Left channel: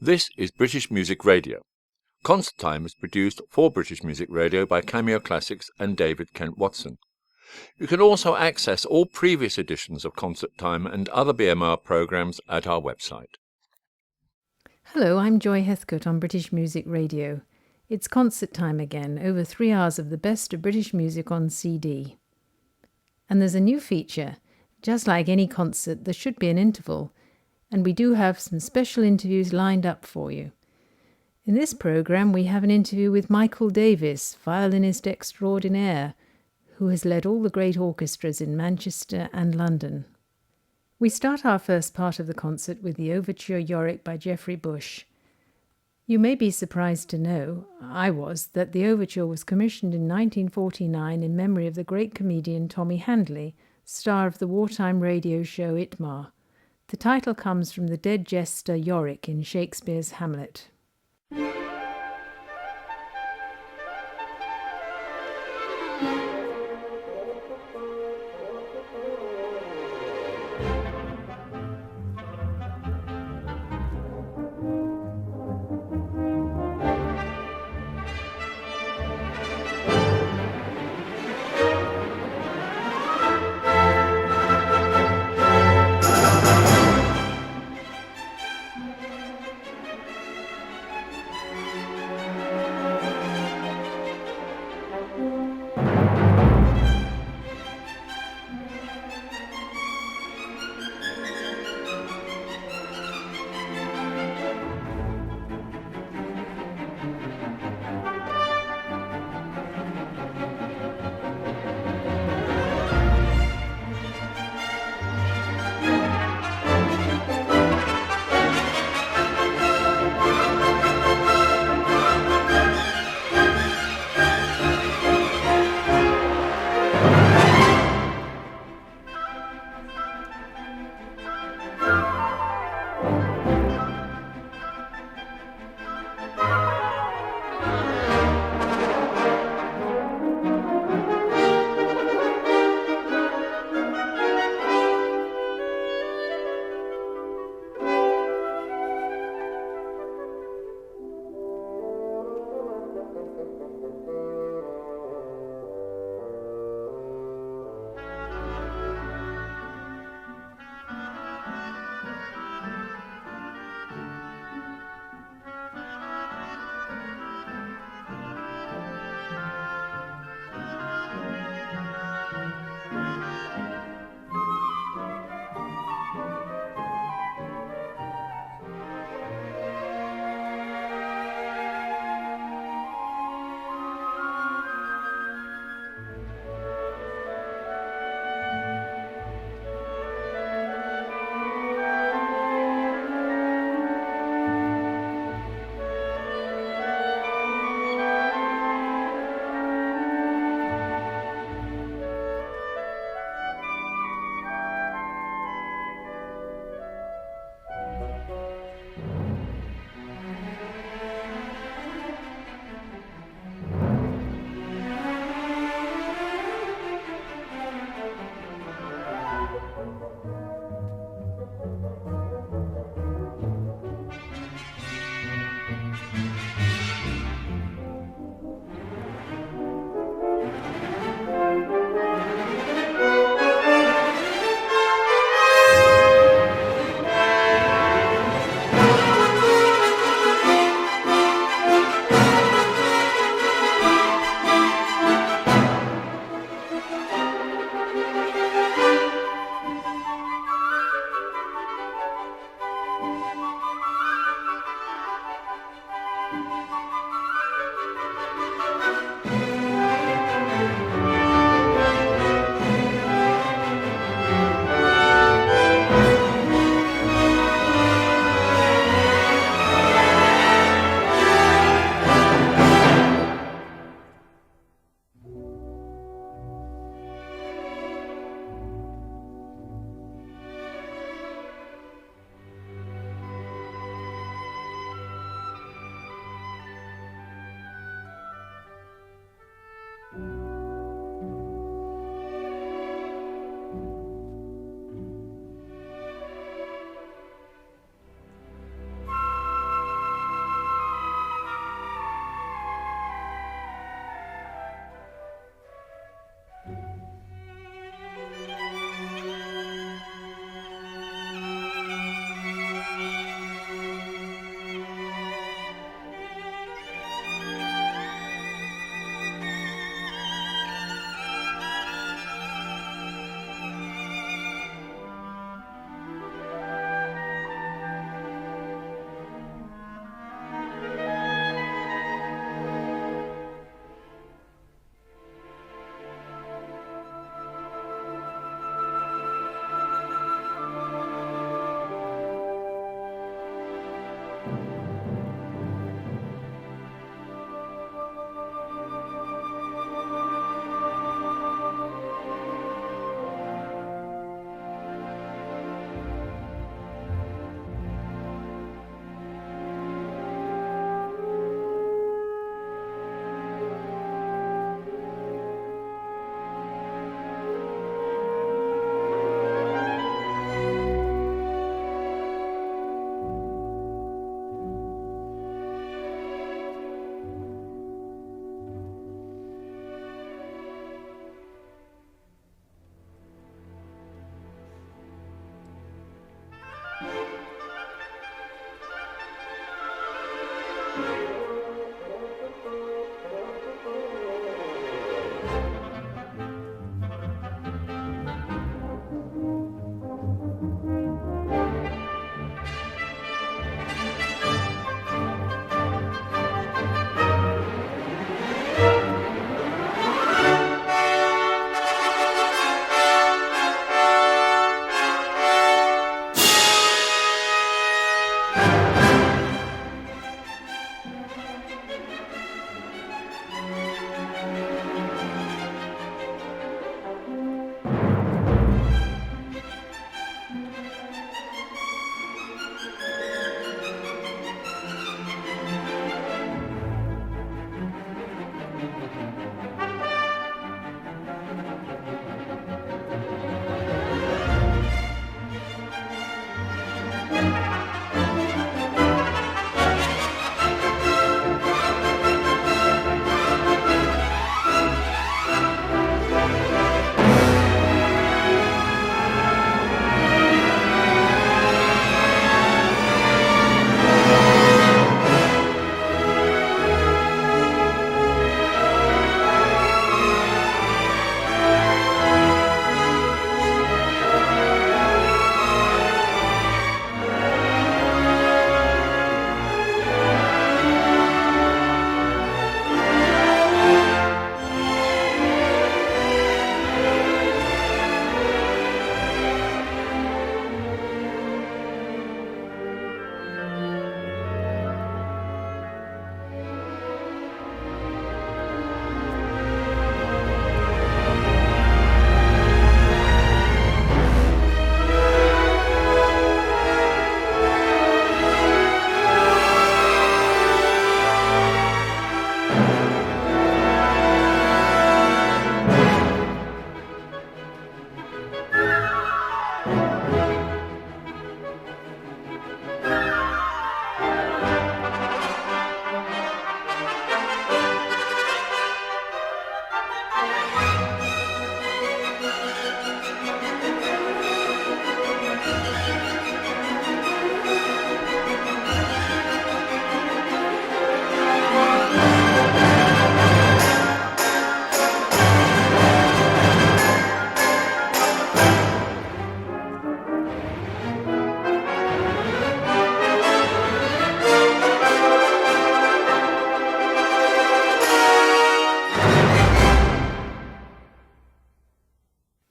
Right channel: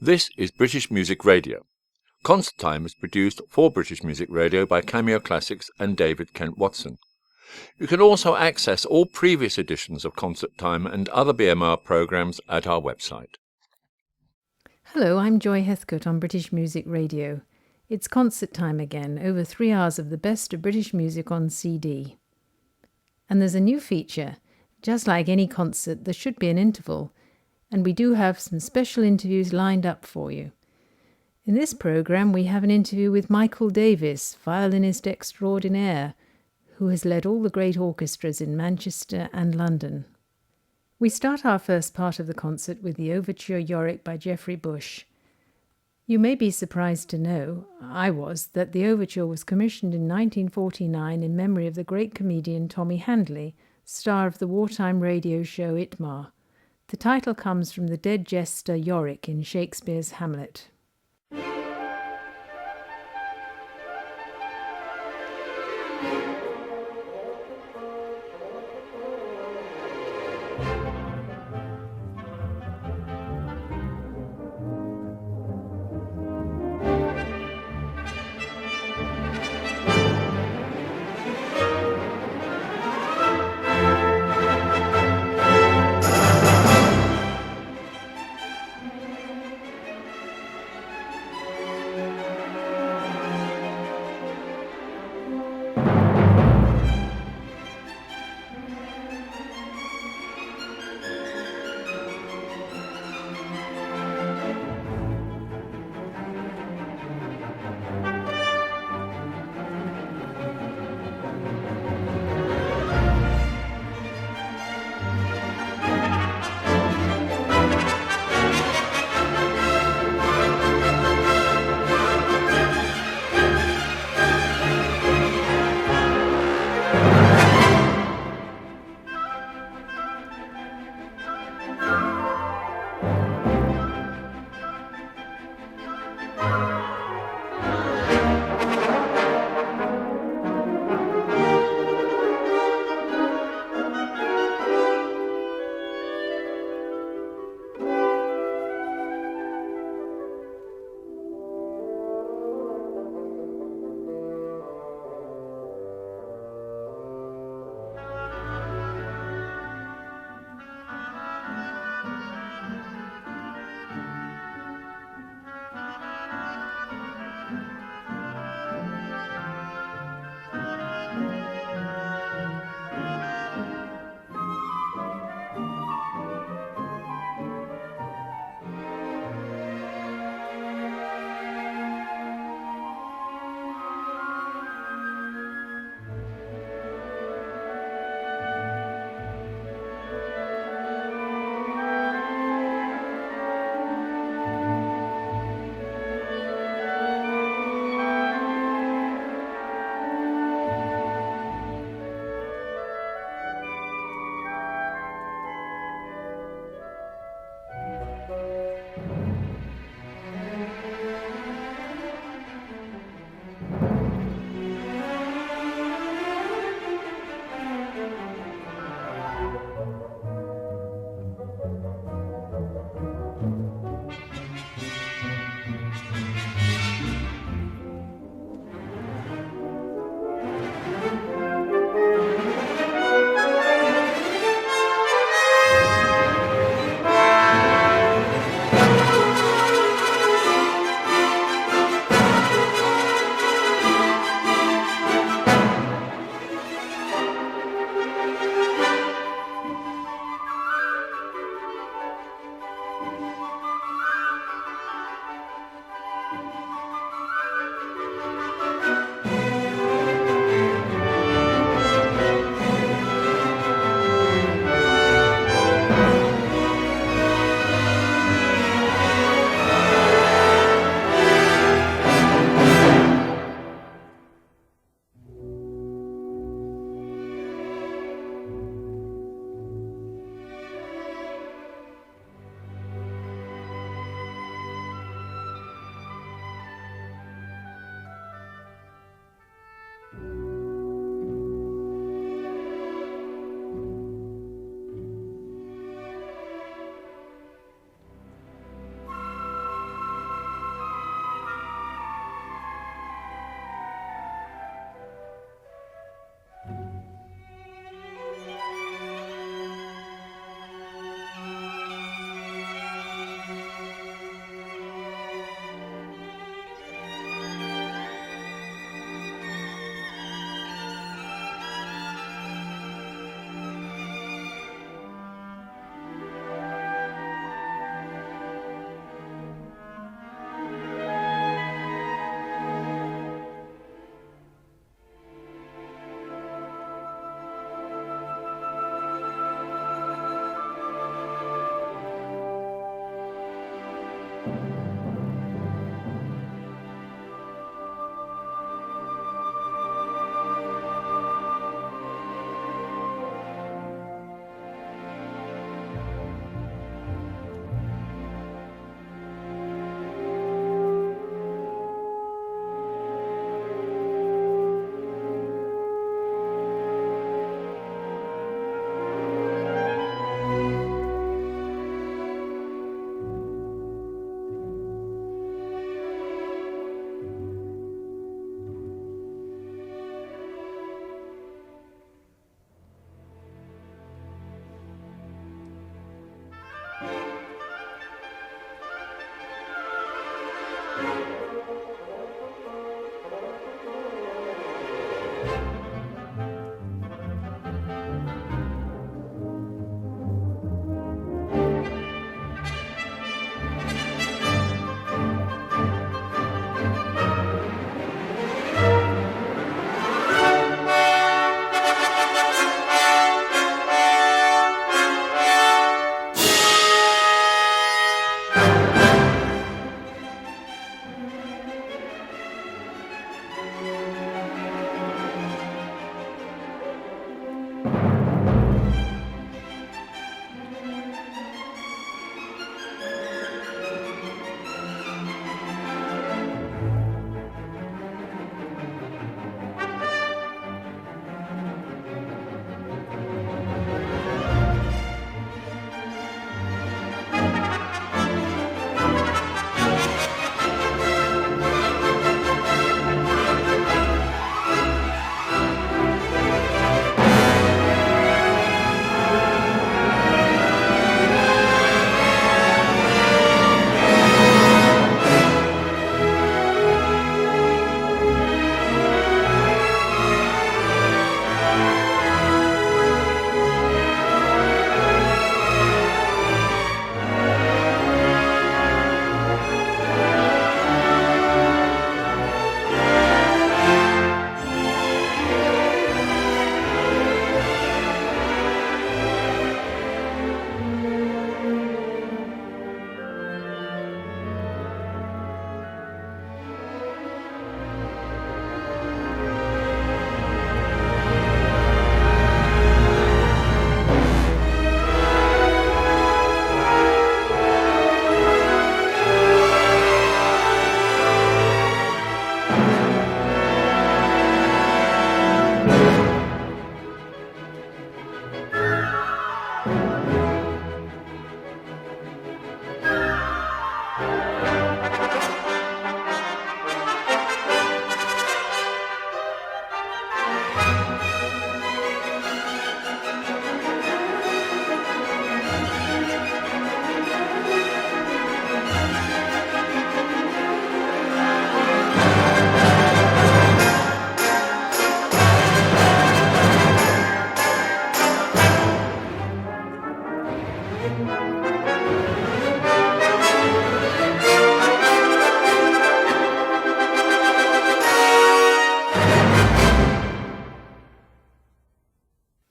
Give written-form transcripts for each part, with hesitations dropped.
This is British Music Radio. Concert Time is produced for British Music Radio by Cameo Classics and David Kent Watson. You can also access all previous editions of Concert Time and other BMR programmes at our website. Hello, I'm Joy Heathcote on British Music Radio. It's concert time again, over 3 hours of the best of British music on CD. And there's a new feature. Just like any concert, there should be an interval, and we do have some special interviews lined up for you. In this programme, we have an interview with Michael Davis, violinist extraordinaire, who has led all the great orchestras in Manchester and London. We start our first part of the concert with the Overture Yorick by Geoffrey Bush. You may be surprised to know, I was, that the overture was commissioned in 1949 in memory of the great comedian Tommy Handley, star of the wartime radio show Itmar. The title comes from the dead jester Yorick in Shakespeare's Hamlet.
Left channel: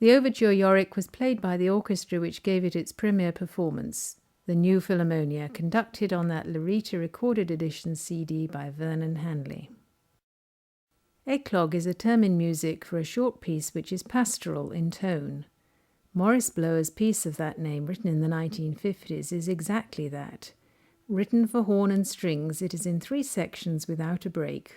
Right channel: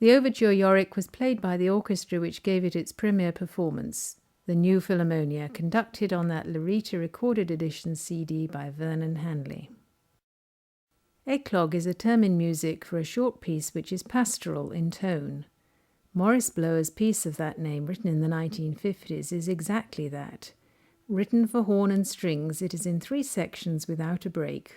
The overture Yorick was played by the orchestra which gave it its premiere performance, the New Philharmonia, conducted on that Larita recorded edition CD by Vernon Hanley. Eclogue is a term in music for a short piece which is pastoral in tone. Maurice Blower's piece of that name, written in the 1950s, is exactly that. Written for horn and strings, it is in 3 sections without a break.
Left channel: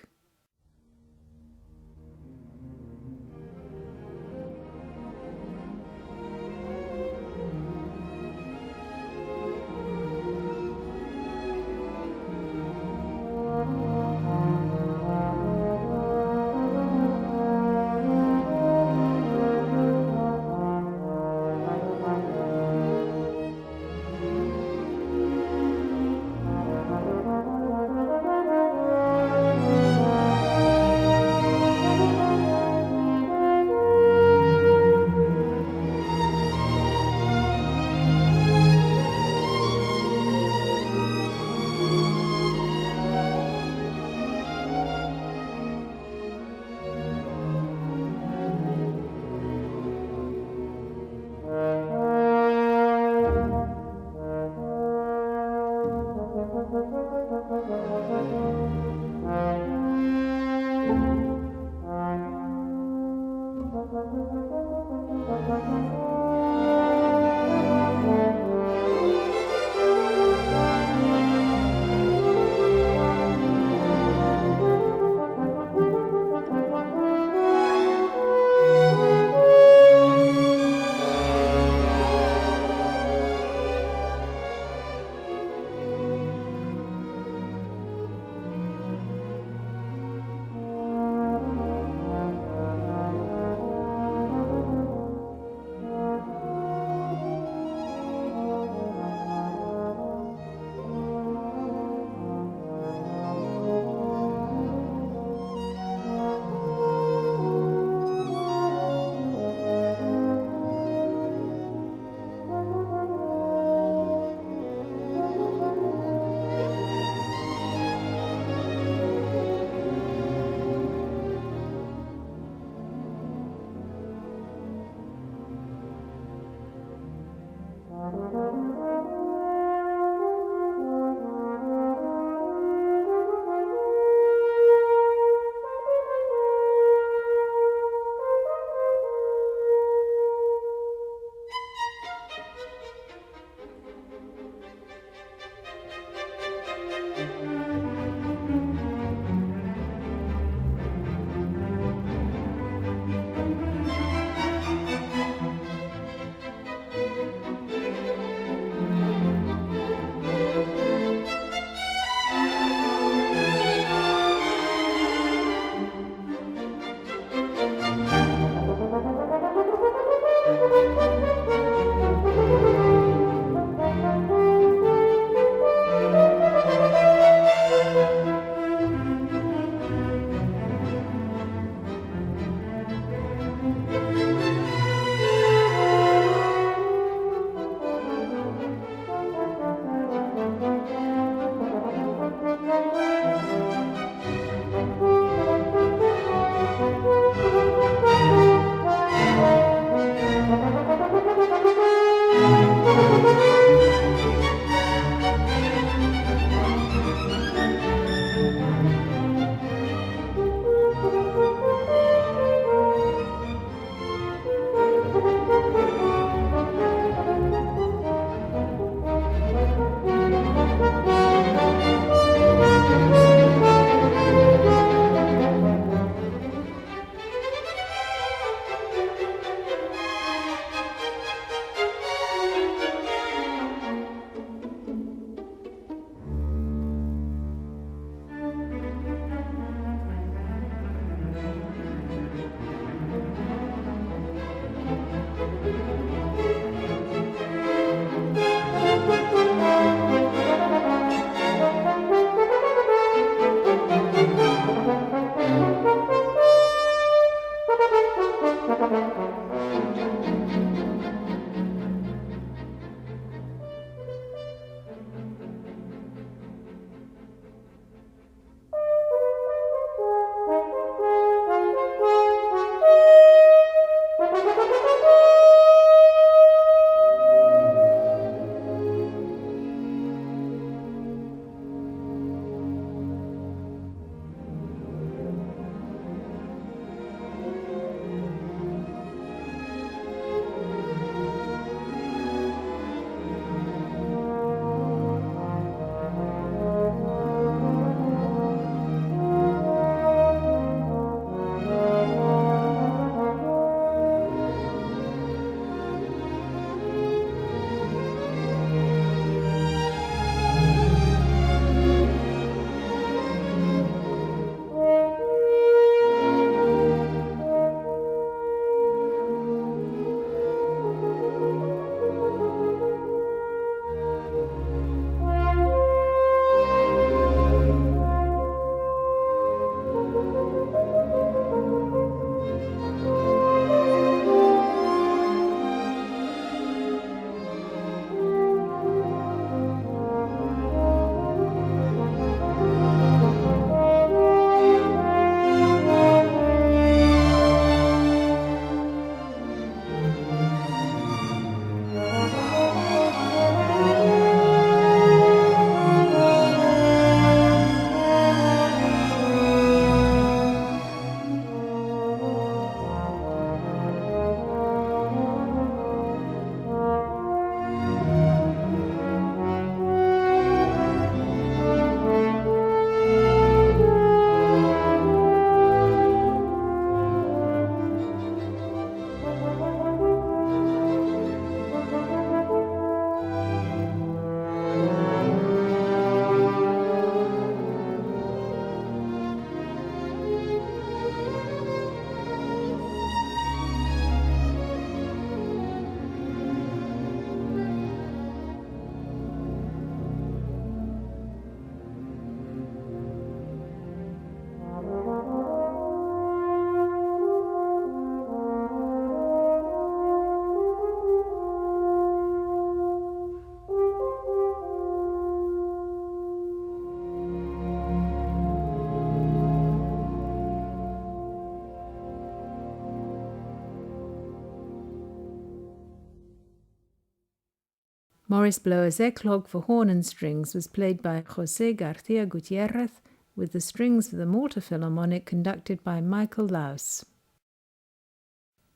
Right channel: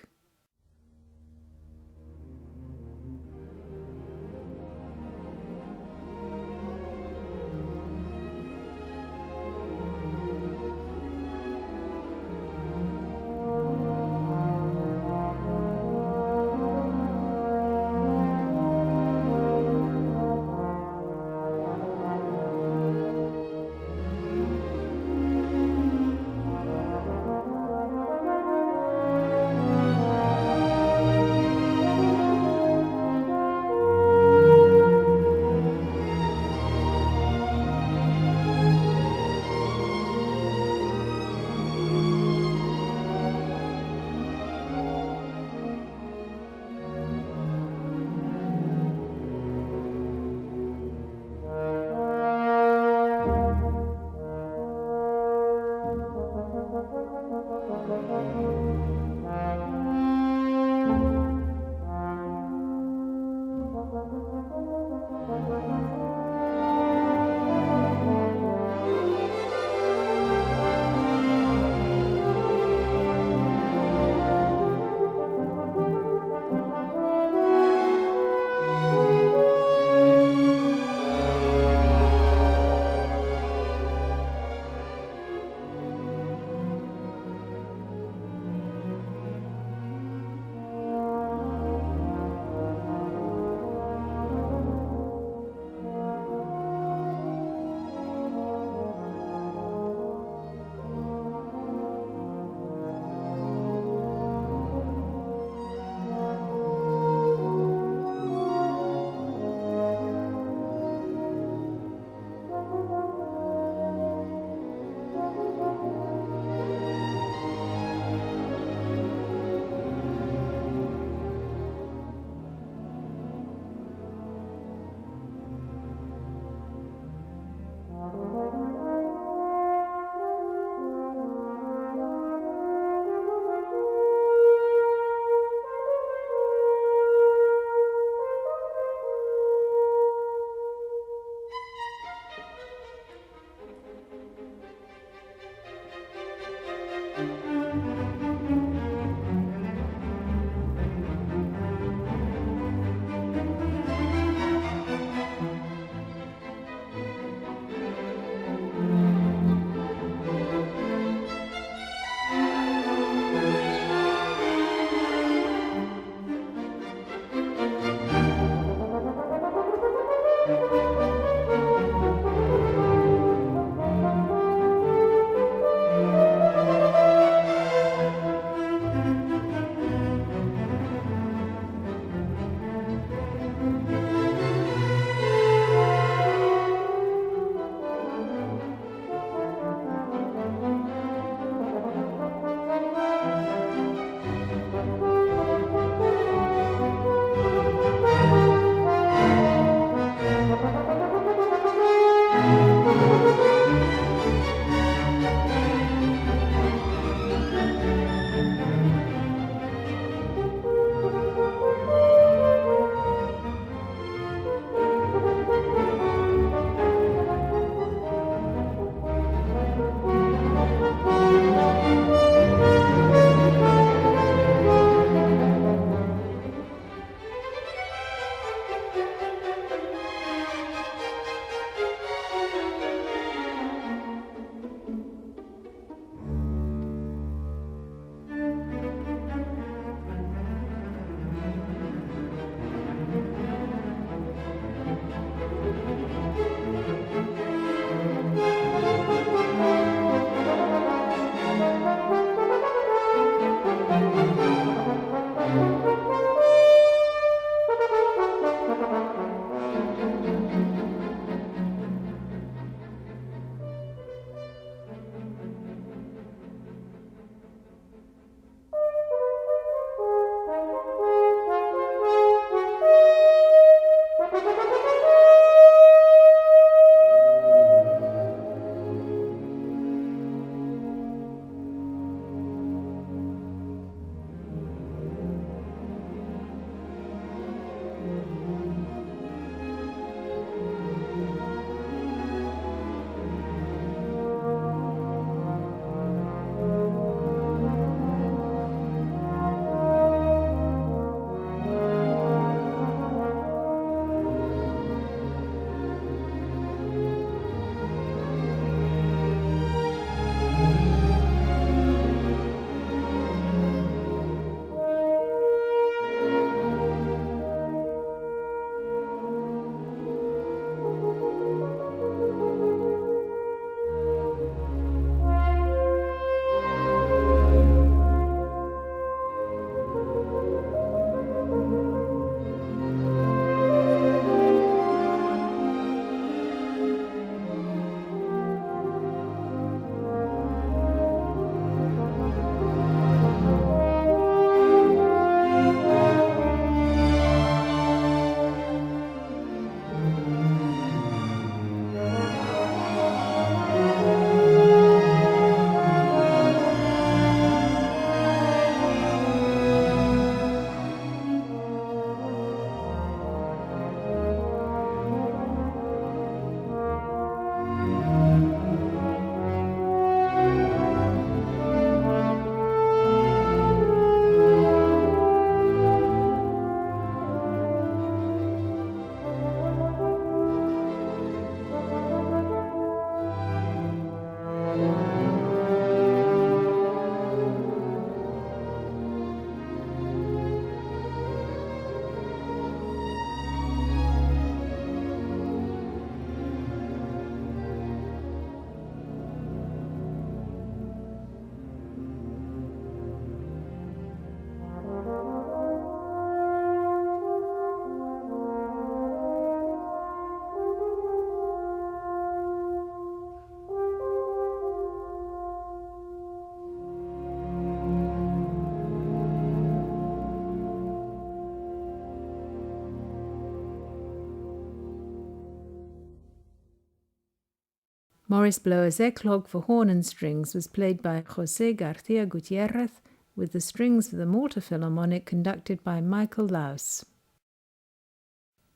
Maurice Blower's Eclogue for horn and strings was played by José García Gutiérrez, with the strings of the Malta Philharmonic conducted by Michael Laus.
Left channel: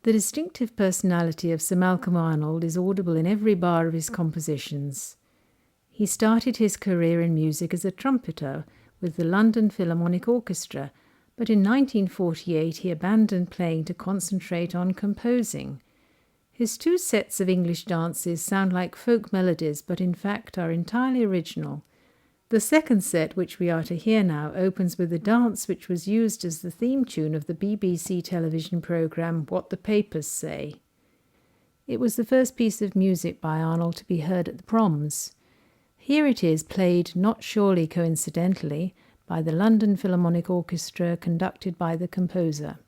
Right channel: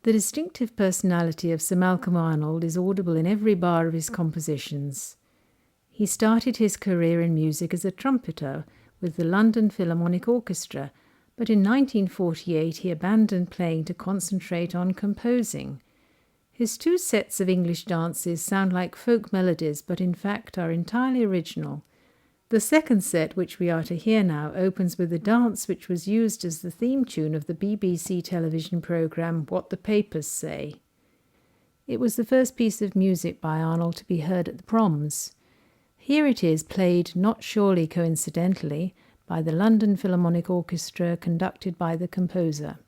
The distinctive personality of Sir Malcolm Arnold is audible in every bar of his compositions. He started his career in music as a trumpeter with the London Philharmonic Orchestra, but in 1948 he abandoned playing to concentrate on composing. His two sets of English dances sound like folk melodies, but in fact are entirely original. The second set, which we are to hear now, opens with a dance which was used as the theme tune of the BBC television programme What the Papers Say. It was the first piece of music by Arnold to be heard at the Proms. Here it is, played, not surely coincidentally, by the London Philharmonic Orchestra, conducted by the composer.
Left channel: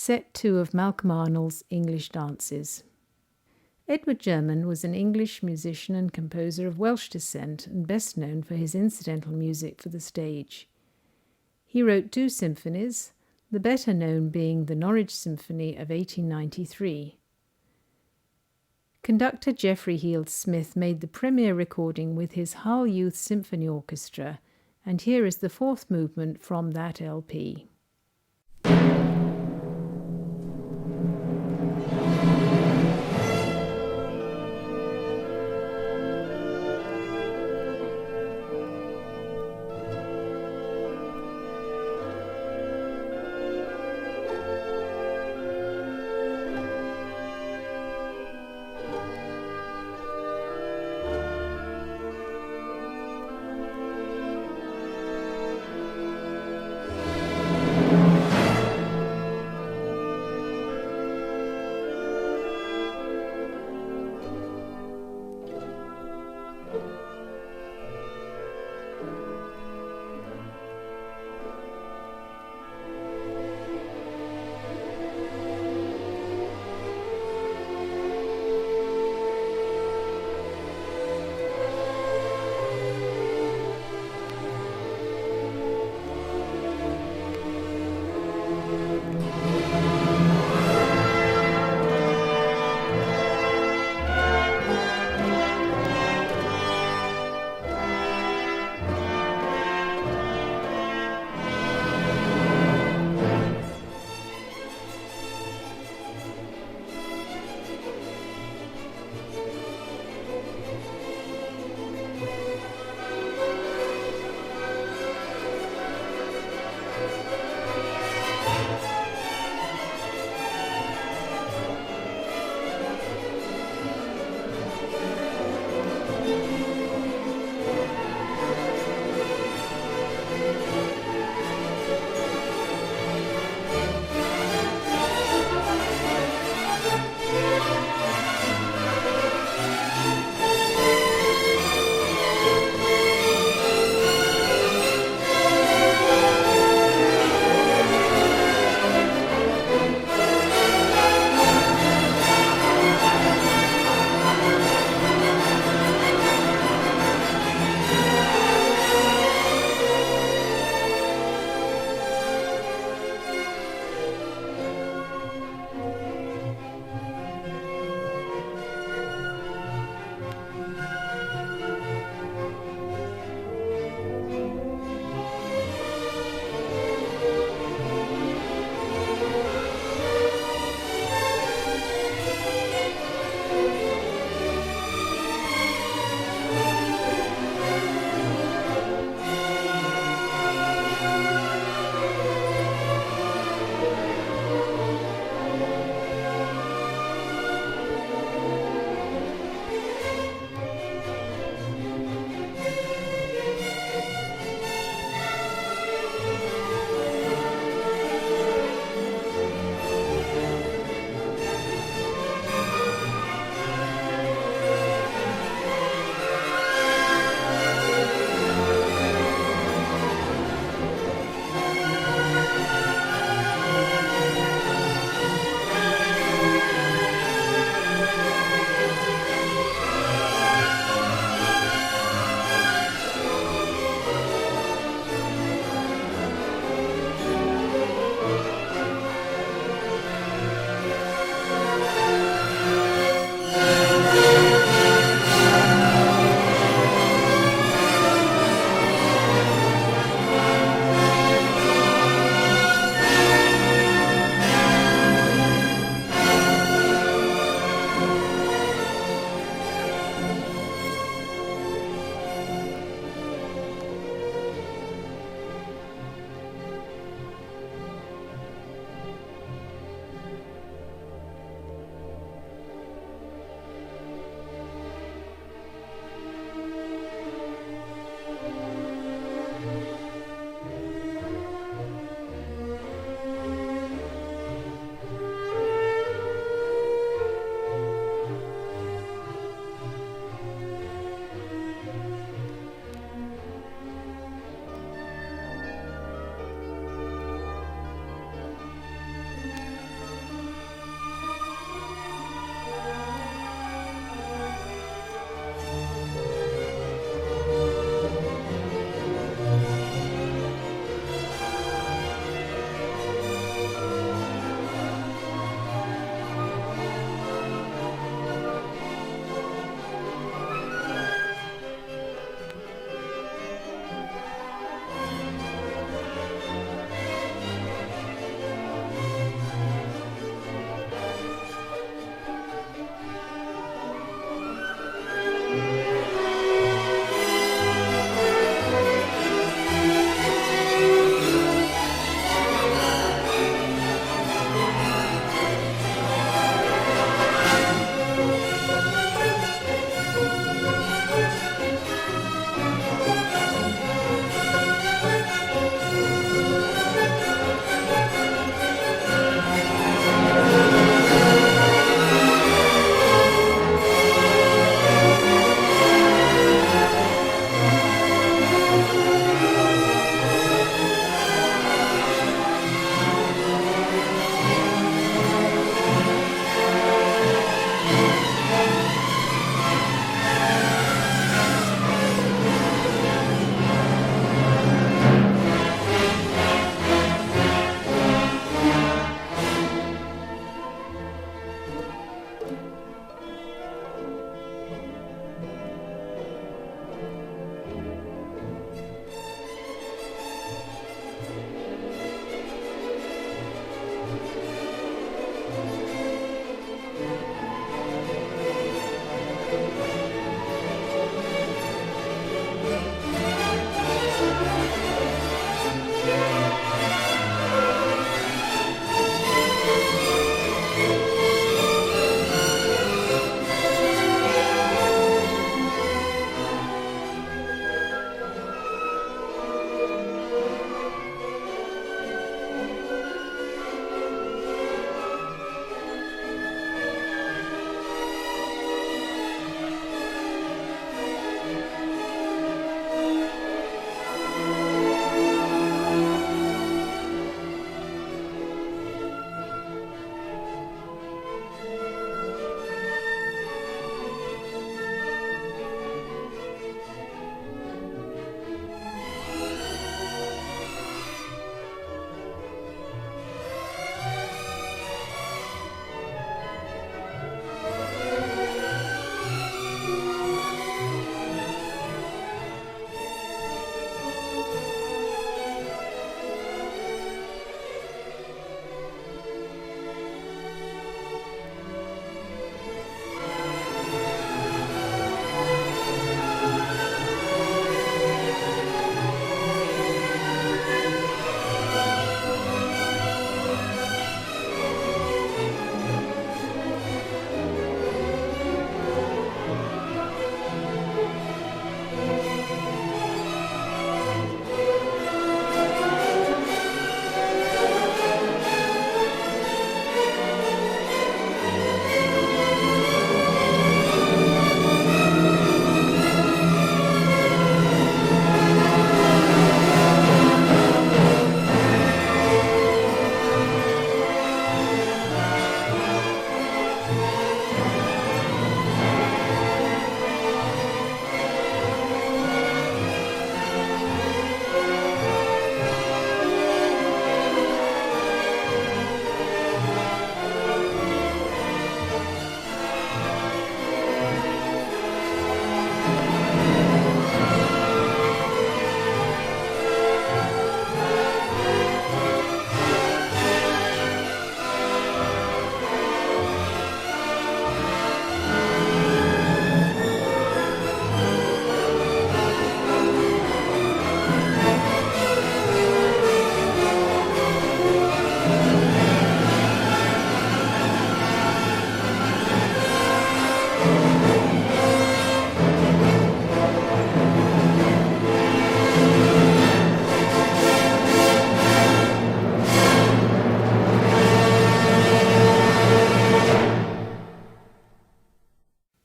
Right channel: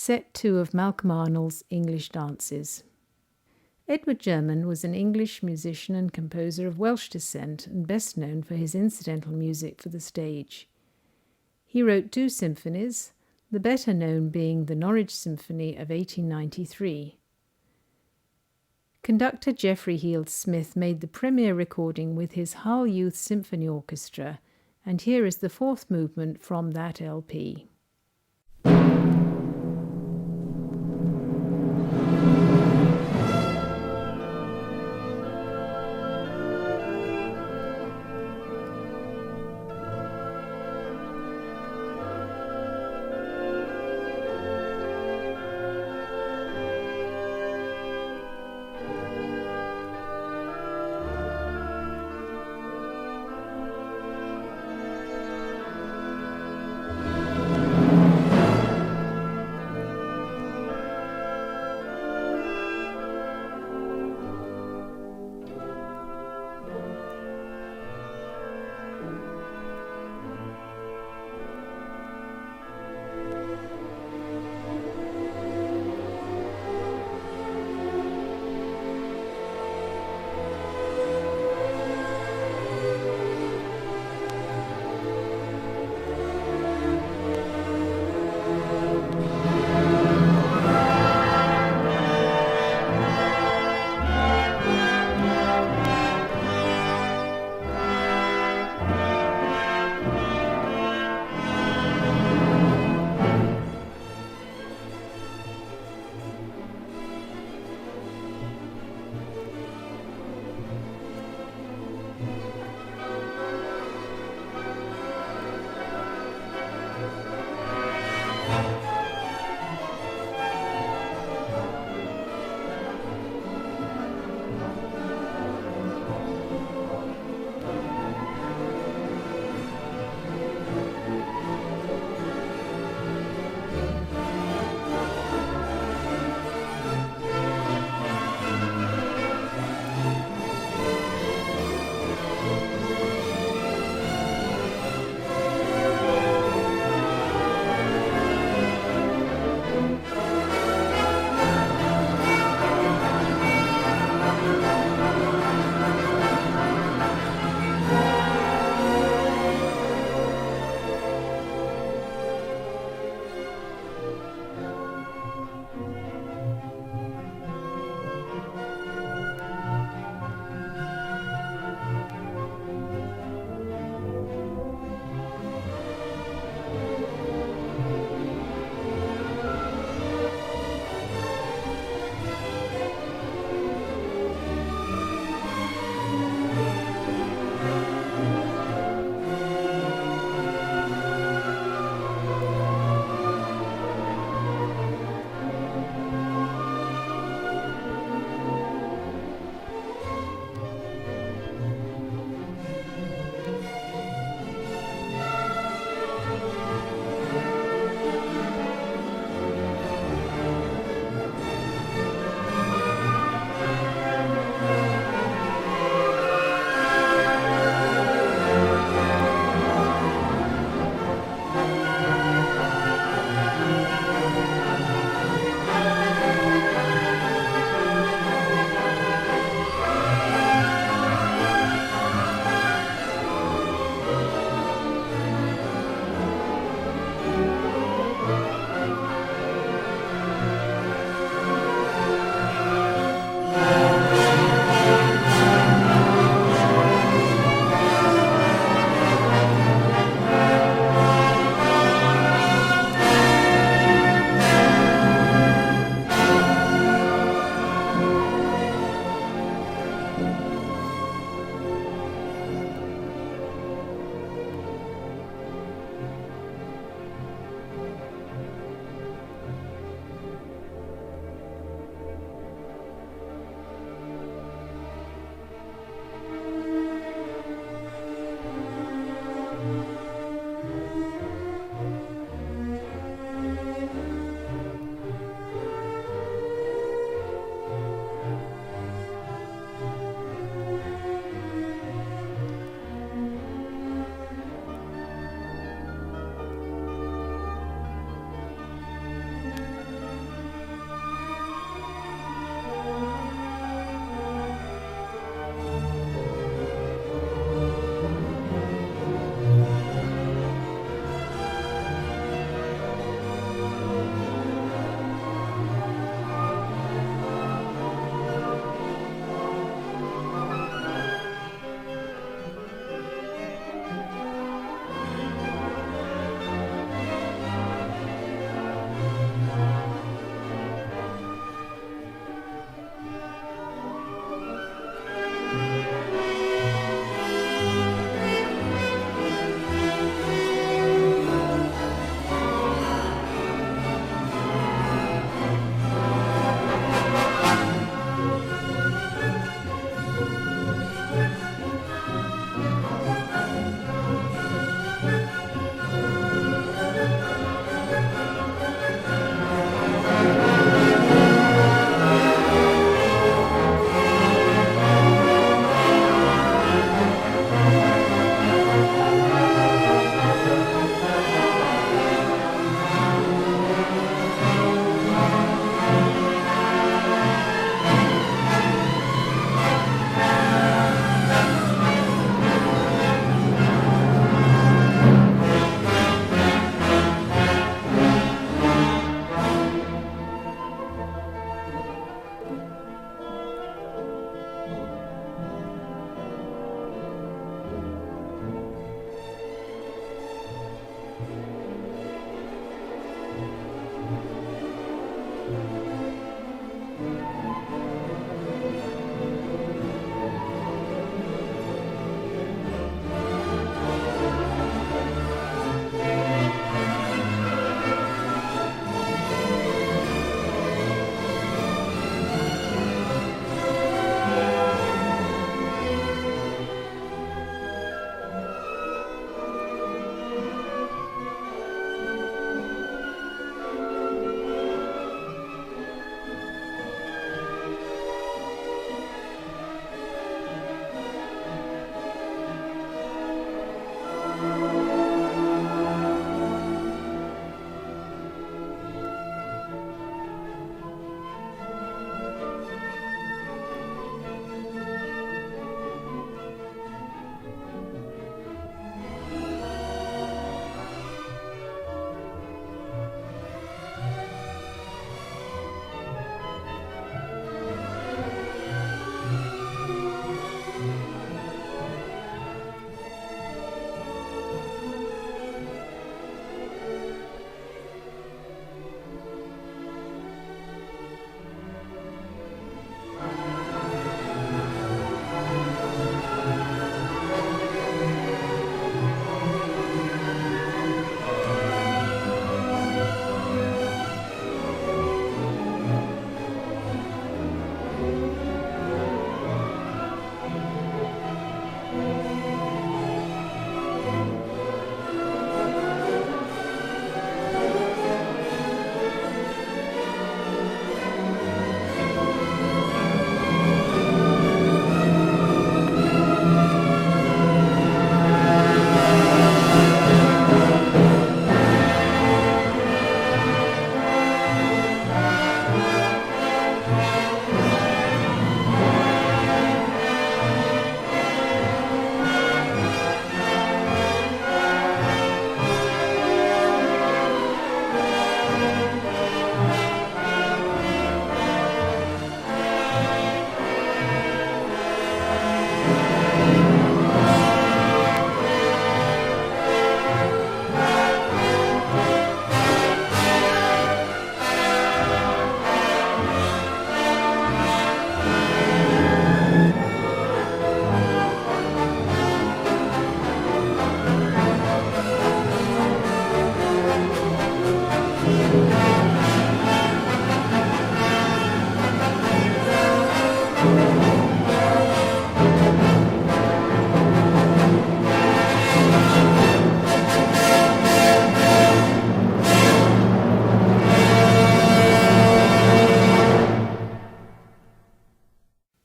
Set 2 of Malcolm Arnold's English Dances. Edward German was an English musician and composer of Welsh descent and best known for his incidental music for the stage. He wrote 2 symphonies, the better known being the Norwich Symphony of 1893. Conductor Geoffrey Heald Smith made the premiere recording with his Hull Youth Symphony Orchestra, and here is the 4th movement from that LP.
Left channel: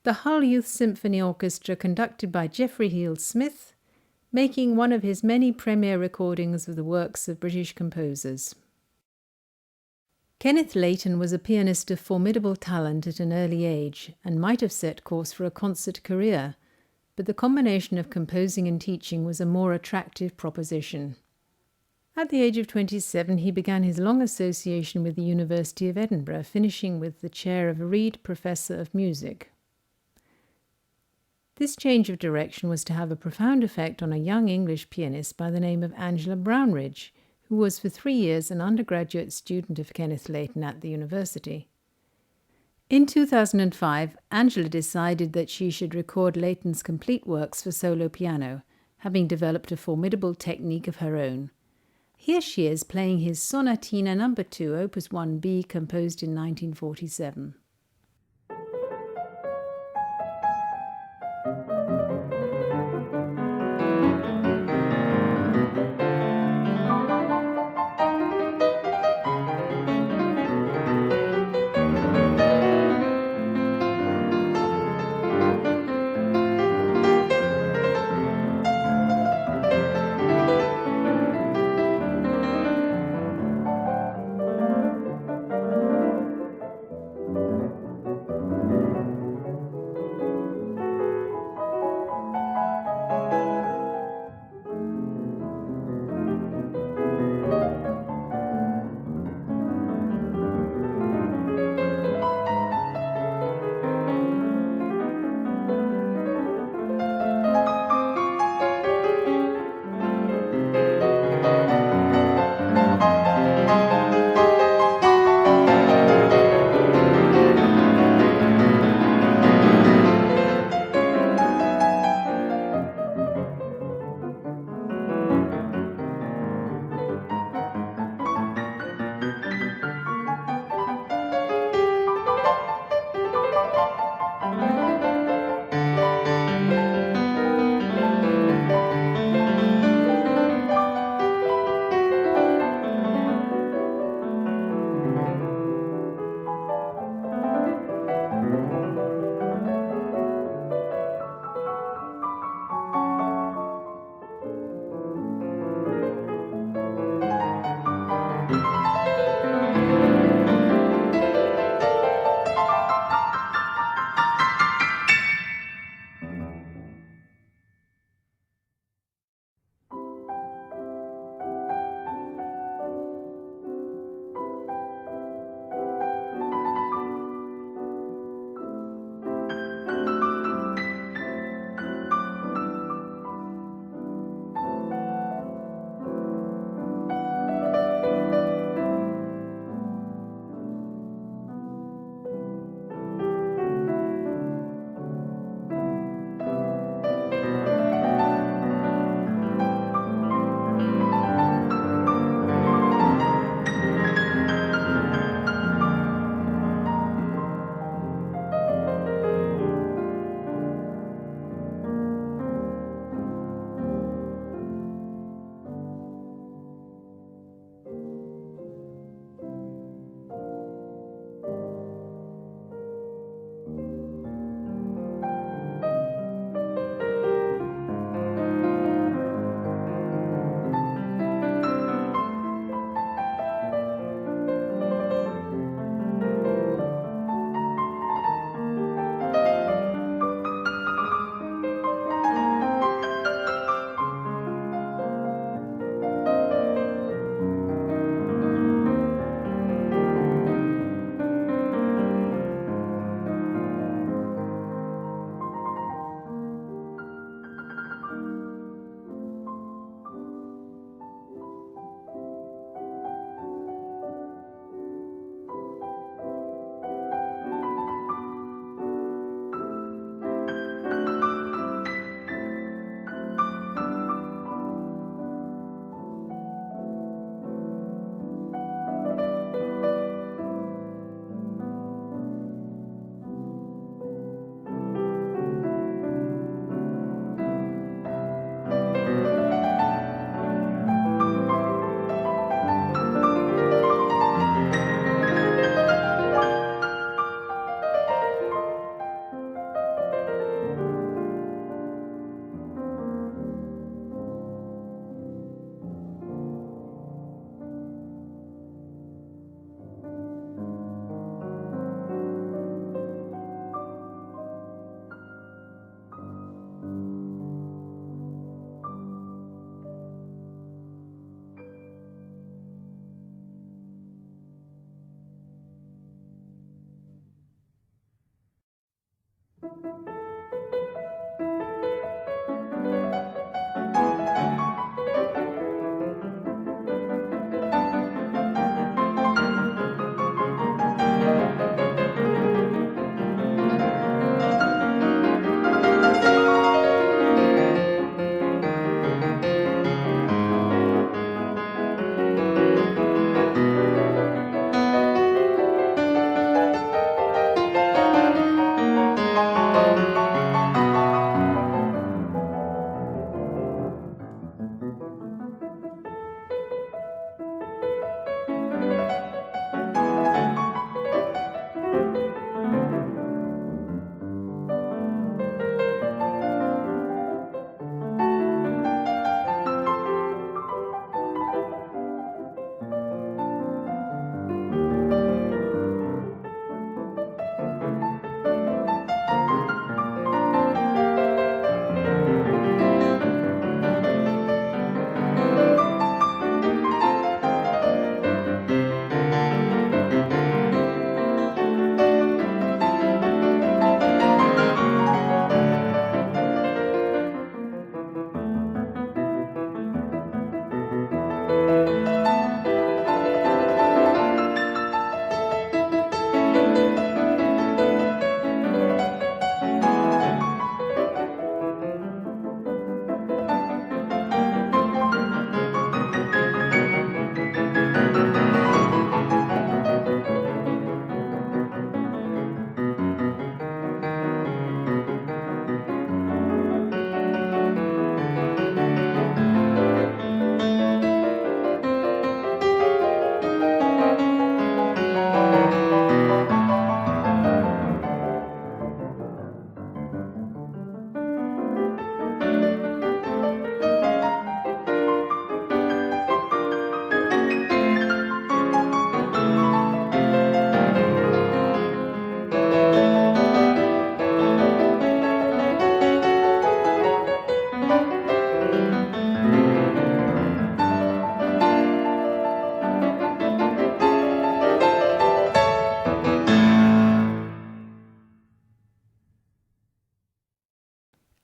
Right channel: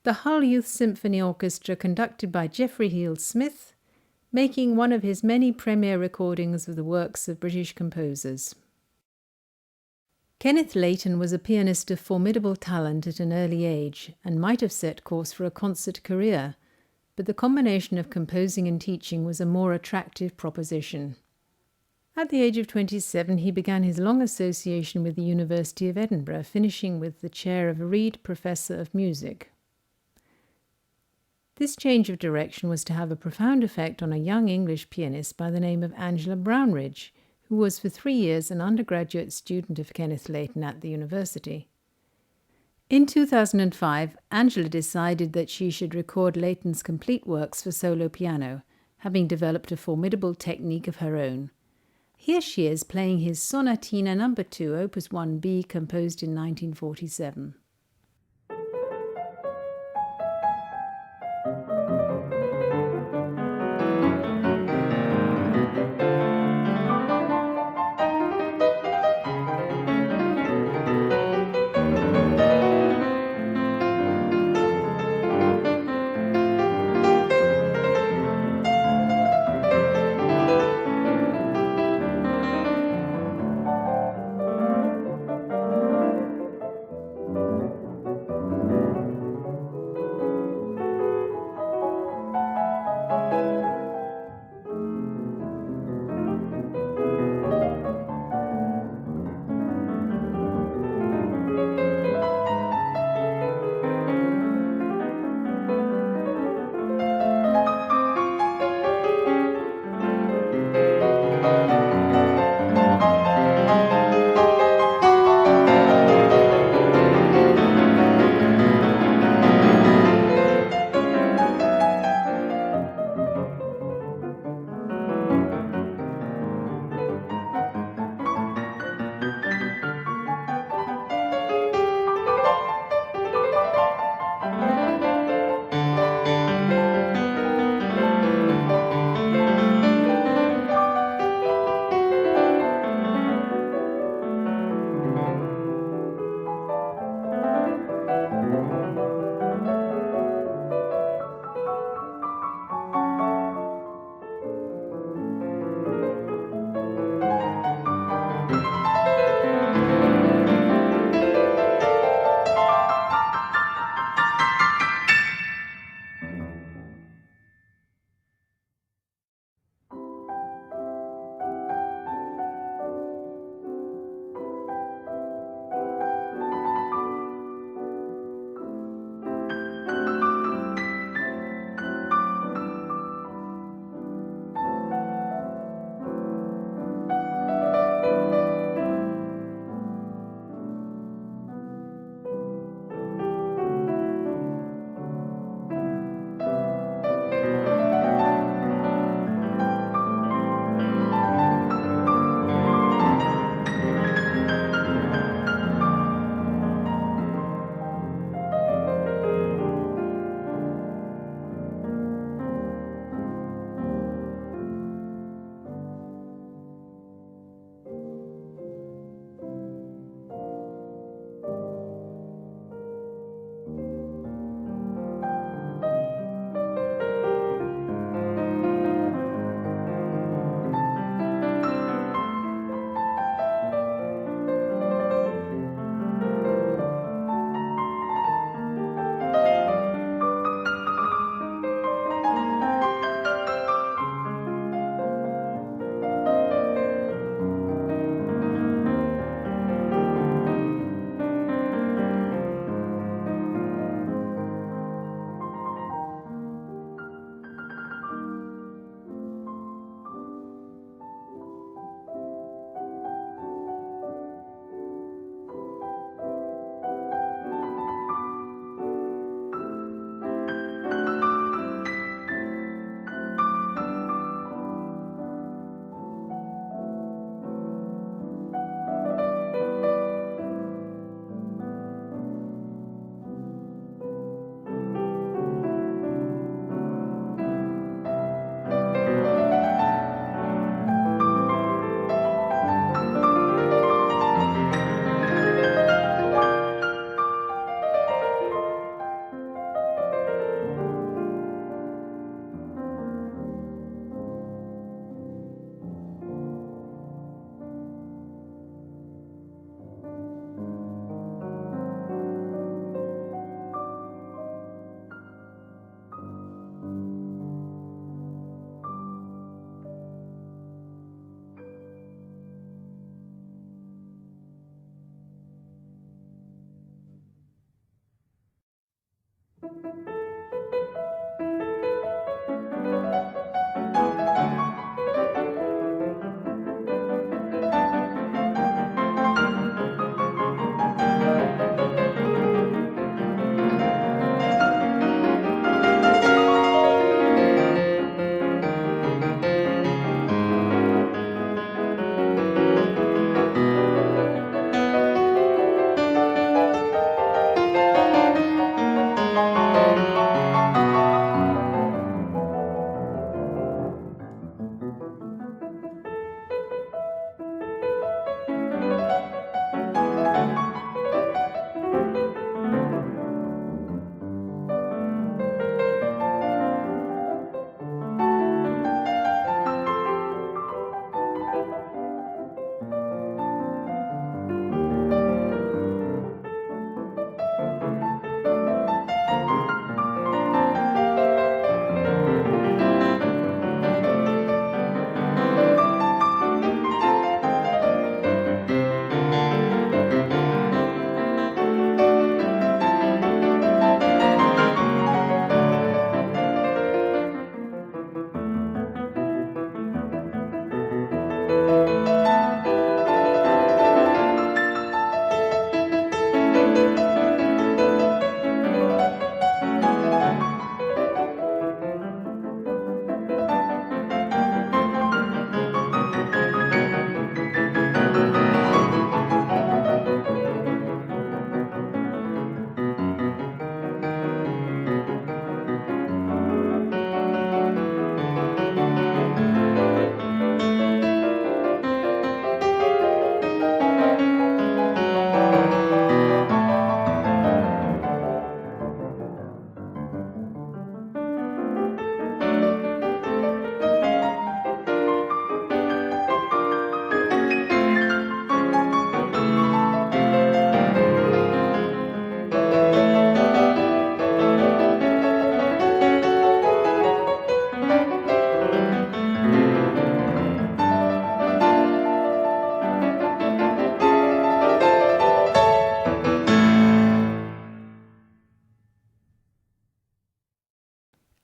the Hull Youth Symphony Orchestra conducted by Geoffrey Heald Smith, making one of his many premiere recordings of the works of British composers. Kenneth Layton was a pianist of formidable talent at an early age and might have set course for a concert career, but the combination of composing and teaching was a more attractive proposition. At the age of 27, he began his long association with the University of Edinburgh, finishing with the chair of Reed Professor of Music. This change of direction was to have a profound effect on a young English pianist by the name of Angela Brownridge, who was for 3 years an undergraduate student of Kenneth Layton at the university. In 2005, Angela decided that she should record Layton's complete works for solo piano, having developed a formidable technique of her own. Here she is playing his Sonatina No. 2, Opus 1b, composed in 1947.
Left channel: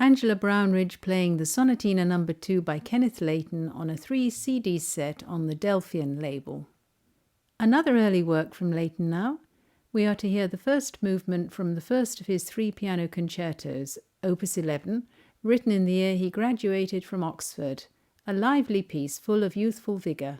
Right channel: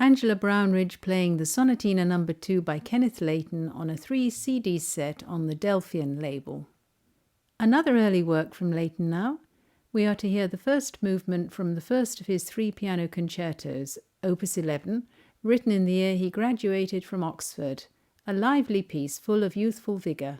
Angela Brownridge playing the Sonatina No. 2 by Kenneth Layton on a 3-CD set on the Delphian label. Another early work from Layton now. We are to hear the first movement from the first of his 3 piano concertos, Opus 11, written in the year he graduated from Oxford, a lively piece full of youthful vigour.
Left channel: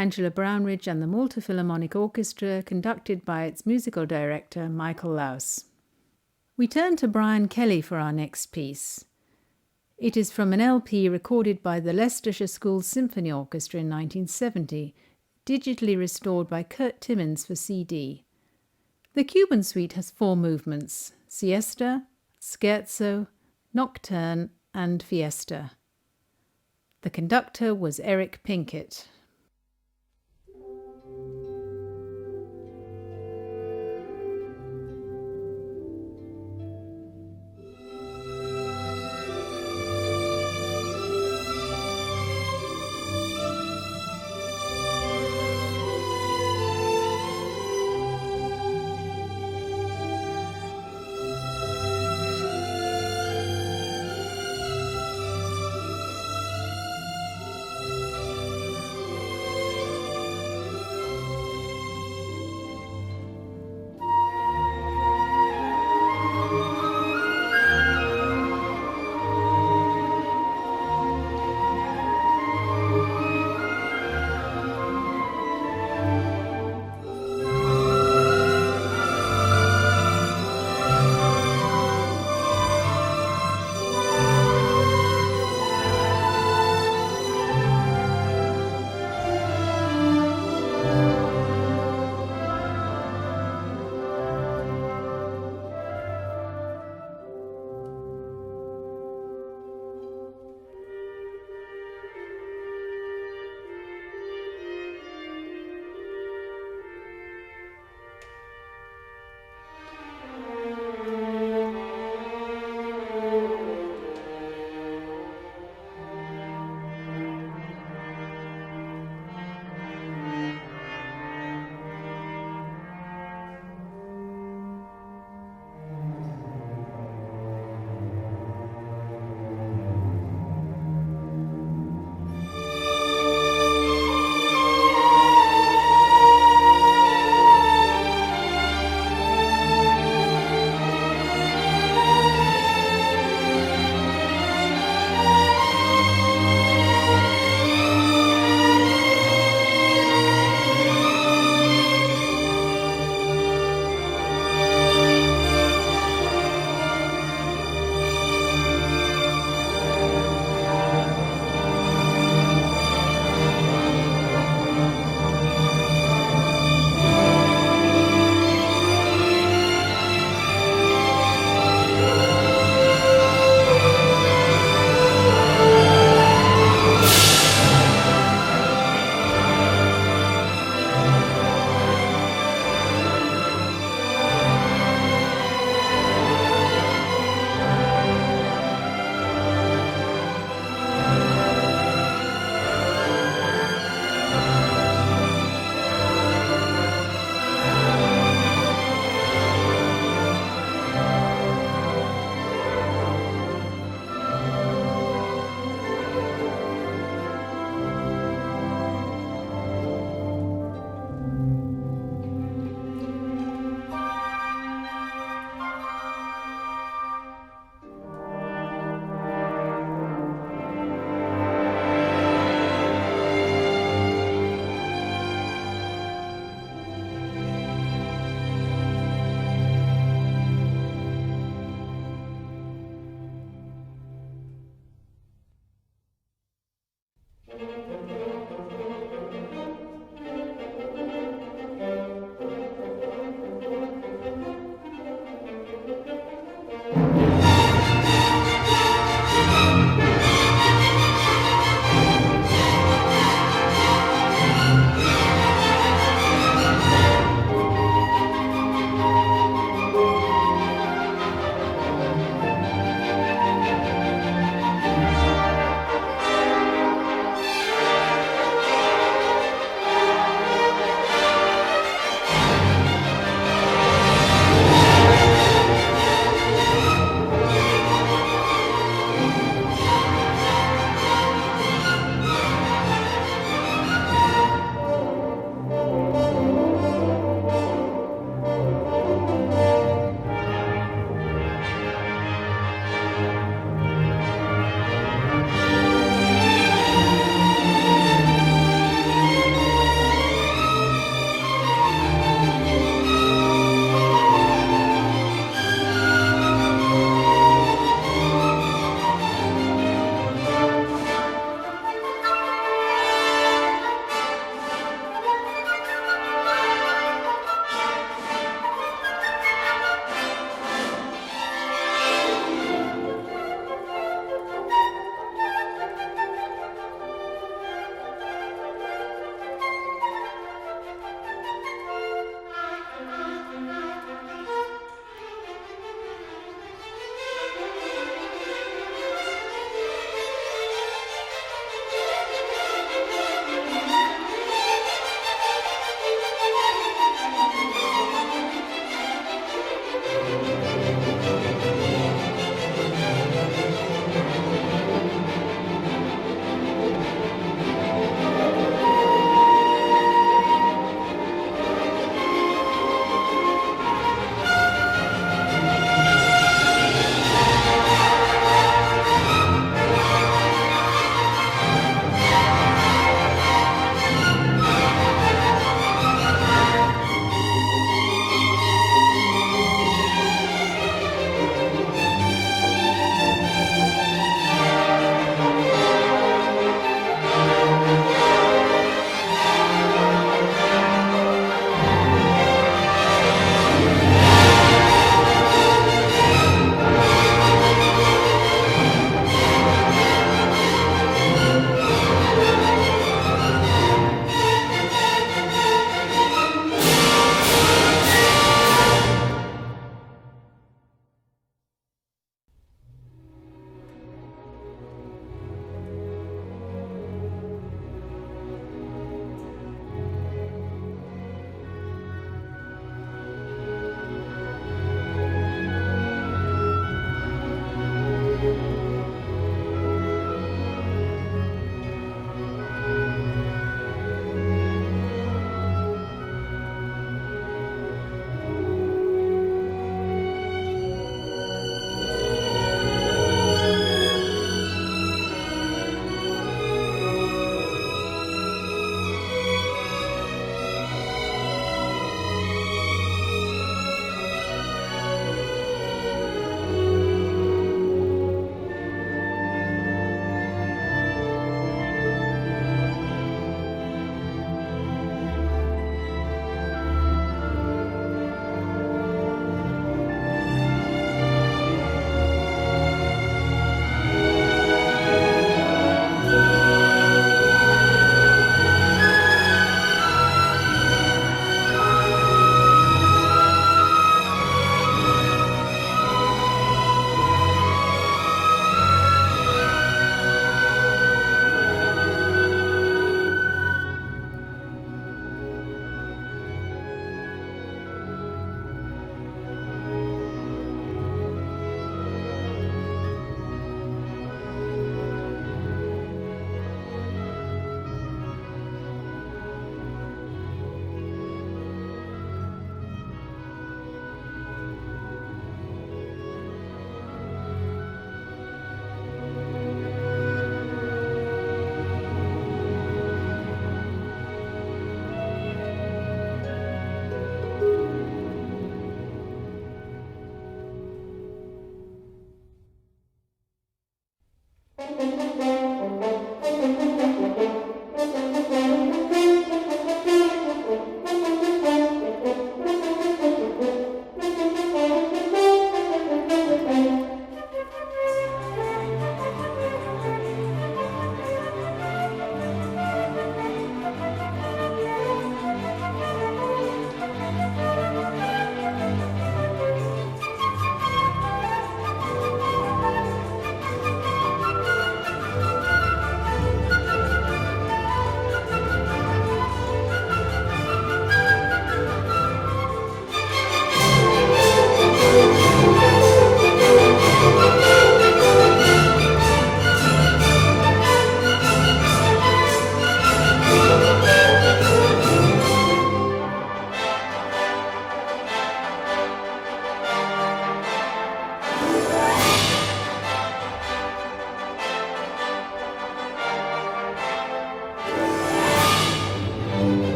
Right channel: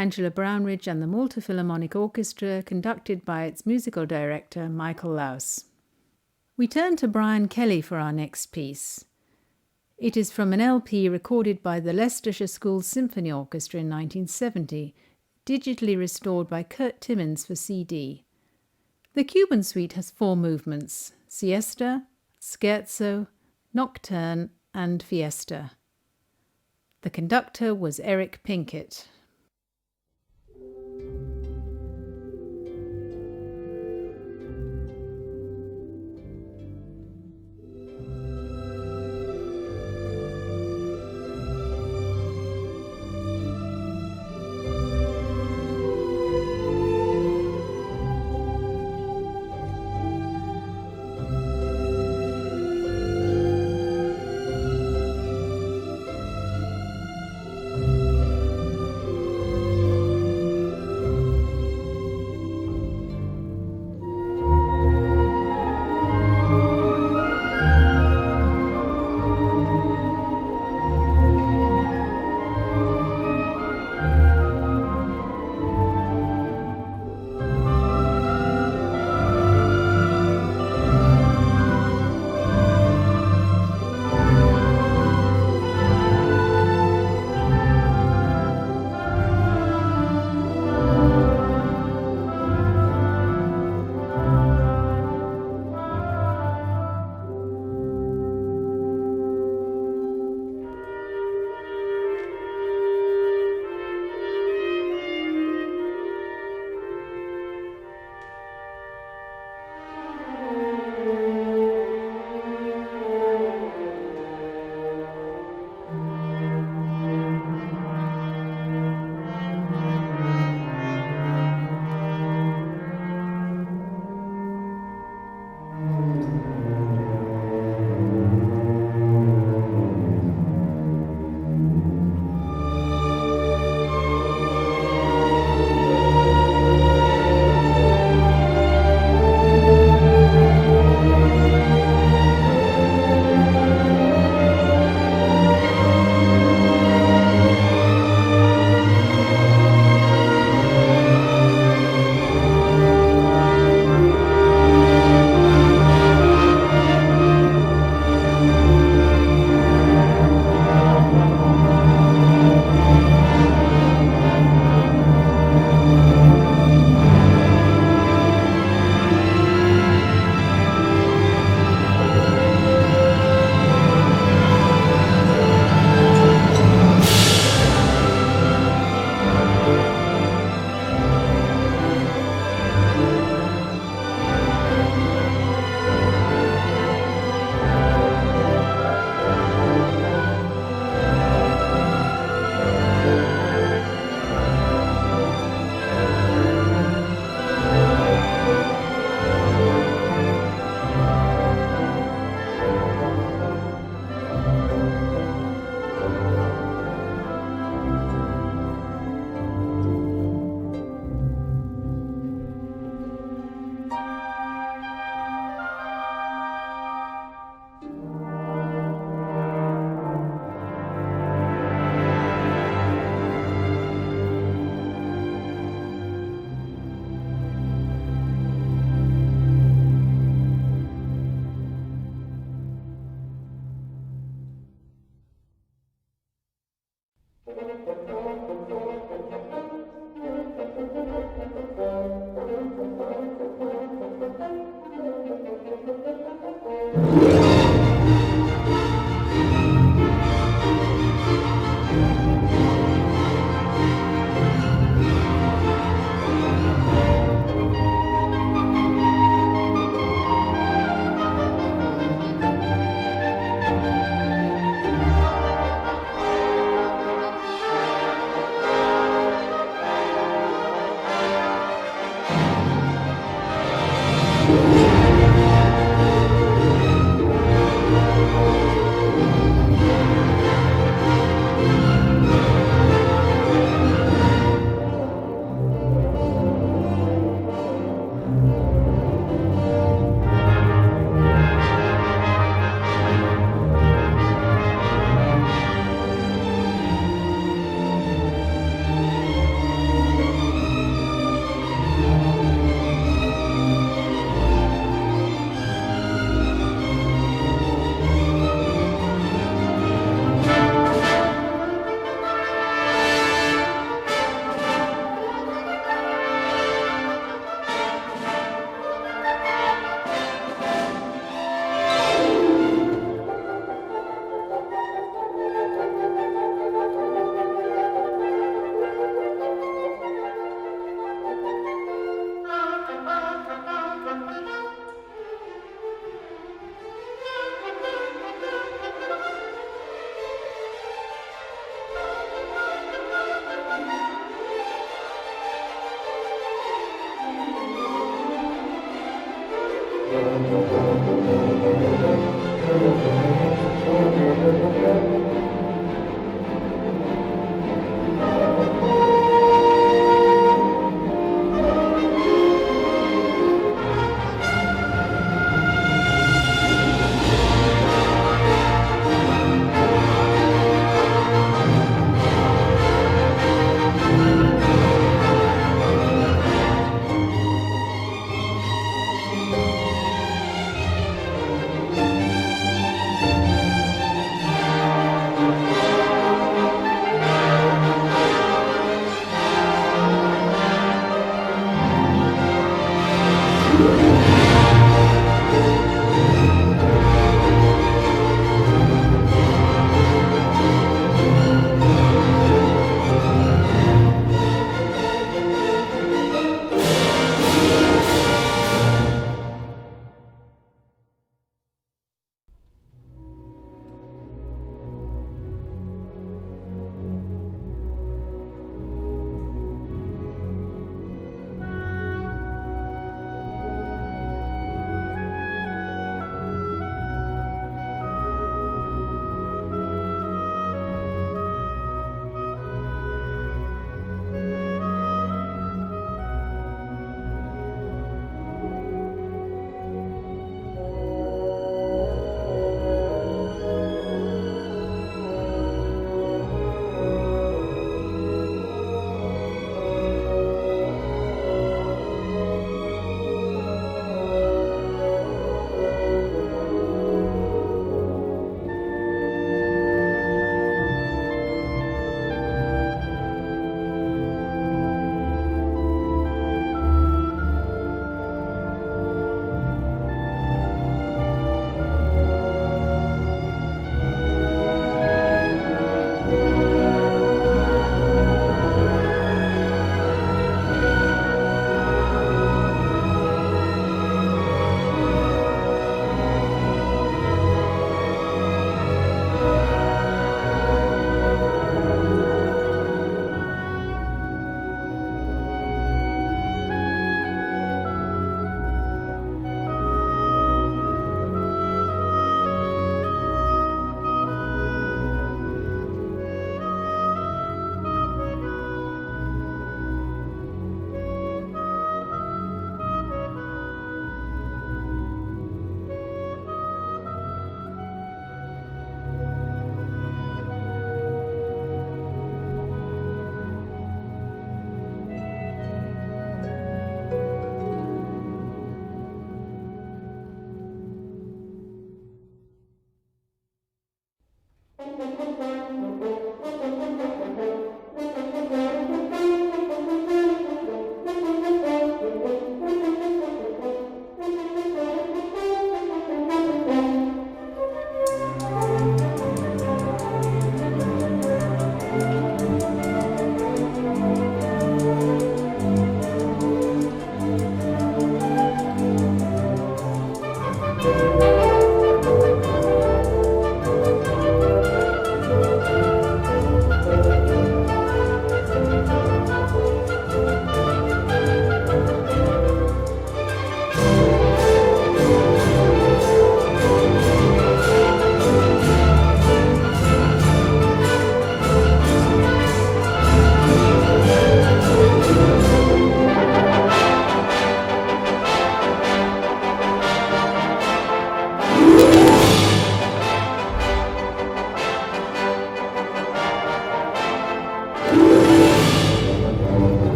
Angela Brownridge and the Malta Philharmonic Orchestra, conducted by its musical director, Michael Laus. We turn to Brian Kelly for our next piece. It is from an LP recorded by the Leicestershire School Symphony Orchestra in 1970, digitally restored by Kurt Timmins for CD. The Cuban Suite has 4 movements: Siesta, Scherzo, Nocturne, and Fiesta. The conductor was Eric Pinkett.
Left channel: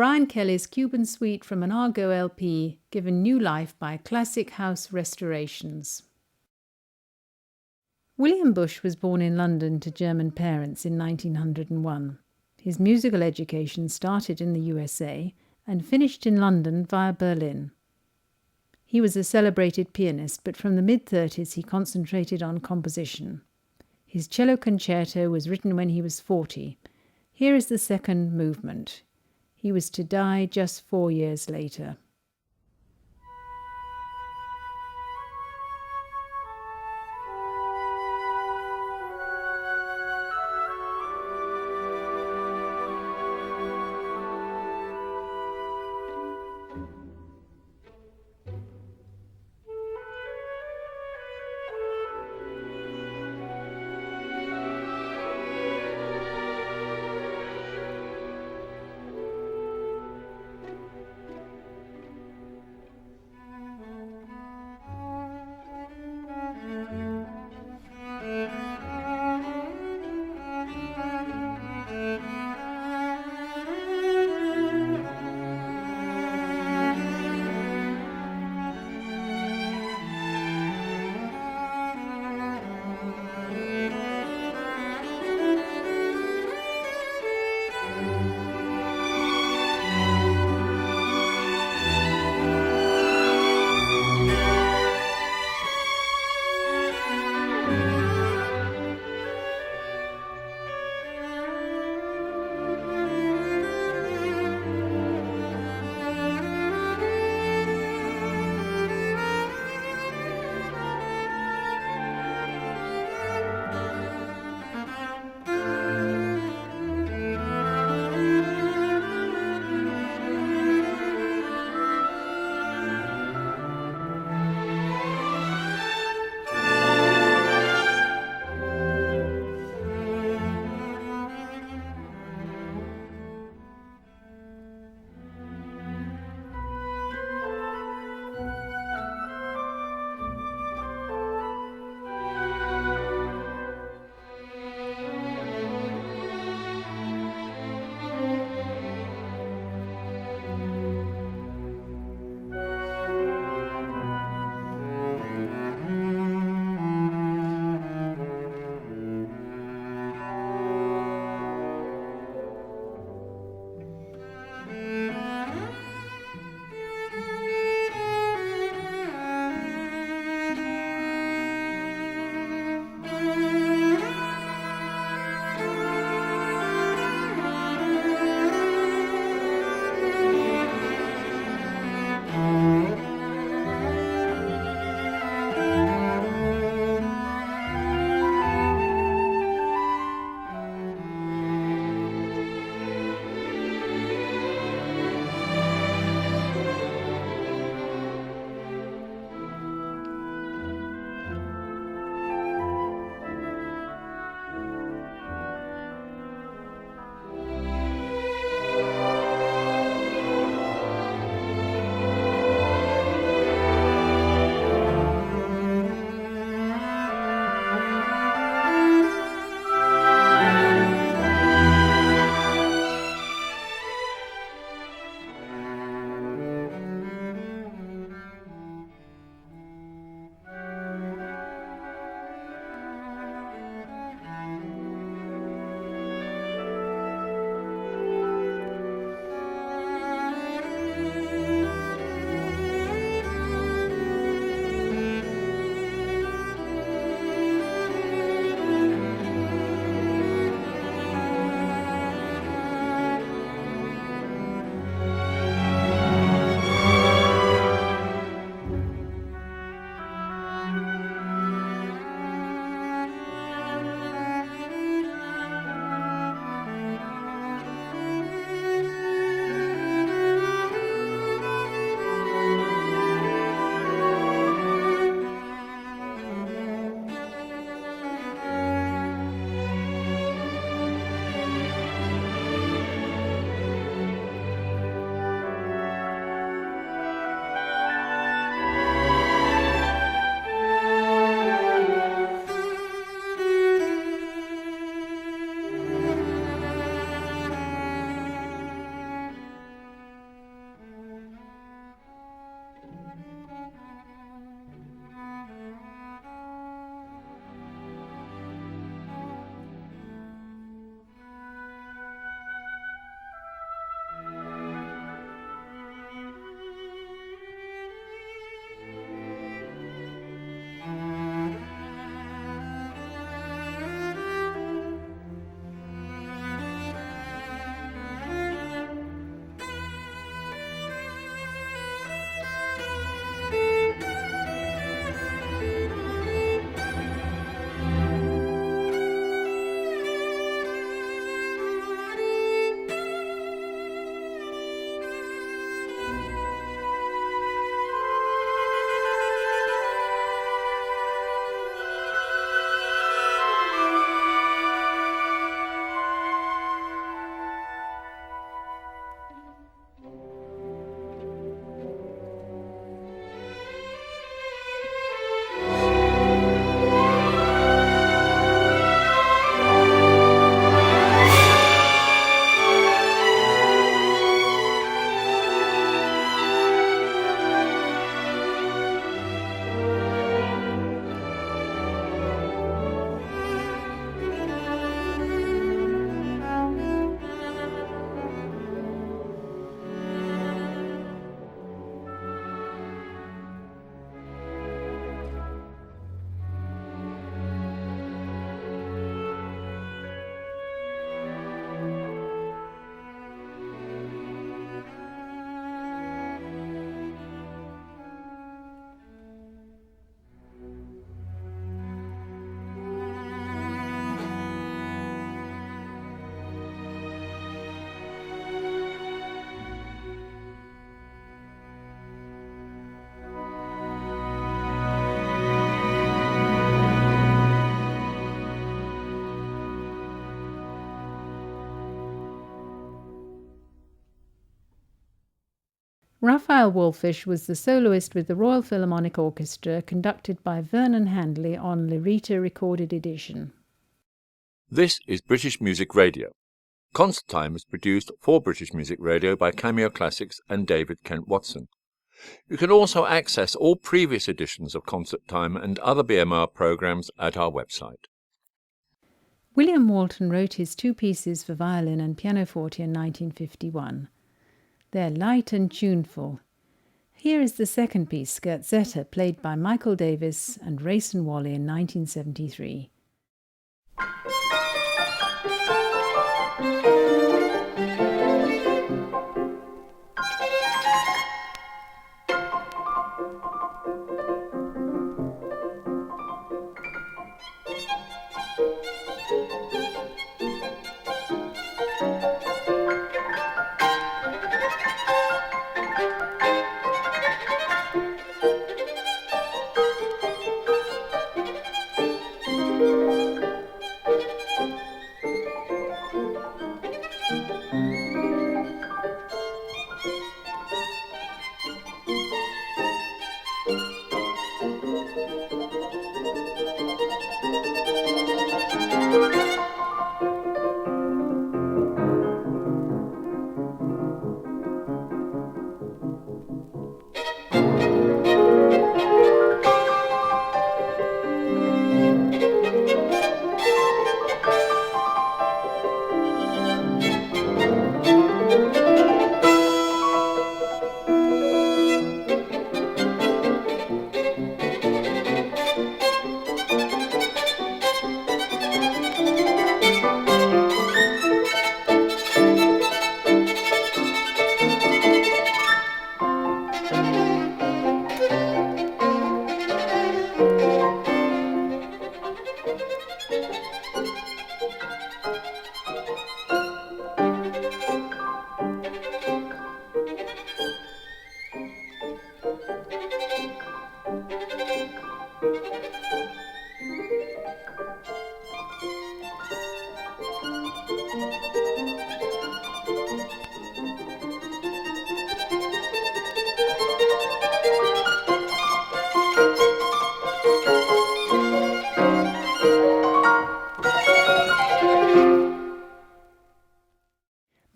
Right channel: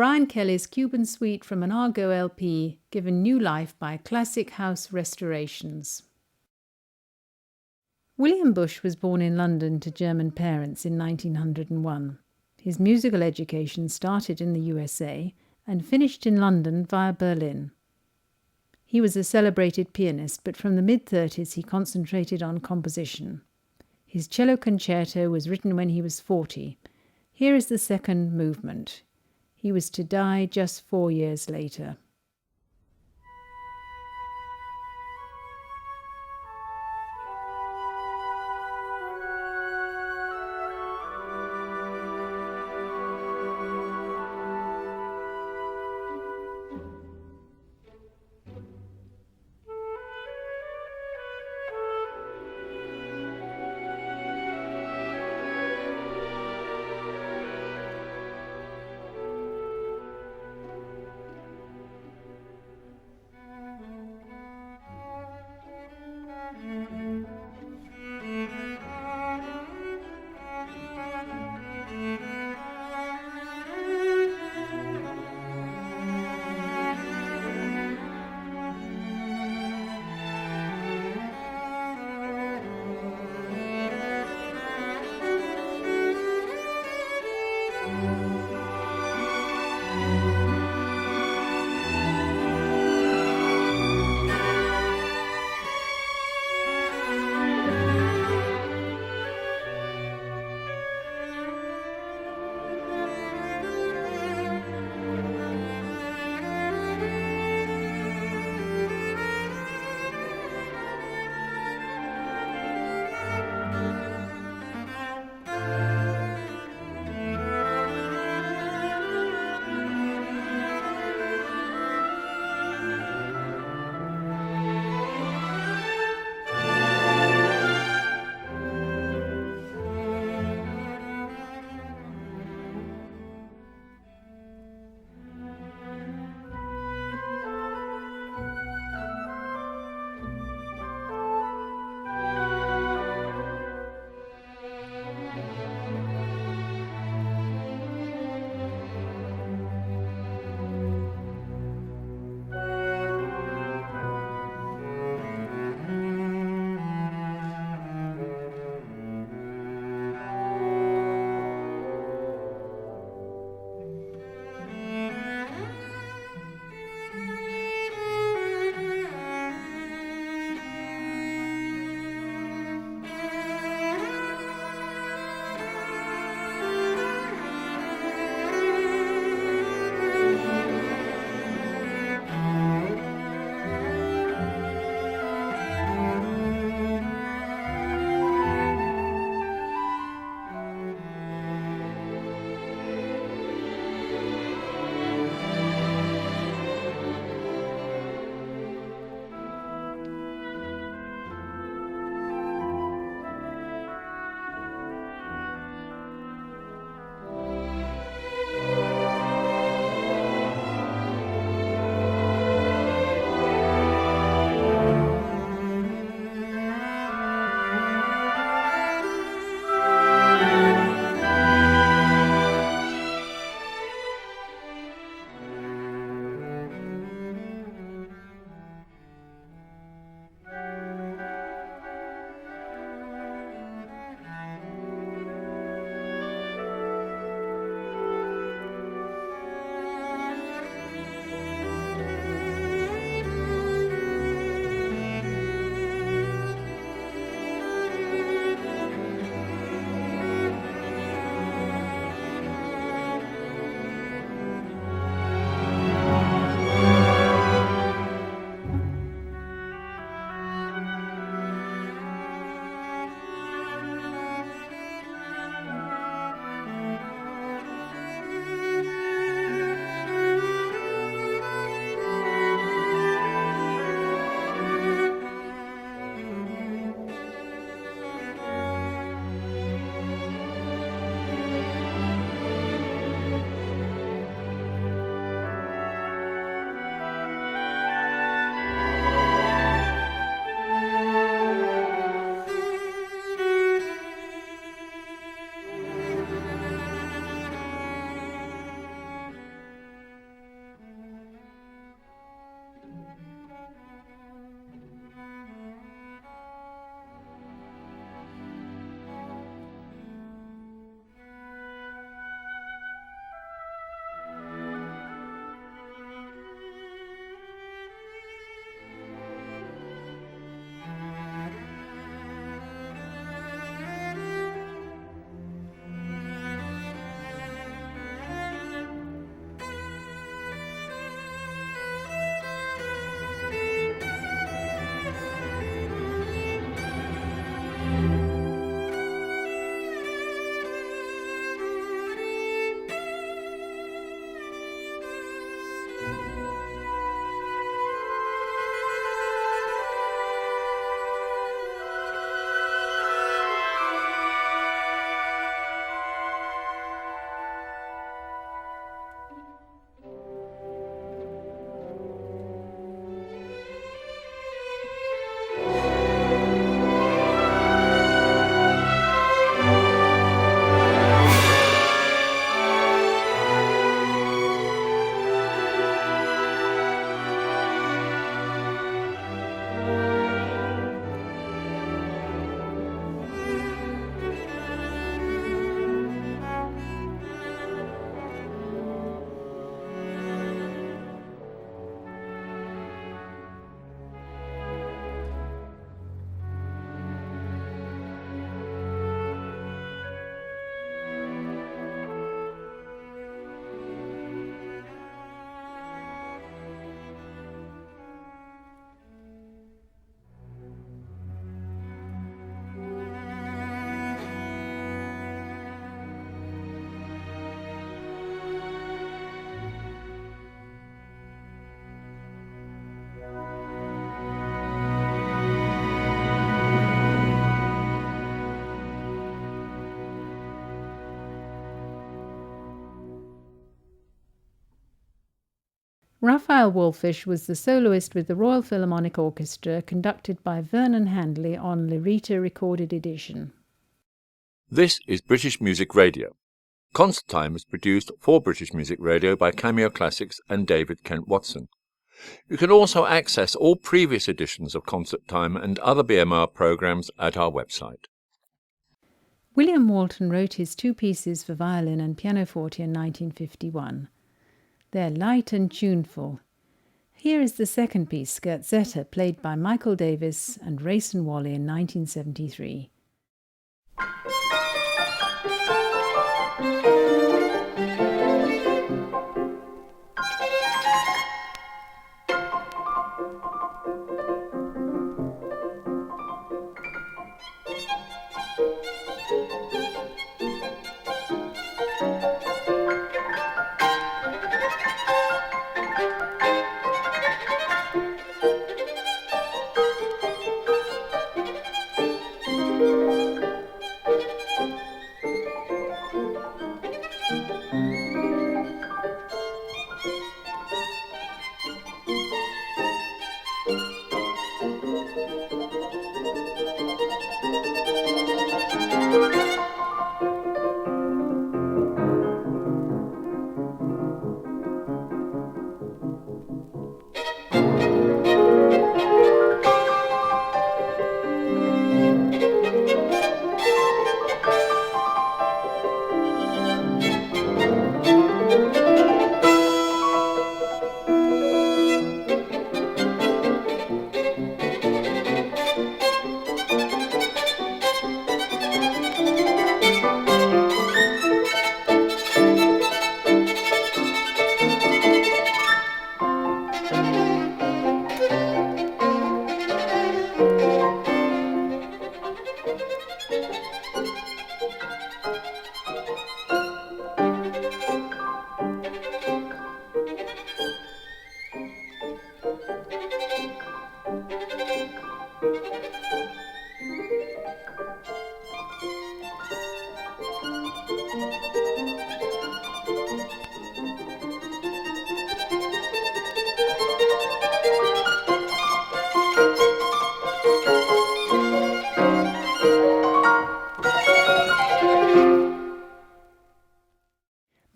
Brian Kelly's Cuban Suite from an Argo LP, given new life by Classic House Restorations. William Bush was born in London to German parents in 1901. His musical education started in the USA and finished in London via Berlin. He was a celebrated pianist, but from the mid-30s he concentrated on composition. His cello concerto was written when he was 40. Here is the second movement. He was to die just 4 years later. Raphael Wallfisch was the soloist with the Royal Philharmonic Orchestra, conducted by Vernon Handley on Lyrita Recorded Edition. This is British Music Radio. Concert Time is produced for British Music Radio by Cameo Classics and David Kent Watson. You can also access all previous editions of Concert Time and other BMR programs at our website. William Walton wrote his two pieces for violin and pianoforte in 1951. They're light and tuneful. Here is the second piece, Scherzetta, played by Michael Davis and Rayson Wally in 1973.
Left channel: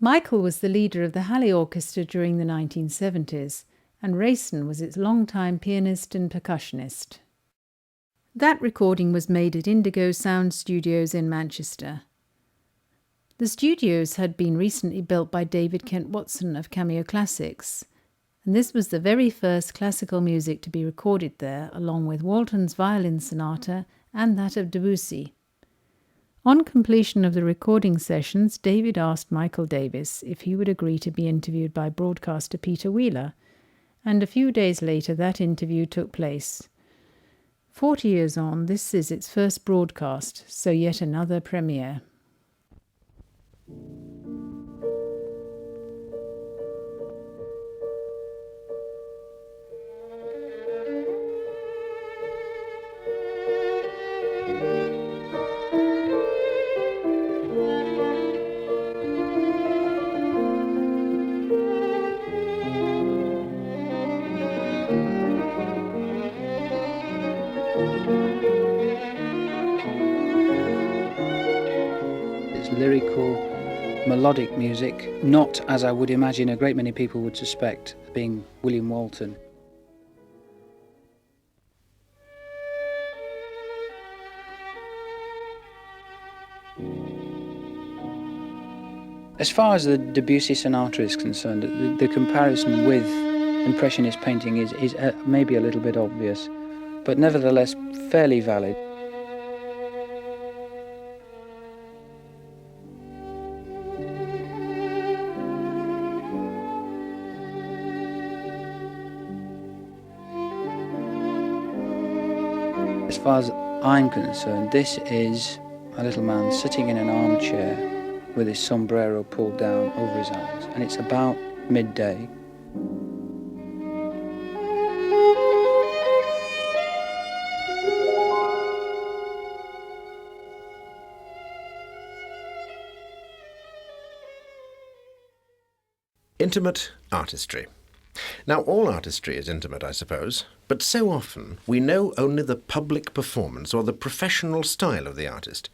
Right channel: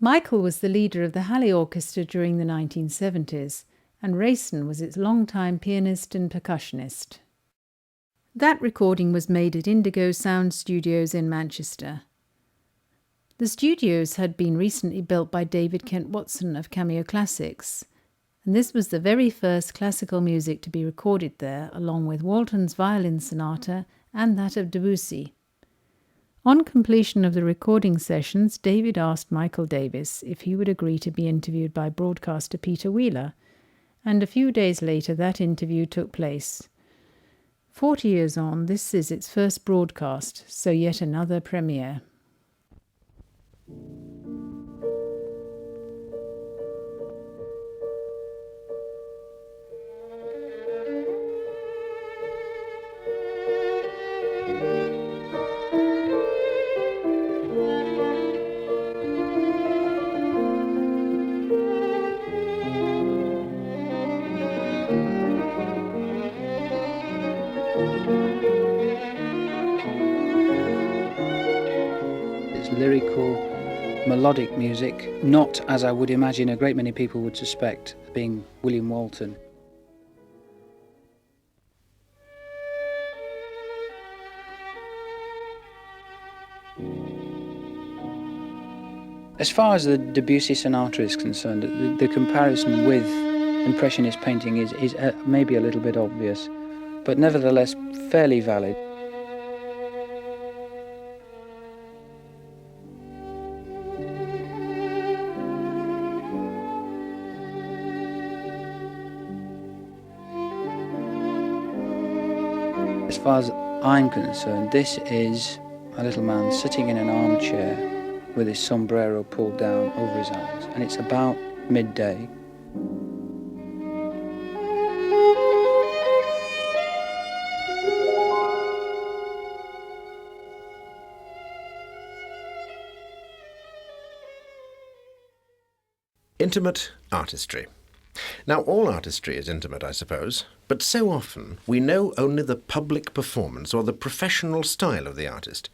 Michael was the leader of the Halley Orchestra during the 1970s, and Rayson was its longtime pianist and percussionist. That recording was made at Indigo Sound Studios in Manchester. The studios had been recently built by David Kent Watson of Cameo Classics, and this was the very first classical music to be recorded there, along with Walton's violin sonata and that of Debussy. On completion of the recording sessions, David asked Michael Davis if he would agree to be interviewed by broadcaster Peter Wheeler, and a few days later that interview took place. 40 years on, this is its first broadcast, so yet another premiere. Lyrical, melodic music, not as I would imagine a great many people would suspect, being William Walton. As far as the Debussy sonata is concerned, the comparison with Impressionist painting is maybe a little bit obvious, but nevertheless fairly valid. As far as I'm concerned, this is a little man sitting in an armchair with his sombrero pulled down over his eyes, and it's about midday. Intimate artistry. Now, all artistry is intimate, I suppose, but so often we know only the public performance or the professional style of the artist.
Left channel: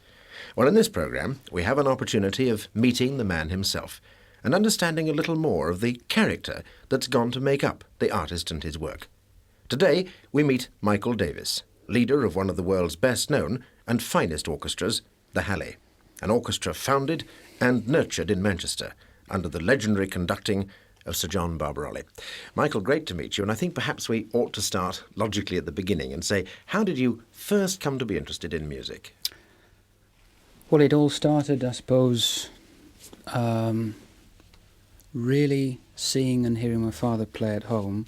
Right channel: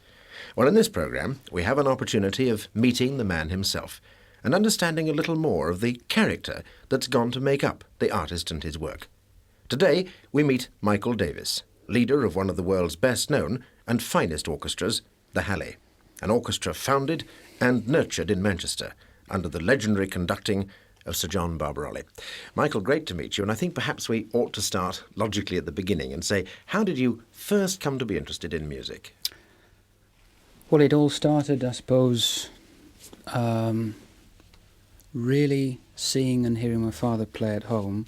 Well, in this programme, we have an opportunity of meeting the man himself and understanding a little more of the character that's gone to make up the artist and his work. Today, we meet Michael Davis, leader of one of the world's best-known and finest orchestras, the Hallé, an orchestra founded and nurtured in Manchester under the legendary conducting of Sir John Barbarolli. Michael, great to meet you, and I think perhaps we ought to start logically at the beginning and say, how did you first come to be interested in music? Well, it all started, I suppose, really seeing and hearing my father play at home,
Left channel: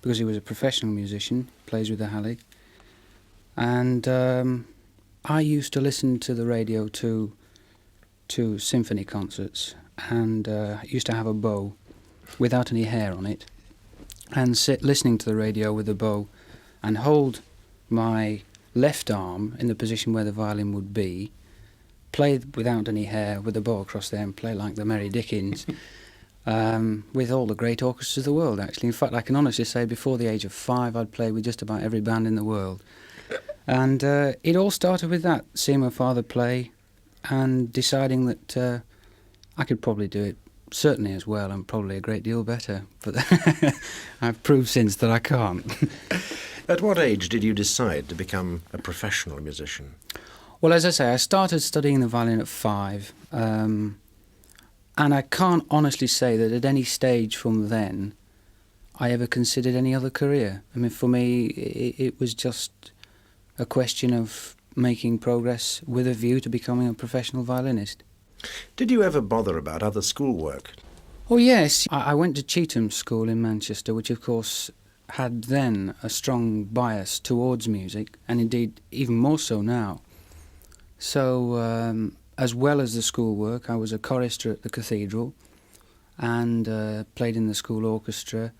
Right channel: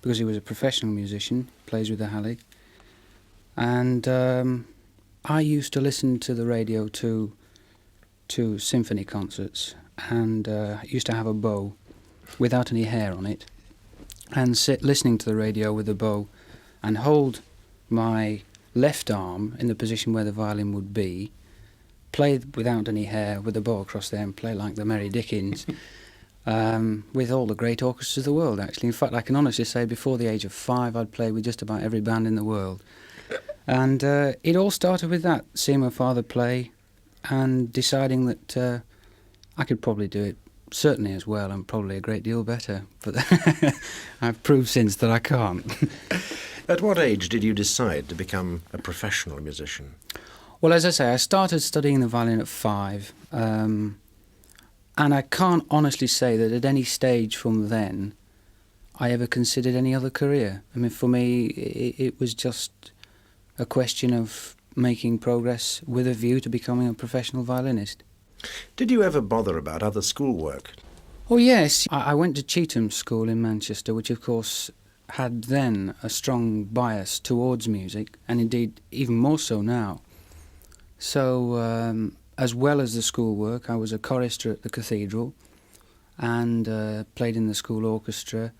because he was a professional musician, plays with the Hallé. And I used to listen to the radio to symphony concerts, and used to have a bow without any hair on it, and sit listening to the radio with the bow and hold my left arm in the position where the violin would be, play without any hair with the bow across there and play like the Merry Dickens with all the great orchestras of the world, actually. In fact, I can honestly say before the age of 5 I'd play with just about every band in the world. And it all started with that, seeing my father play and deciding that I could probably do it certainly as well and probably a great deal better. But I've proved since that I can't. At what age did you decide to become a professional musician? Well, as I say, I started studying the violin at 5. And I can't honestly say that at any stage from then I ever considered any other career. I mean, for me, it was just a question of making progress with a view to becoming a professional violinist. Did you ever bother about other schoolwork? Oh yes, I went to Cheetham School in Manchester, which of course had then a strong bias towards music, and indeed even more so now. So as well as the schoolwork, I was a chorister at the cathedral and played in the school orchestra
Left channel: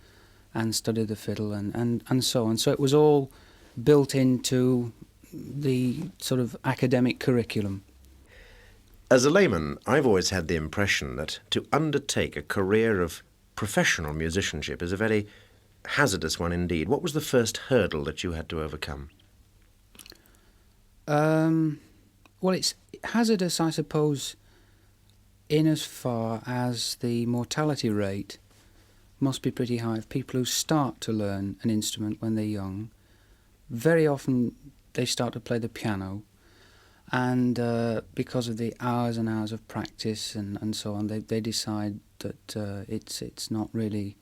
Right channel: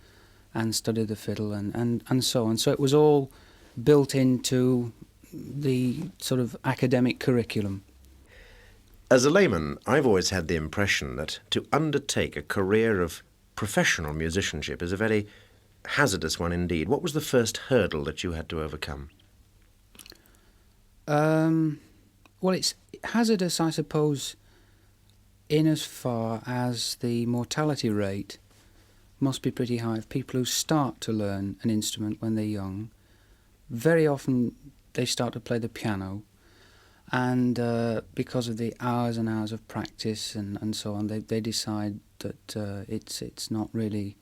and studied the fiddle and so on. So it was all built into the sort of academic curriculum. As a layman, I've always had the impression that to undertake a career of professional musicianship is a very hazardous one indeed. What was the first hurdle that you had to overcome? Well, it's hazardous, I suppose, in as far as the mortality rate must be pretty high of people who start to learn an instrument when they're young. Very often they start to play the piano, and because of the hours and hours of practice and so on, they decide that it's not really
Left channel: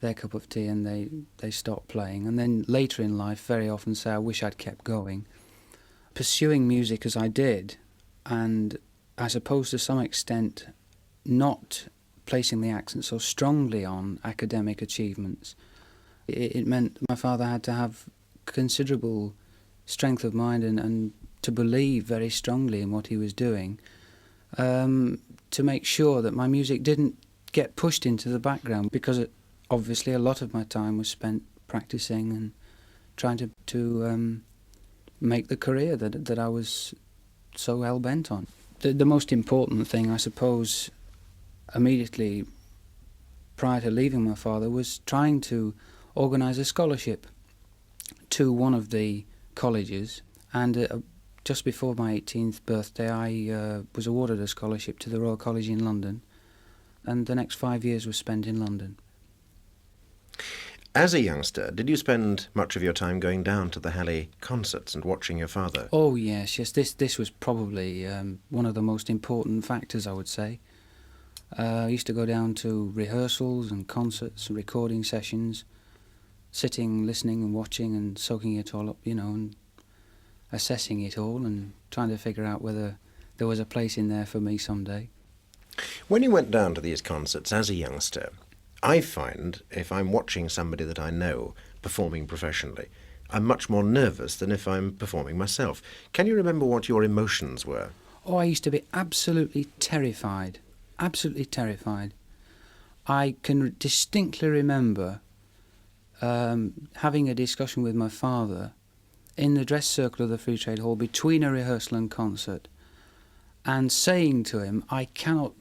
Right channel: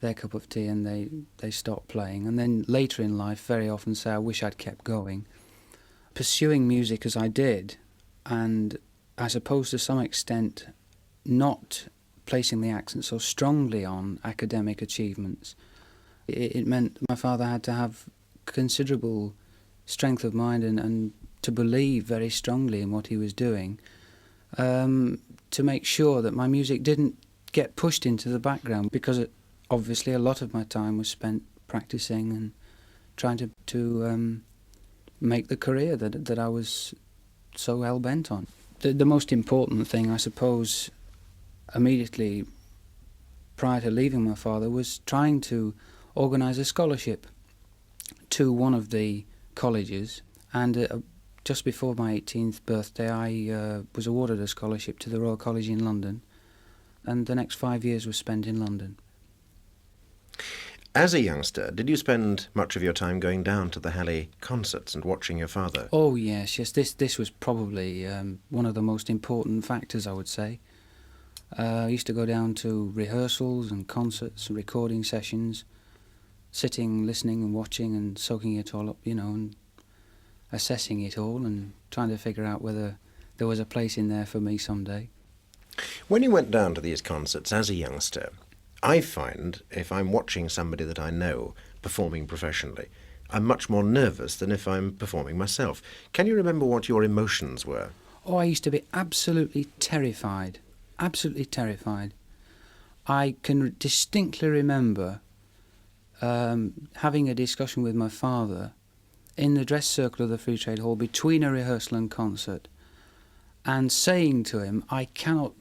their cup of tea, and they stop playing. And then later in life, very often say, I wish I'd kept going. Pursuing music as I did, and I suppose to some extent not placing the accent so strongly on academic achievements, it meant my father had to have considerable strength of mind and to believe very strongly in what he was doing, to make sure that my music didn't get pushed into the background, because obviously a lot of my time was spent practicing and trying to make the career that I was so hell-bent on. The most important thing, I suppose, immediately prior to leaving my father, was trying to organise a scholarship to one of the colleges, and just before my 18th birthday I was awarded a scholarship to the Royal College in London, and the next 5 years was spent in London. As a youngster, did you spend much of your time going down to the Hallé concerts and watching your father? Oh yes, this was probably one of the most important factors, I would say. I used to go down to rehearsals and concerts and recording sessions, sitting, listening and watching and soaking it all up, and assessing it all and trying to figure out whether there was a place in there for me someday. When you went down to these concerts as a youngster, I find if I'm watching somebody that I know performing professionally, I'm much more nervous than if I'm performing myself. Can you remember what your emotions were? Oh, I used to be absolutely terrified. Absolutely terrified. I can distinctly remember having a discussion with my father in the dress circle of the Free Trade Hall between a rehearsal and concert, and saying to him, I cannot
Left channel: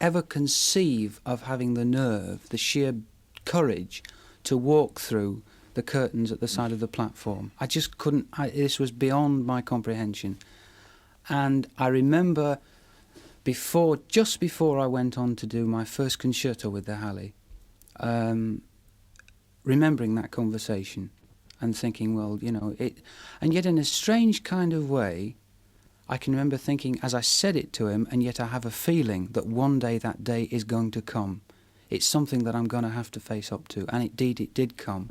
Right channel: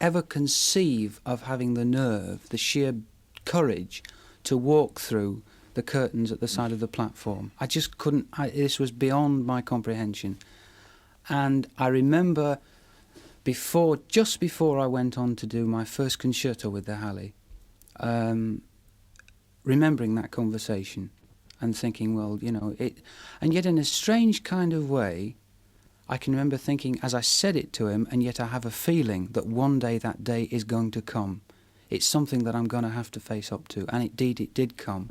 ever conceive of having the nerve, the sheer courage to walk through the curtains at the side of the platform. I just couldn't, this was beyond my comprehension. And I remember just before I went on to do my first concerto with the Halley, remembering that conversation and thinking, well, you know, and yet in a strange kind of way, I can remember thinking as I said it to him, and yet I have a feeling that one day that day is going to come. It's something that I'm going to have to face up to, and indeed it did come.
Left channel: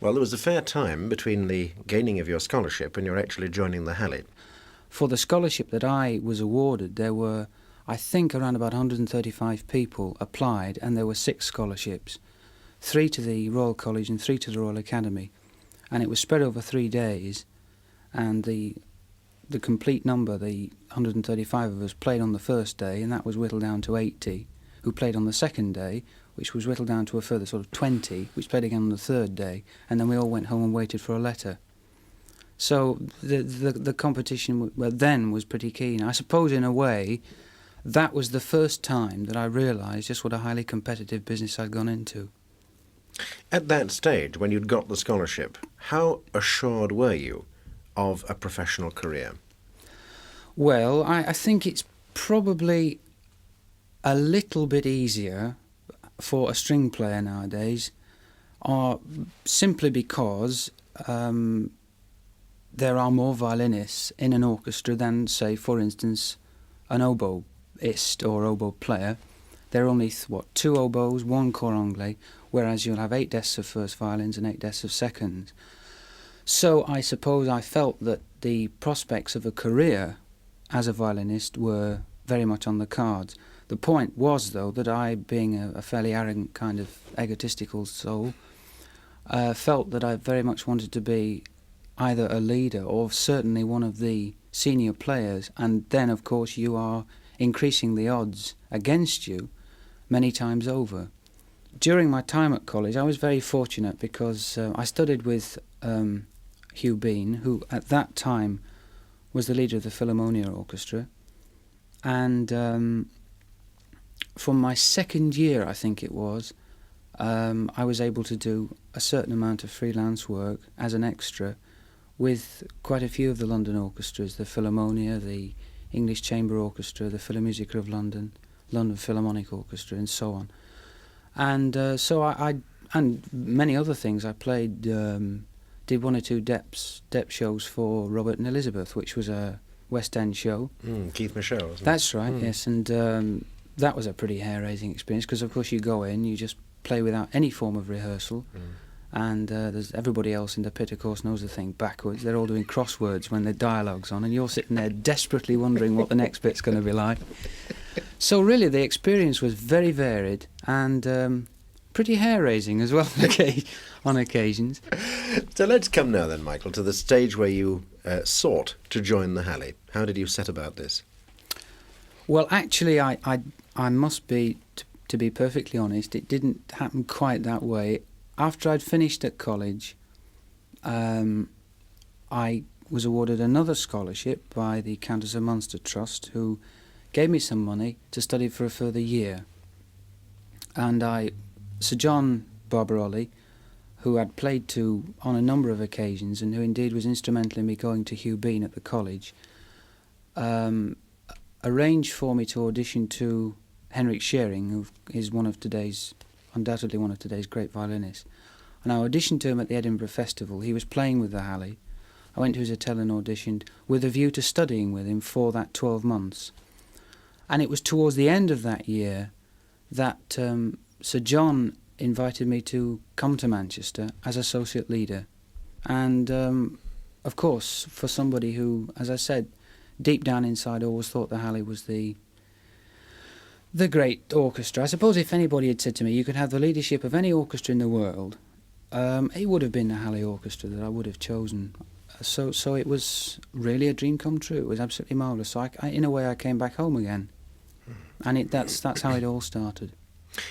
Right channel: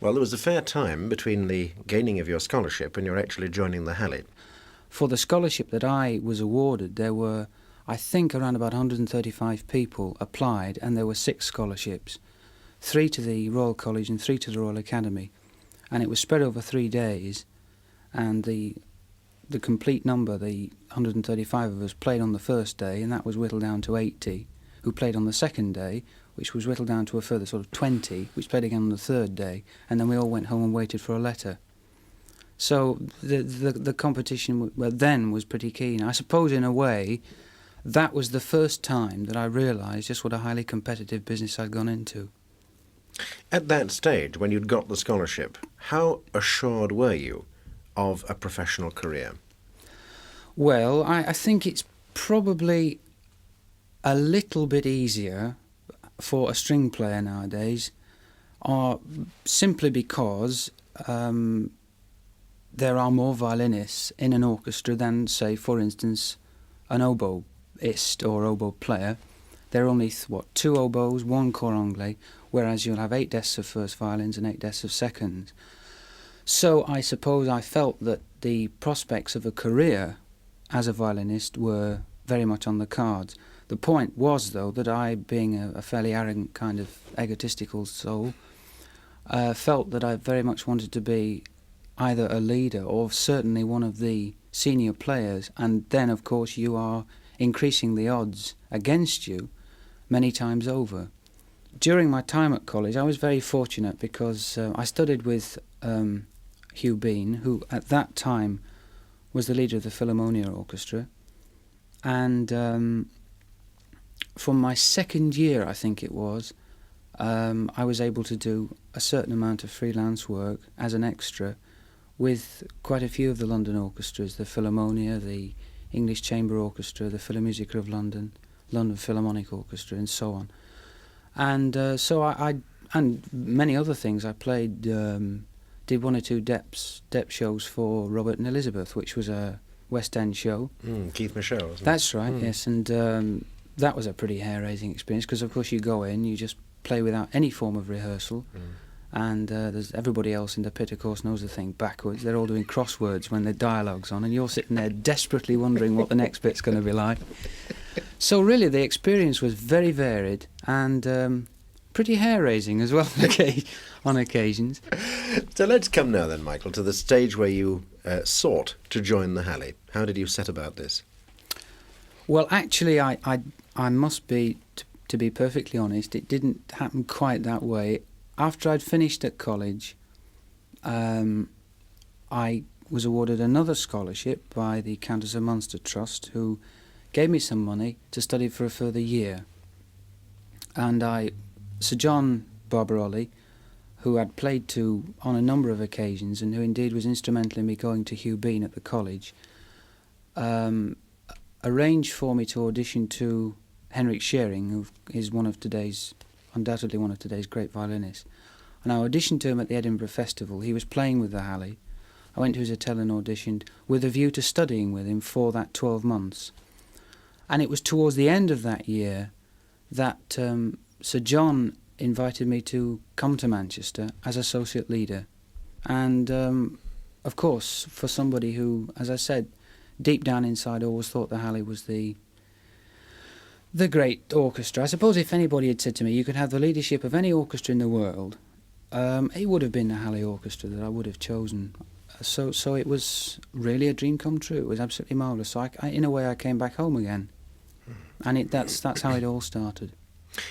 Well, there was a fair time between the gaining of your scholarship and your actually joining the Halley. For the scholarship that I was awarded, there were, I think, around about 135 people applied, and there were 6 scholarships, 3 to the Royal College and 3 to the Royal Academy. And it was spread over 3 days, and the complete number, the 135 of us, played on the first day, and that was whittled down to 80, who played on the second day, which was whittled down to a further sort of 20, which played again on the third day, and then we all went home and waited for a letter. So the competition then was pretty keen. I suppose in a way that was the first time that I realised just what a highly competitive business I'd gone into. At that stage, when you'd got the scholarship, how assured were you of a professional career? Well, I think it's probably a little bit easier for a string player nowadays, simply because there are more violinists in an orchestra than, say, for instance, an oboist or oboe player. There are only, 2 oboes, 1 cor anglais, whereas you'll have 8 desks of first violins and 8 desks of seconds. So I suppose I felt that the prospects of a career as a violinist were very much on the cards. The point was, though, that I, being a fairly arrogant kind of egotistical soul, felt that I very much wanted to be either a leader or certainly one of the senior players, and then, of course, you are increasing the odds against you many times over. During my time at college, I was very fortunate because I studied with Hugh Bean, who at that time was the leader of the Philharmonia Orchestra, and from my second year, I think it was, I was able to do a certain amount of freelance work as an extra with quite a few of the London orchestras, the Philharmonia, the English Chamber Orchestra, the Philharmonic of London, London Philharmonic Orchestra, and so on. And so I and many other things. I played, did 1 or 2 depth shows for Robert and Elizabeth, which was a West End show. Keith Michel, wasn't it? That's right, yes, and that was a pretty hair-raising experience because, of course, you go in, you just play without any form of rehearsal, and there's everybody else in the pit, of course, knows the thing backwards. They're all doing crosswords when the dialogue's on, and you're sitting there desperately wondering what the next bit's going to be like. So really, the experience was very varied and pretty hair-raising as well on occasions. So let's come now then, Michael, to the stage where you sought to join the Halley. How did you set about this? Well, actually, I must be, to be perfectly honest, it didn't happen quite that way. After I'd finished at college, I was awarded another scholarship by the Countess of Munster Trust, who gave me some money to study for a further year. And Sir John Barbarolli, who I'd played to on a number of occasions and who indeed was instrumental in me going to Hugh Bean at the college, arranged for me to audition to Henrik Schering, who is undoubtedly one of today's great violinists. And I auditioned to him at the Edinburgh Festival. He was playing with the Halley. I went to his hotel and auditioned with a view to studying with him for that 12 months. And it was towards the end of that year that Sir John invited me to come to Manchester as associate leader. And, of course, for somebody who, as I said, deep down inside always thought the Halley was the great orchestra. I suppose if anybody had said to me, you could have the leadership of any orchestra in the world, it would have been the Halley Orchestra that I would have chosen. So it was really a dream come true. It was absolutely marvellous. So I, in a way, I came back home again. And that's how it all started.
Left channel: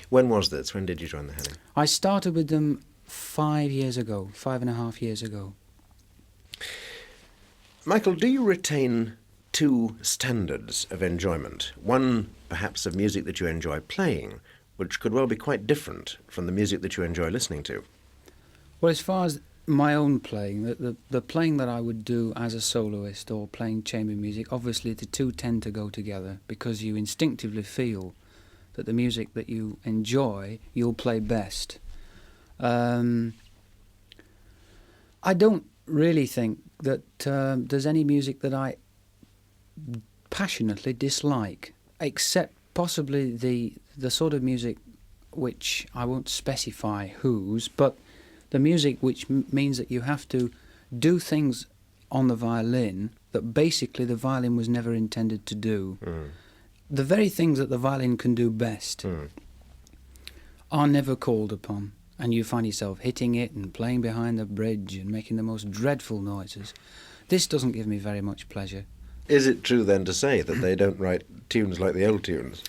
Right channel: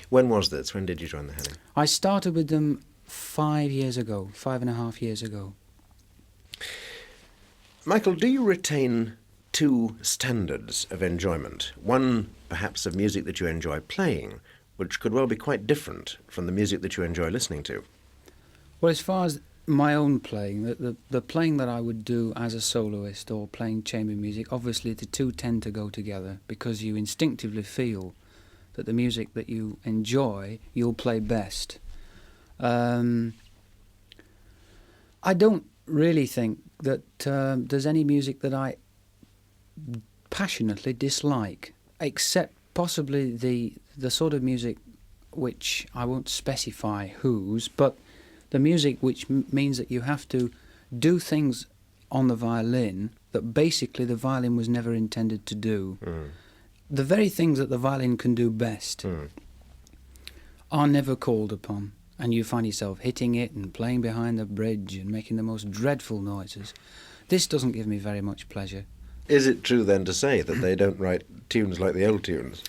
When was this? When did you join the Halley? I started with them 5 years ago, 5.5 years ago. Michael, do you retain two standards of enjoyment? One, perhaps, of music that you enjoy playing, which could well be quite different from the music that you enjoy listening to. Well, as far as my own playing, the playing that I would do as a soloist or playing chamber music, obviously the two tend to go together because you instinctively feel that the music that you enjoy, you'll play best. I don't really think that there's any music that I passionately dislike, except possibly the sort of music which I won't specify whose, but the music which means that you have to do things on the violin that basically the violin was never intended to do. The very things that the violin can do best are never called upon, and you find yourself hitting it and playing behind the bridge and making the most dreadful noises. This doesn't give me very much pleasure. Is it true then to say that they don't write tunes like the old tunes?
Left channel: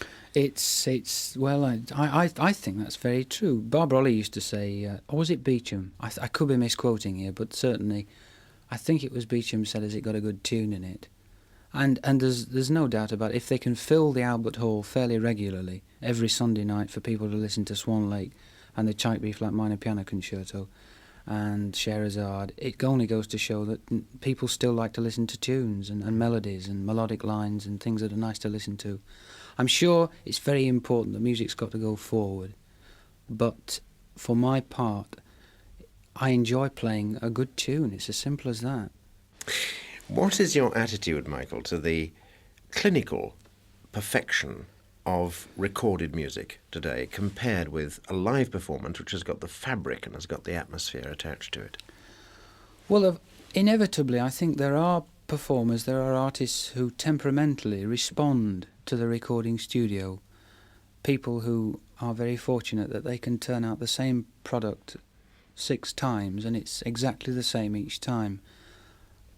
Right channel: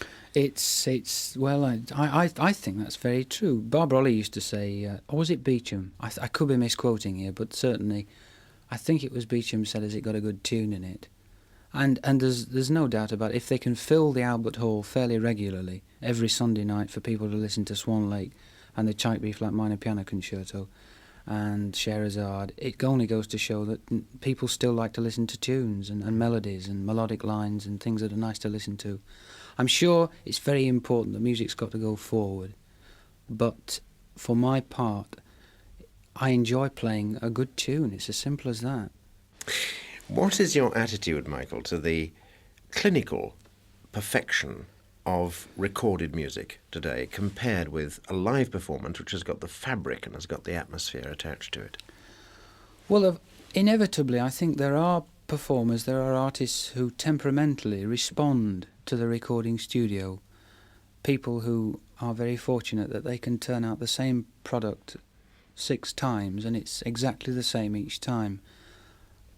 Well, I think that's very true. Barbara Ollie used to say, or was it Beecham? I could be misquoting here, but certainly I think it was Beecham said, has it got a good tune in it? And there's no doubt about it. If they can fill the Albert Hall fairly regularly every Sunday night for people to listen to Swan Lake and the Czech B-flat minor piano concerto and Scheherazade, it only goes to show that people still like to listen to tunes and melodies and melodic lines and things that are nice to listen to. I'm sure it's very important that music's got to go forward, but for my part, I enjoy playing a good tune. It's as simple as that. What is your attitude, Michael, to the clinical perfection of recorded music today compared with a live performance which has got the fabric and has got the atmosphere attached to it? Well, inevitably, I think there are performers, there are artists who temperamentally respond to the recording studio. People who are very fortunate that they can turn out the same product 6 times and it's exactly the same each time.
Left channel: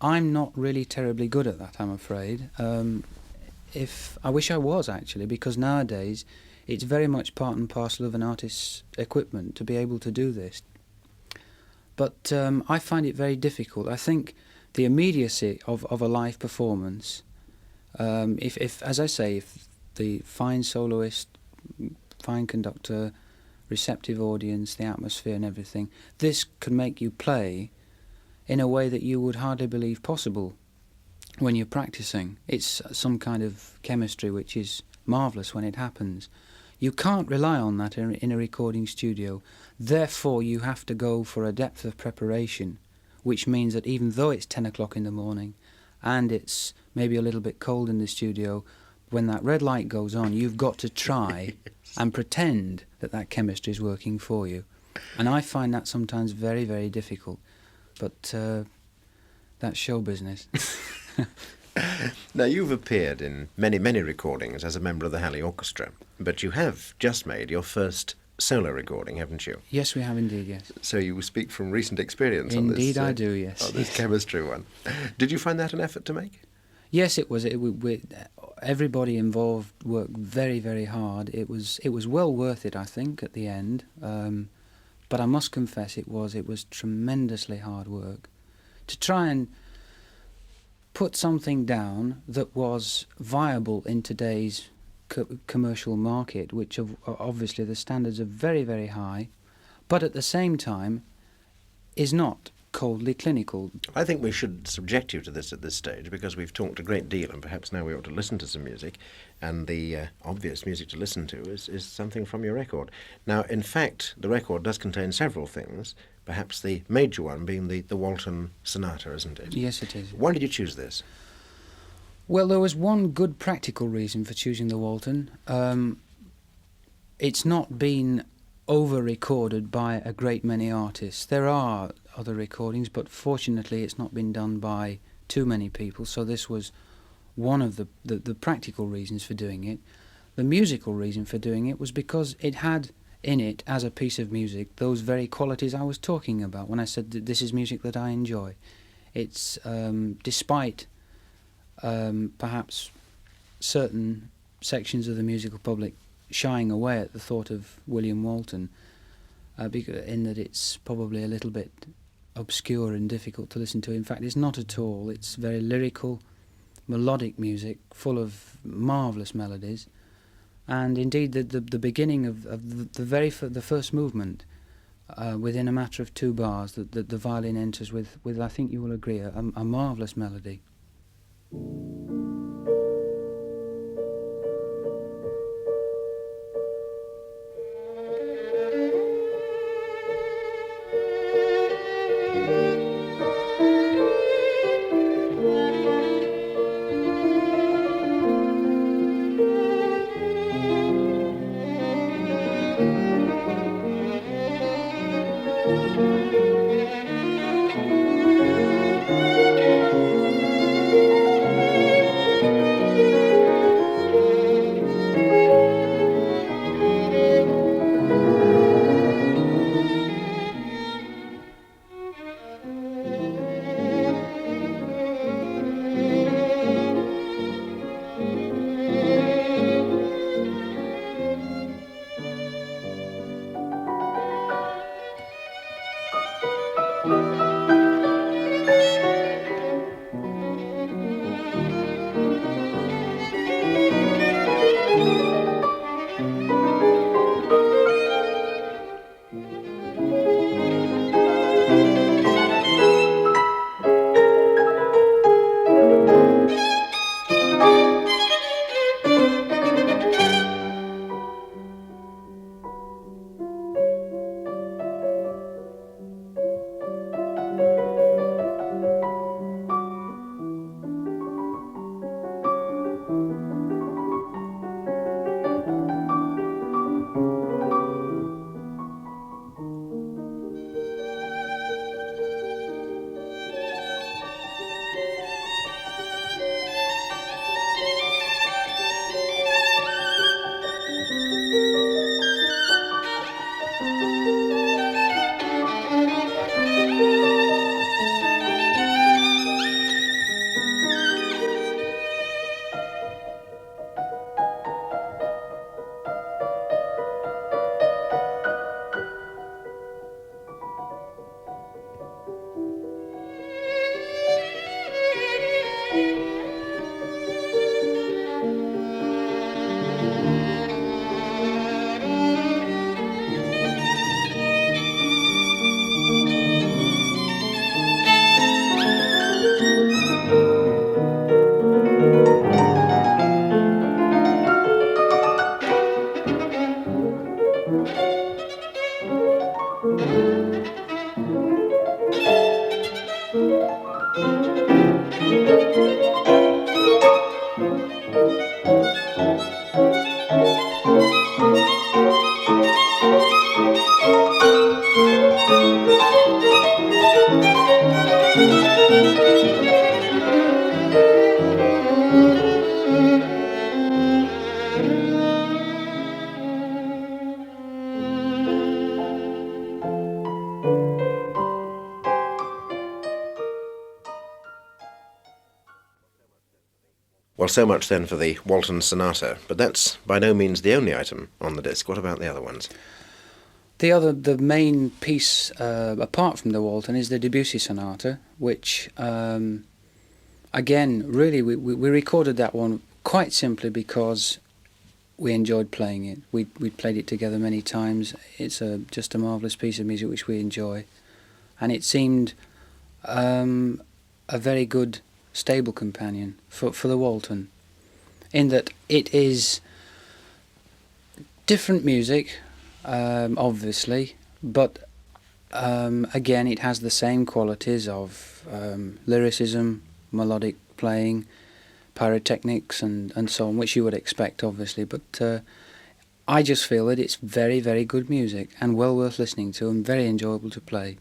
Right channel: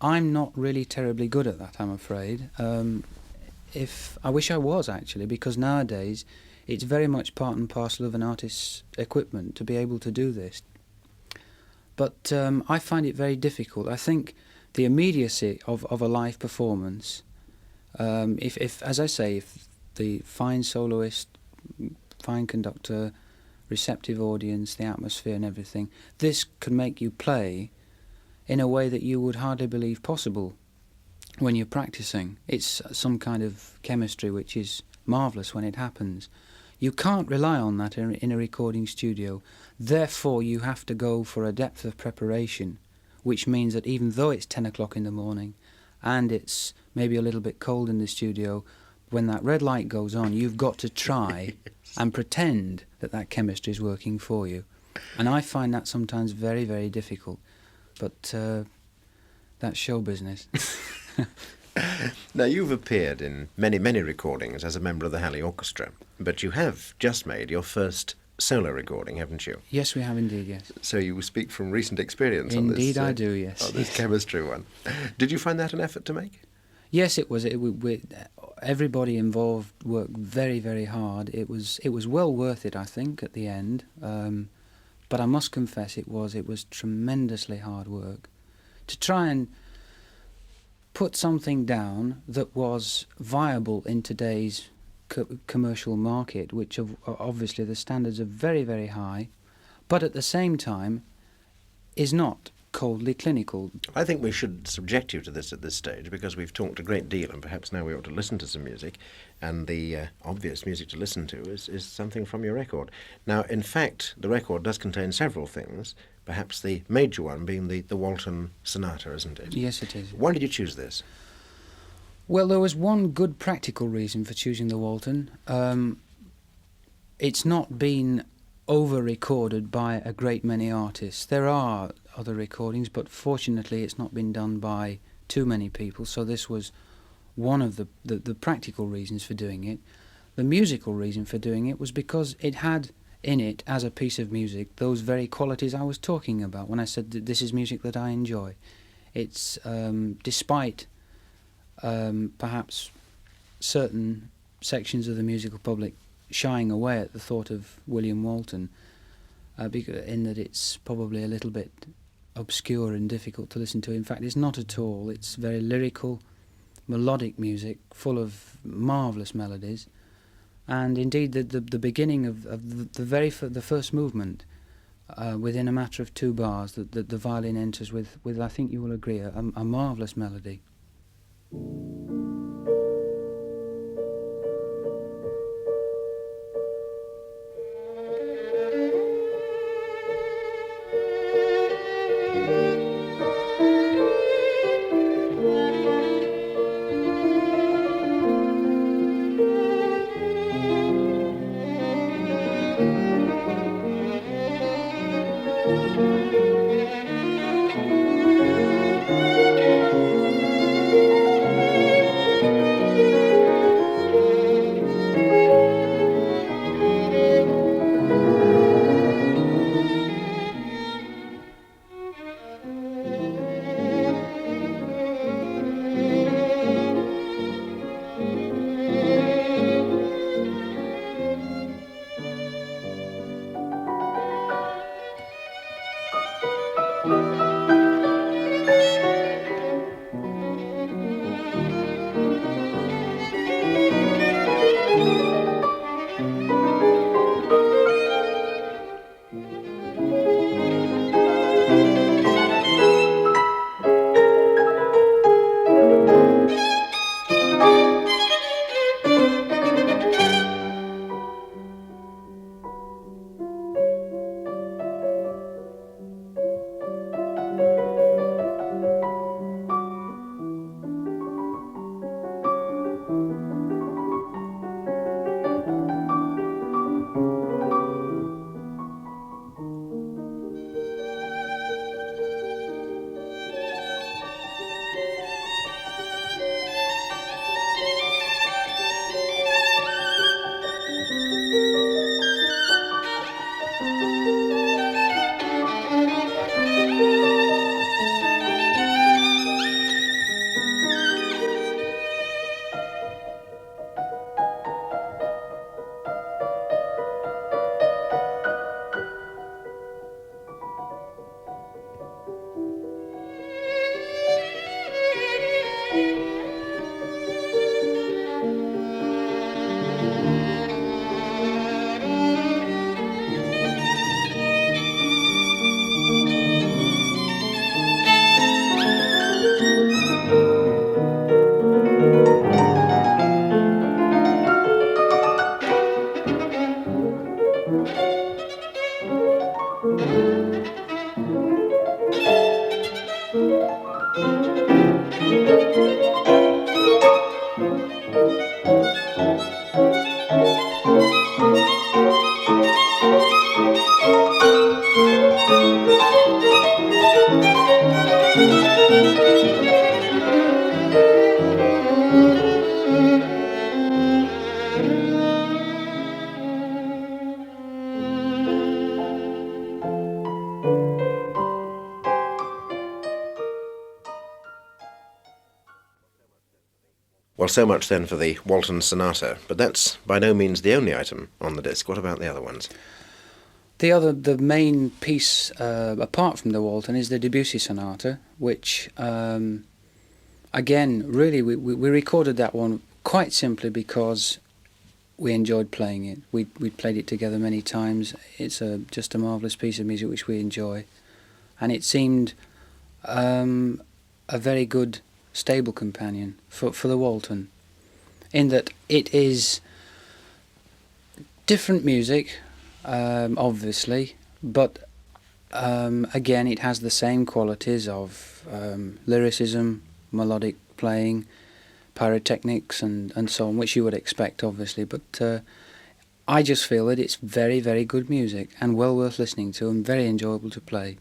I'm not really terribly good at that, I'm afraid. I wish I was, actually, because nowadays it's very much part and parcel of an artist's equipment to be able to do this. But I find it very difficult. I think the immediacy of a live performance, if as I say, if the fine soloist, fine conductor, receptive audience, the atmosphere and everything, this can make you play in a way that you would hardly believe possible when you're practicing. It's some kind of chemistry which is marvellous when it happens. You can't rely on that in a recording studio. Therefore, you have to go for a depth of preparation, which means that even though it's 10 o'clock in the morning and it's maybe a little bit cold in the studio, when that red light goes on, you've got to try and pretend that chemistry is working for you. And I find that sometimes very, very difficult. But that's show business. Now, you've appeared in many, many recordings as a member of the Halley Orchestra, but you have just made your first solo recording, haven't you? Yes, we have indeed, yes. So you speak from recent experience on this. Indeed I do, yes. On this chemistry one. Did you find that an effort to make? Yes, it was. Everybody involved worked very, very hard. It was well worth it, I think, at the end. But I must confess it was tremendously hard work to try and put something down that was viable in today's commercial market, which obviously the standards are very, very high, but at the same time is not coldly clinical. I think we should subject you to this at this stage, because we've talked a great deal, and perhaps now we ought to listen to some music, and the obvious music to listen to is something from your record. Now, in fact, the record does contain several things, perhaps the major one being the Walton Sonata, isn't it? Yes, it is. Why did you choose this? Well, there was one good practical reason for choosing the Walton. It's not been over-recorded by a great many artists. There are other recordings, but fortunately it's not been done by too many people, so this was one of the practical reasons for doing it. The musical reason for doing it was because it had in it, as a piece of music, those very qualities I was talking about when I said that this is music that I enjoy. It's, despite perhaps certain sections of the musical public shying away at the thought of William Walton, in that it's probably a little bit obscure and difficult to listen to. In fact, it's not at all. It's very lyrical, melodic music, full of marvellous melodies. And indeed, the beginning of the first movement, within a matter of 2 bars, that the violin enters with, I think you will agree, a marvellous melody. Well, so much then for the Walton Sonata, but that's by no means the only item on the disc. What about the other ones? The main piece, apart from the Walton, is the Debussy Sonata, which, again, really, we recorded that one quite simply because we enjoyed playing it. We played it together many times. It's just a marvellous piece of music which we enjoy. and it seemed a very good, stable companion for the Walton, in that it is different music, obviously, but again it has the same qualities of lyricism, melodic playing, pyrotechnics and so on, which you would expect, obviously, but I just feel that it's very, very good music and well worth listening to and very enjoyable to play.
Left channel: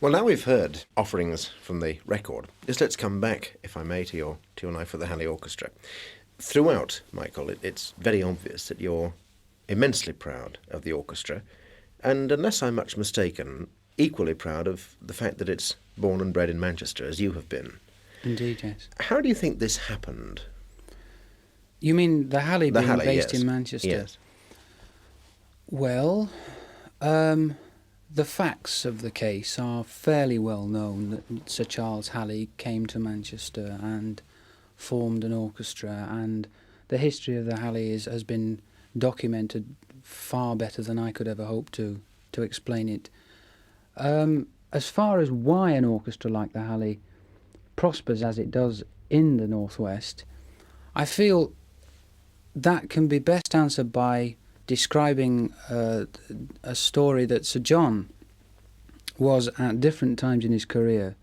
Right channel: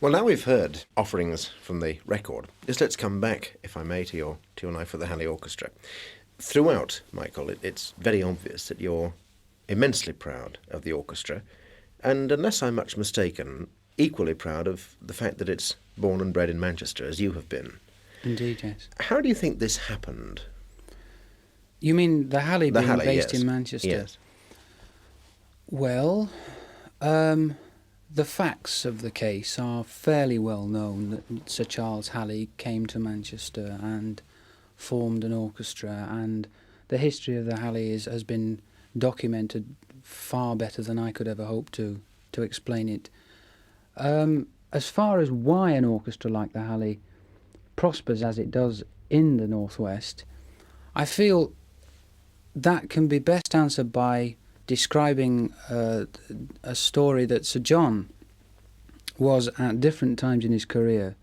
Well, now we've heard offerings from the record, just let's come back, if I may, to your Knife for the Halley Orchestra. Throughout, Michael, it's very obvious that you're immensely proud of the orchestra, and unless I'm much mistaken, equally proud of the fact that it's born and bred in Manchester, as you have been. Indeed, yes. How do you think this happened? You mean the Halley being based yes. in Manchester? Yes. Well, the facts of the case are fairly well known, that Sir Charles Halley came to Manchester and formed an orchestra, and the history of the Halleys has been documented far better than I could ever hope to explain it. As far as why an orchestra like the Halley prospers as it does in the Northwest, I feel that can be best answered by describing a story that Sir John was at different times in his career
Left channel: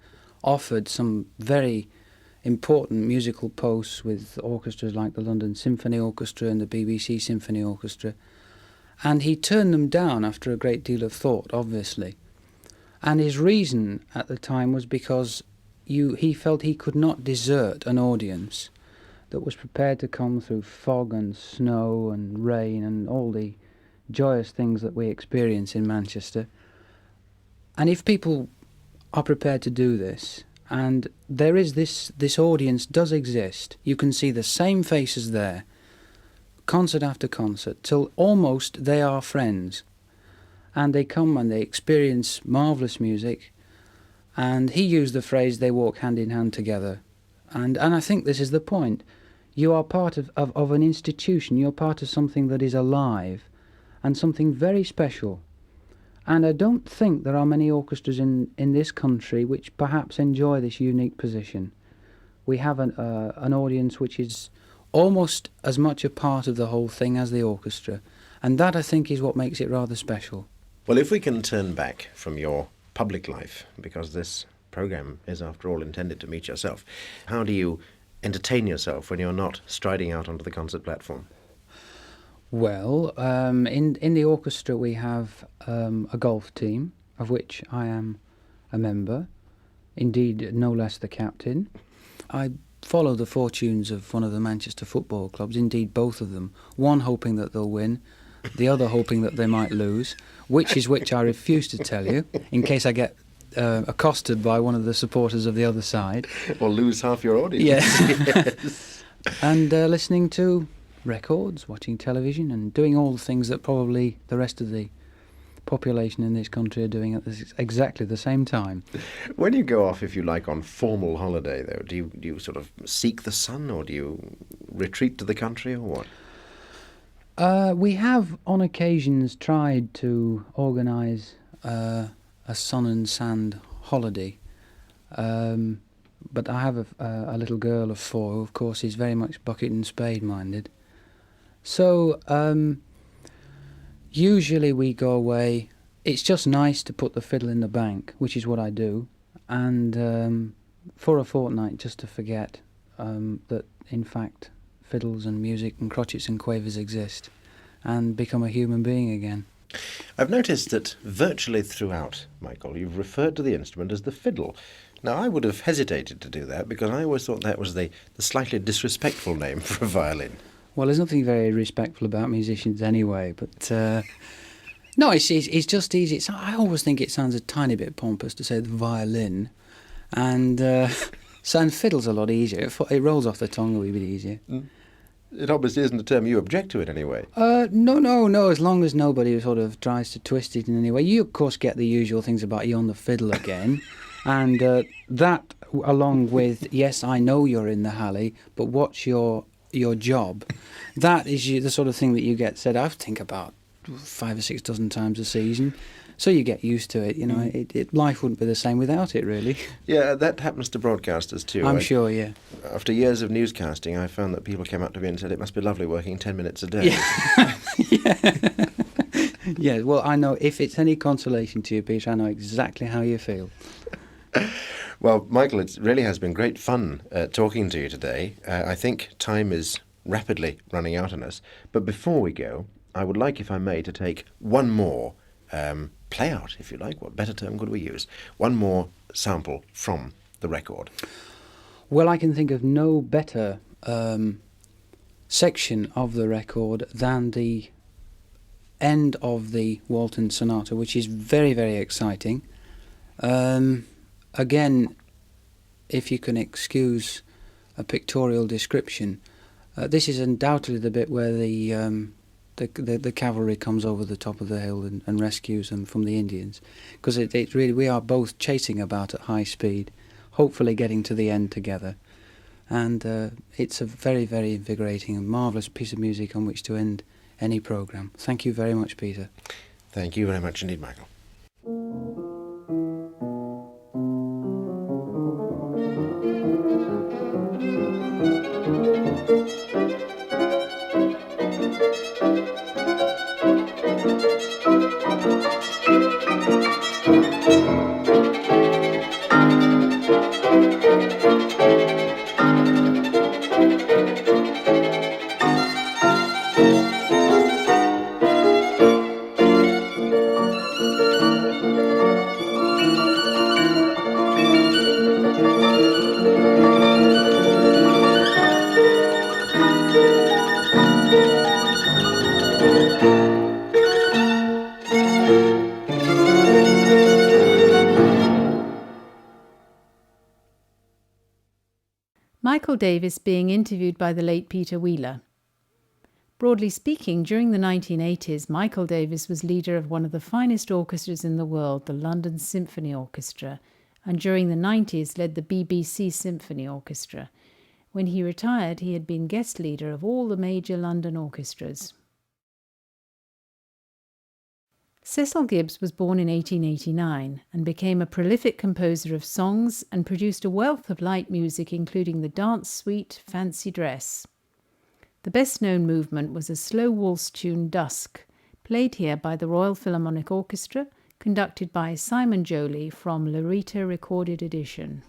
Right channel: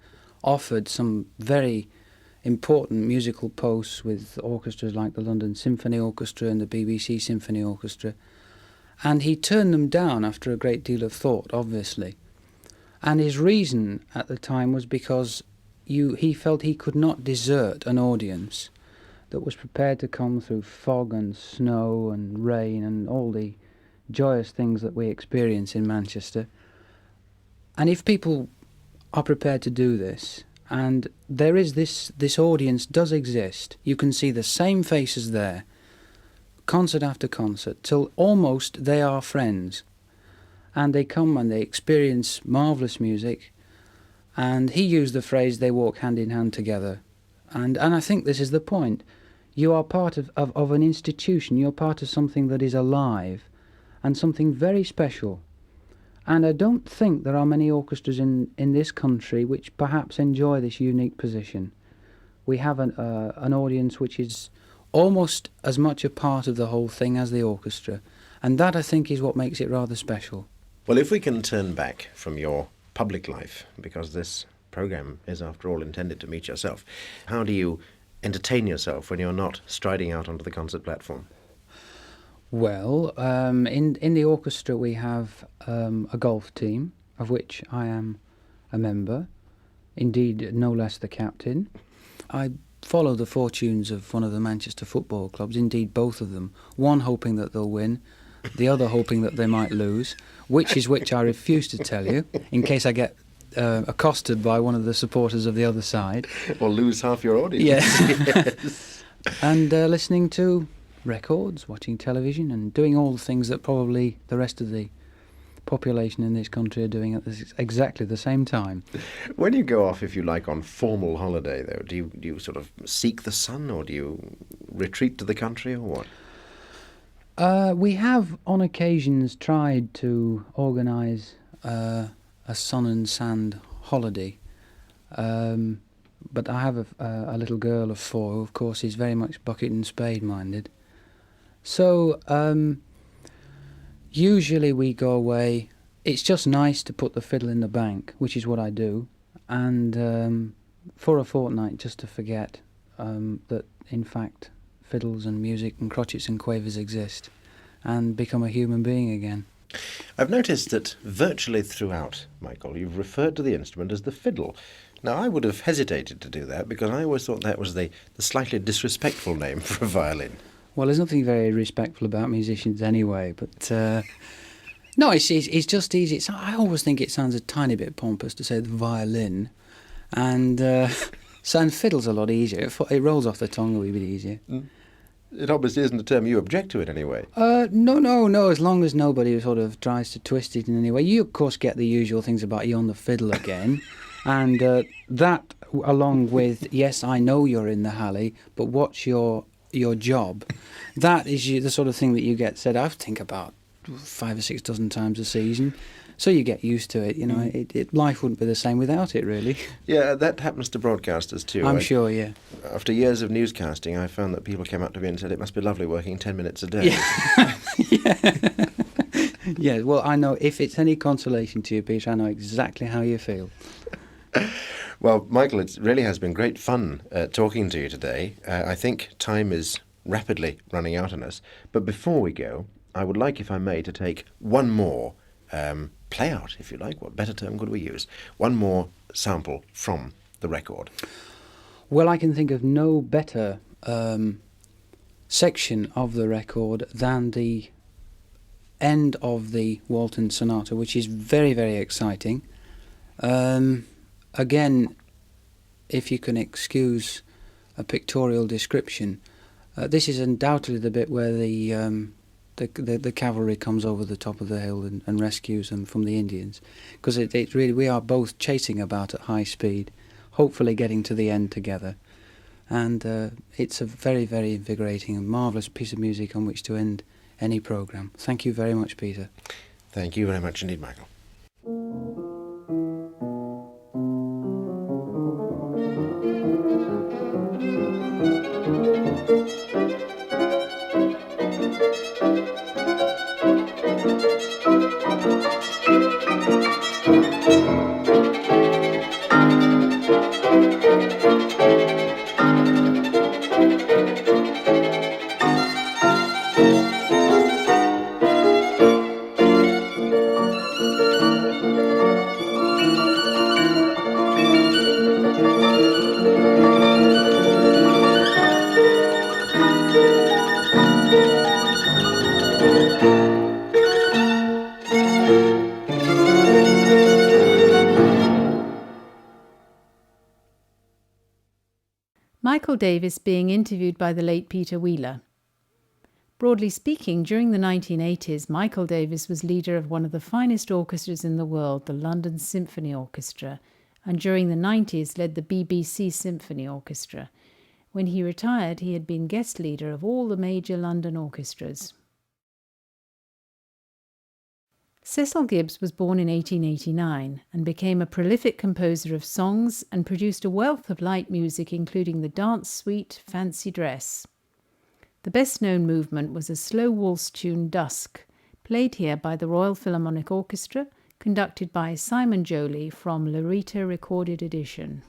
offered some very important musical posts with orchestras like the London Symphony Orchestra and the BBC Symphony Orchestra, and he turned them down after a great deal of thought, obviously. And his reason at the time was because he felt he could not desert an audience that was prepared to come through fog and snow and rain and all the joyous things that we experience in Manchester. And if people are prepared to do this, and there is this audience does exist, you can see the same faces there, concert after concert, till almost they are friends. And they come and they experience marvellous music, and he used the phrase, they walk hand in hand together. And I think this is the point. You are part of an institution, you're part of something that is alive, and something very special. And I don't think there are many orchestras in this country which perhaps enjoy this unique position. We have an audience which is almost as much a part of the whole thing as the orchestra, and that I think is what makes it rather special. Well, if we can turn back from your public life, because this programme is after all intended to meet yourself, how do you entertain yourself when you're not striding out onto the concert platform? Well, in the orchestra we have a golf team, of which I am a member. indeed no less the captain. I follow the fortunes of one of the Manchester football clubs, indeed both of them, one hoping that they'll win, the other hoping that they might lose, which is which I refuse to tell you, in case I get accosted by one of the supporters of the other side. Or lose half your audience. Yeah. Yes. And listening to records, watching television, and doing all the things that probably the rest of the population in this country are doing at exactly the same time. When you go off, if you like, on formal holiday, though, do you sort of seek the sun, or do you retreat to the country, or what? We have, on occasions, tried to organise a sun and sand holiday. But I have a little girl of 4 who, of course, is very much bucket and spade minded. So usually we go away. It's just nice to put the fiddle in the bank, which is what I do, and for a fortnight just to forget that, in fact, fiddles and music and crotchets and quavers exist, and become a human being again. I've noticed that virtually throughout, Michael, you've referred to the instrument as the fiddle. Now, I would have hesitated to do that because I always thought that was the slightly disrespectful name for a violin. Well, there's nothing very respectful about musicians anyway, but no, it's just easy. I always think it sounds a tiny bit pompous to say the violin, and fiddle's a lot easier. It rolls off the tongue a wee bit easier. It obviously isn't a term you object to it anyway. No, as long as nobody sort of tries to twist it in any way. You, of course, get the usual things about you on the fiddle again, and that, along with, yes, I know you're in the Halley, but what's your job? That is the sort of thing that you get said, I think, about 5 or 6 dozen times a season. So you get used to it, you know. Life wouldn't be the same without it, really. Yeah, that happens to broadcasters too. I'm sure, yeah. After years of newscasting, I found that people came up to me and said, it must be lovely working 10 minutes a day. Yeah. Yeah, well, I know, if it's any consolation to you, Peter, I know exactly how you feel. Well, Michael, it really has been great fun talking to you today. I think time is rapidly running out on us. But before we go, I would like, if I may, to take one more play out, if you like. What better term could we use? One more sample from the record. Well, I can think of no better section of the record than the end of the Walton Sonata, which is very, very exciting. Again, if you can excuse a pictorial description, this is undoubtedly the bit where the cavalry comes over the top of the hill and rescues them from the Indians, because it really, we are both chasing about at high speed, hopefully getting to the end together, and it's a very, very invigorating and marvellous piece of music on which to end any programme. Thank you very much, Peter. Thank you very much indeed, Michael. Michael Davis being interviewed by the late Peter Wheeler. Broadly speaking, during the 1980s, Michael Davis was leader of one of the finest orchestras in the world, the London Symphony Orchestra, and during the 90s led the BBC Symphony Orchestra. When he retired, he had been guest leader of all the major London orchestras. Cecil Gibbs was born in 1889 and became a prolific composer of songs and produced a wealth of light music, including the dance suite Fancy Dress. The best-known movement was a slow waltz tune, Dusk, played here by the Royal Philharmonic Orchestra, conducted by Simon Jolie from Larita Recorded Edition.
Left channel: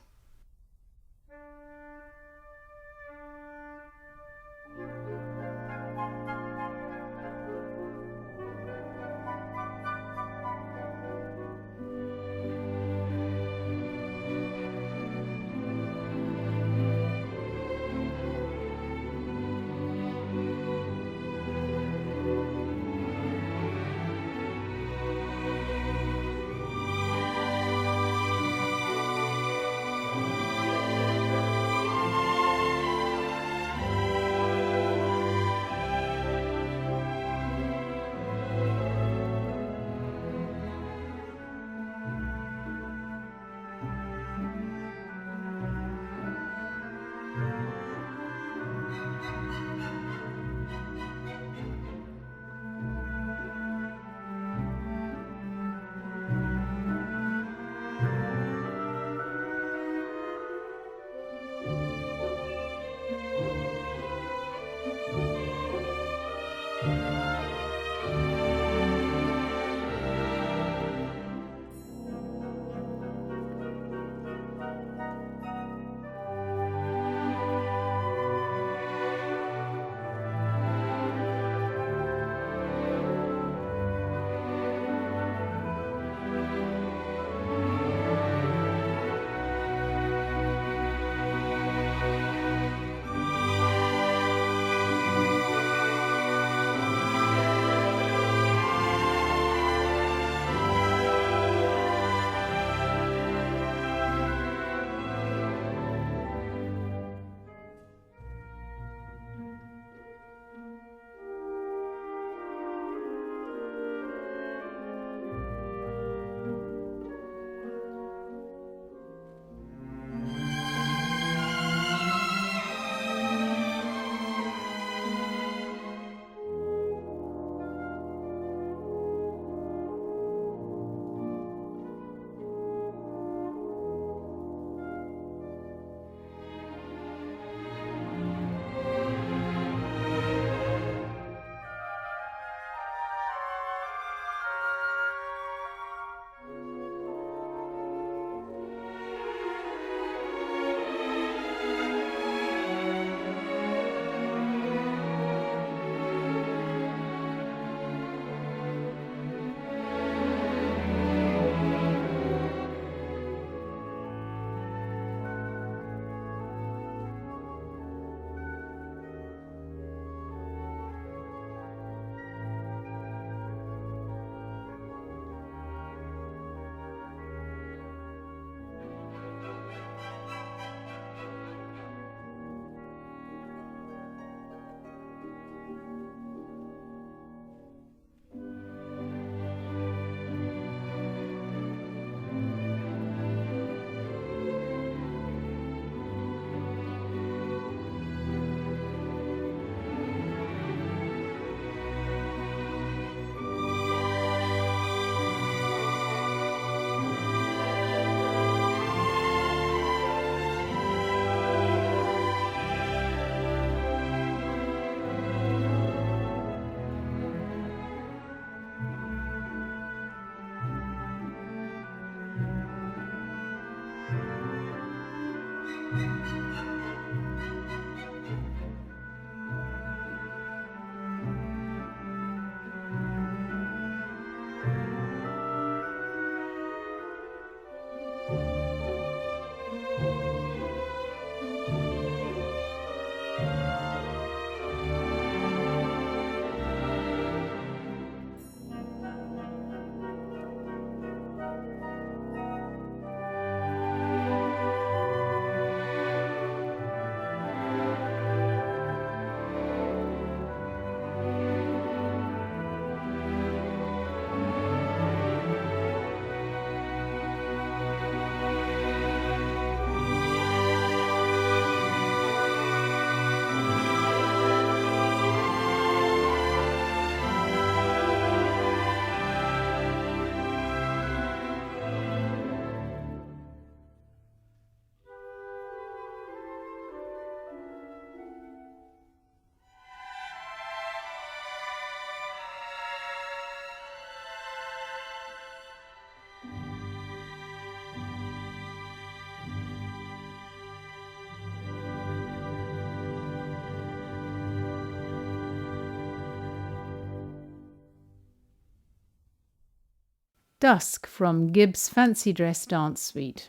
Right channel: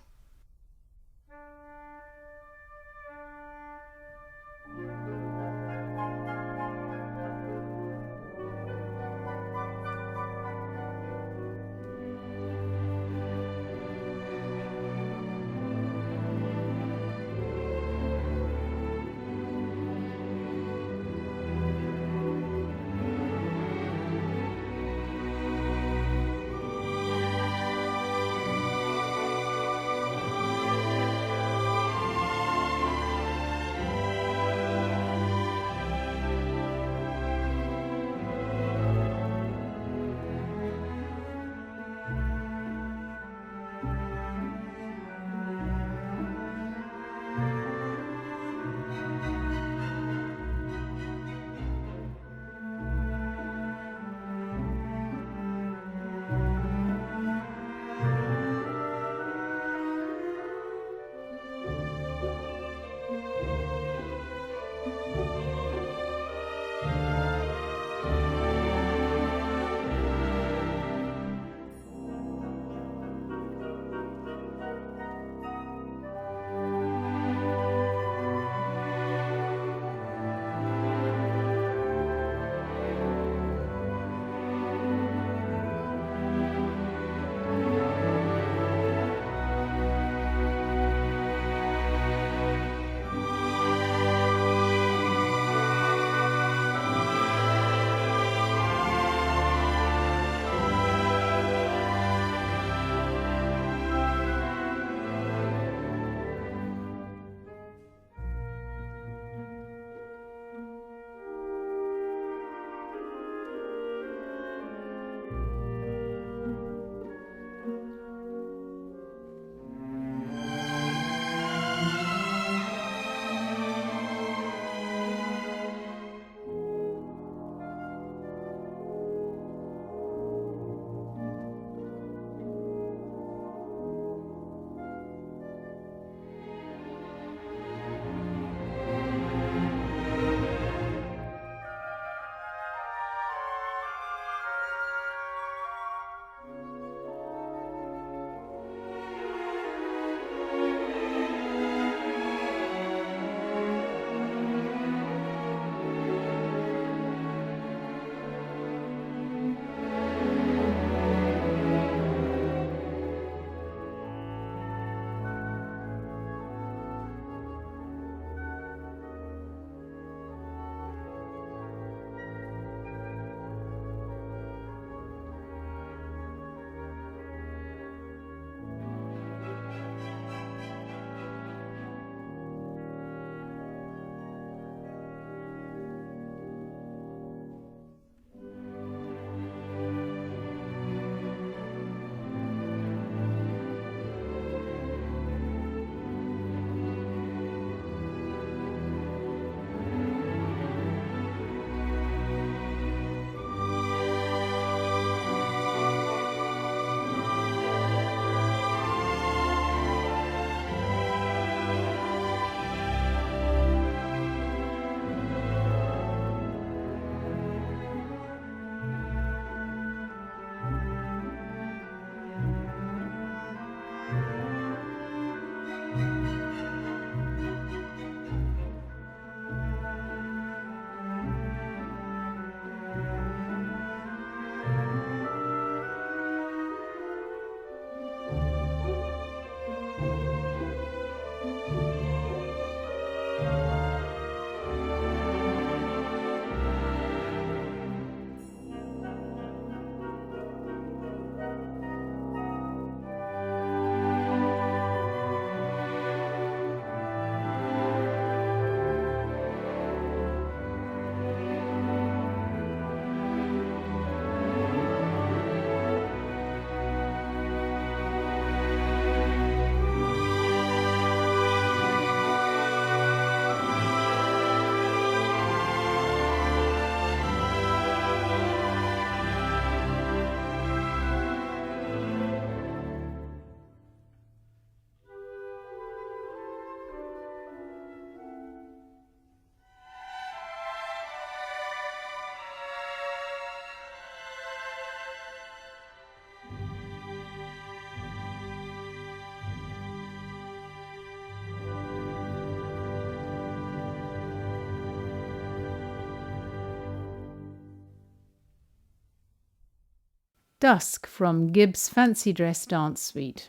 Dusk from Gibbs' Fancy Dress Dance Suite.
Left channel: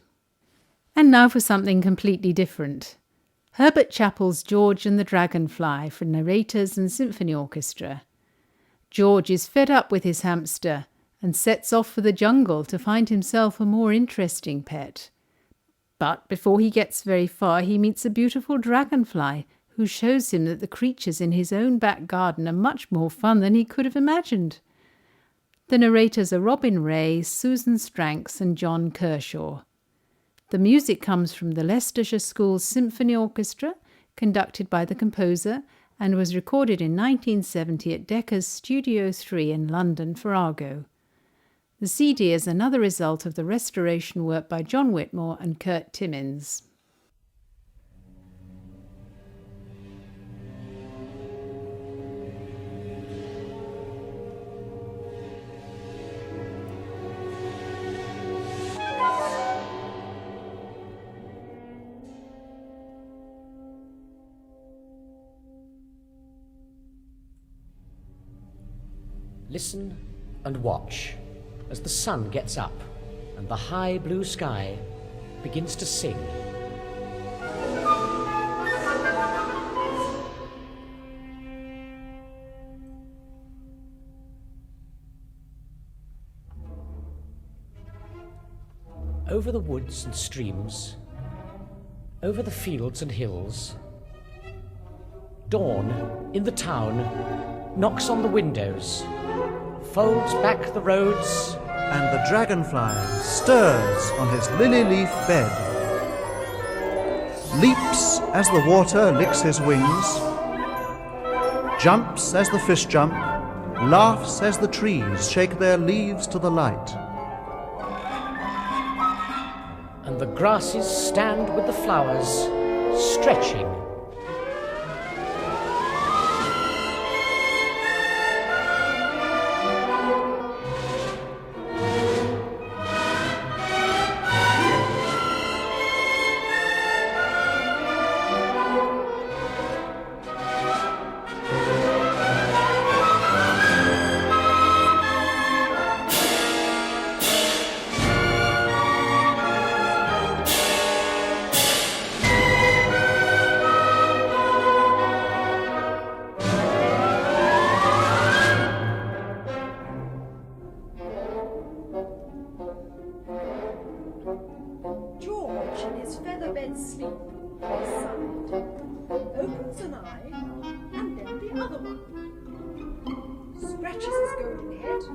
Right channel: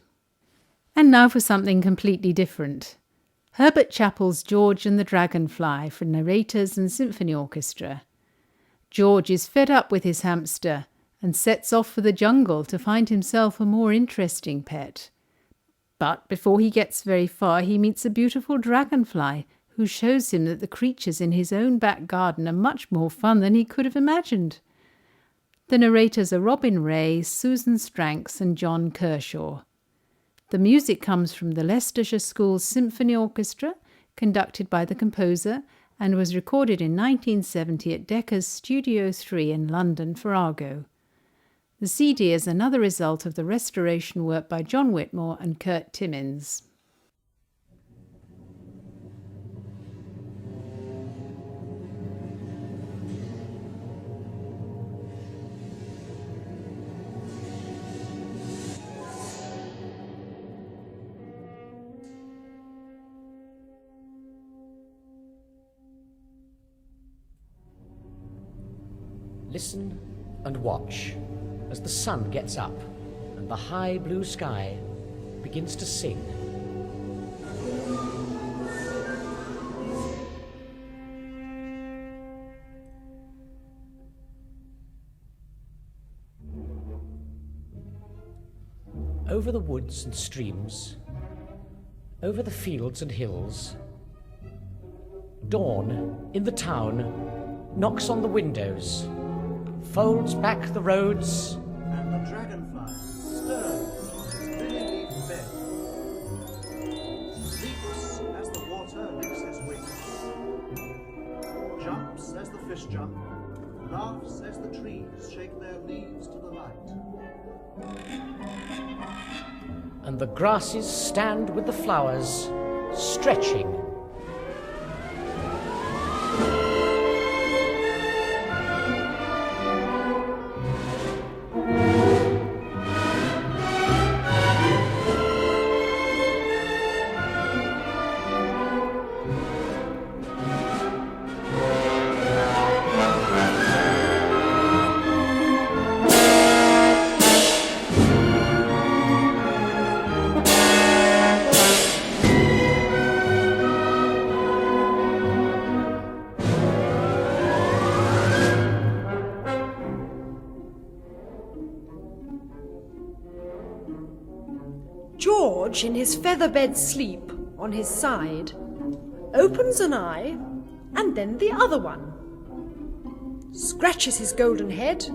And now for something completely different. Herbert Chappell's George and the Dragonfly for narrators and symphony orchestra. George is fed up with his hamster and sets off for the jungle to find himself a more interesting pet. But before he gets very far, he meets a beautiful dragonfly who shows him that the creatures in his own back garden are much more fun than he could have imagined. The narrators are Robin Ray, Susan Stranks and John Kershaw. The music comes from the Leicestershire School's Symphony Orchestra, conducted by the composer, and was recorded in 1970 at Decca's Studio 3 in London for Argo. The CD is another result of the restoration work by John Whitmore and Kurt Timmins. Listen and watch as the sun gets up and the high blue sky begins to sing. Over the woods and streams, over the fields and hills, dawn in the town knocks on the windows, folds back the roads, and the dragonfly stirs on his lily-leaf bed, leaps as the water licks his wings, jumps as the fish jump, laughs as the trees shake their leaves to the light. and the grasses stand with the flowers, stretching. George, in his feather-bed sleep on his side, opens an eye and then the other one, scratches his golden head,